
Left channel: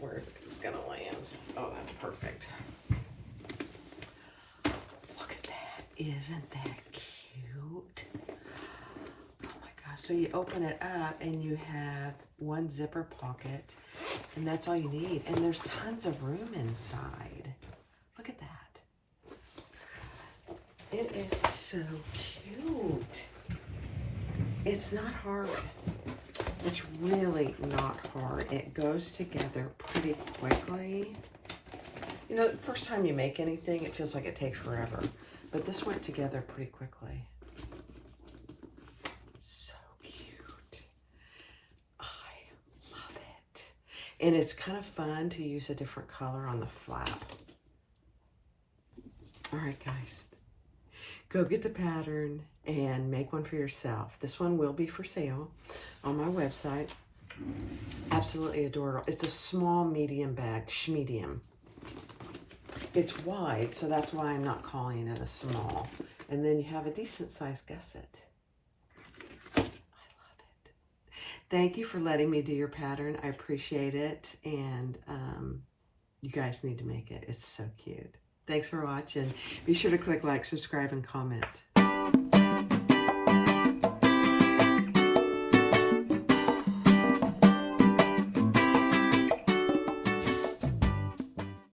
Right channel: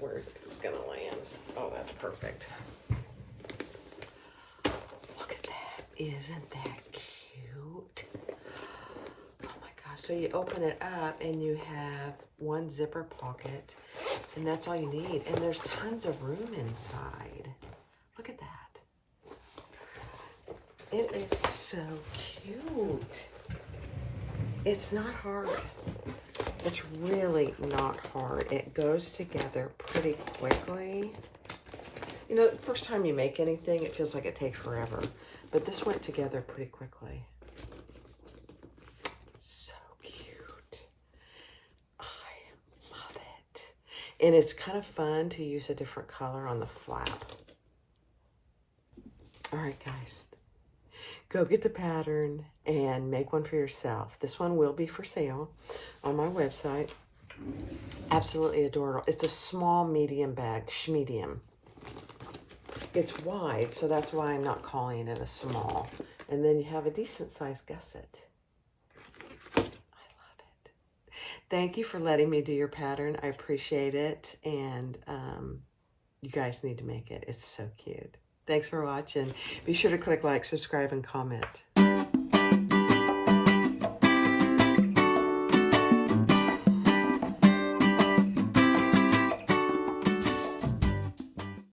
where it's gonna land. Oh, that's perfect. Look at that. Isn't that cute? Oh my gosh. So you open it up and you have one zipper pocket, and that's all you need. And there's tons of room inside. Look at that. It is so cute. It's not hard. It's really not hard. It goes together pretty quickly. You know, the first time you make anything, it feels like it takes forever. But this went together pretty quickly. So cute. I love it. And it's kind of fun to use a different color on the flap. All right, guys. Go get the pattern and make one for yourself. This one will be for sale on my website. Absolutely adorable. It's a small medium bag, schmedium. It's wide, so that's why I'm not calling it a small. And then you have a decent sized gusset. I love it. Thank you for letting me do your pattern. I appreciate it. And you guys need to make it. It's so cute. Thanks for watching. Be sure to click like, subscribe, and comment.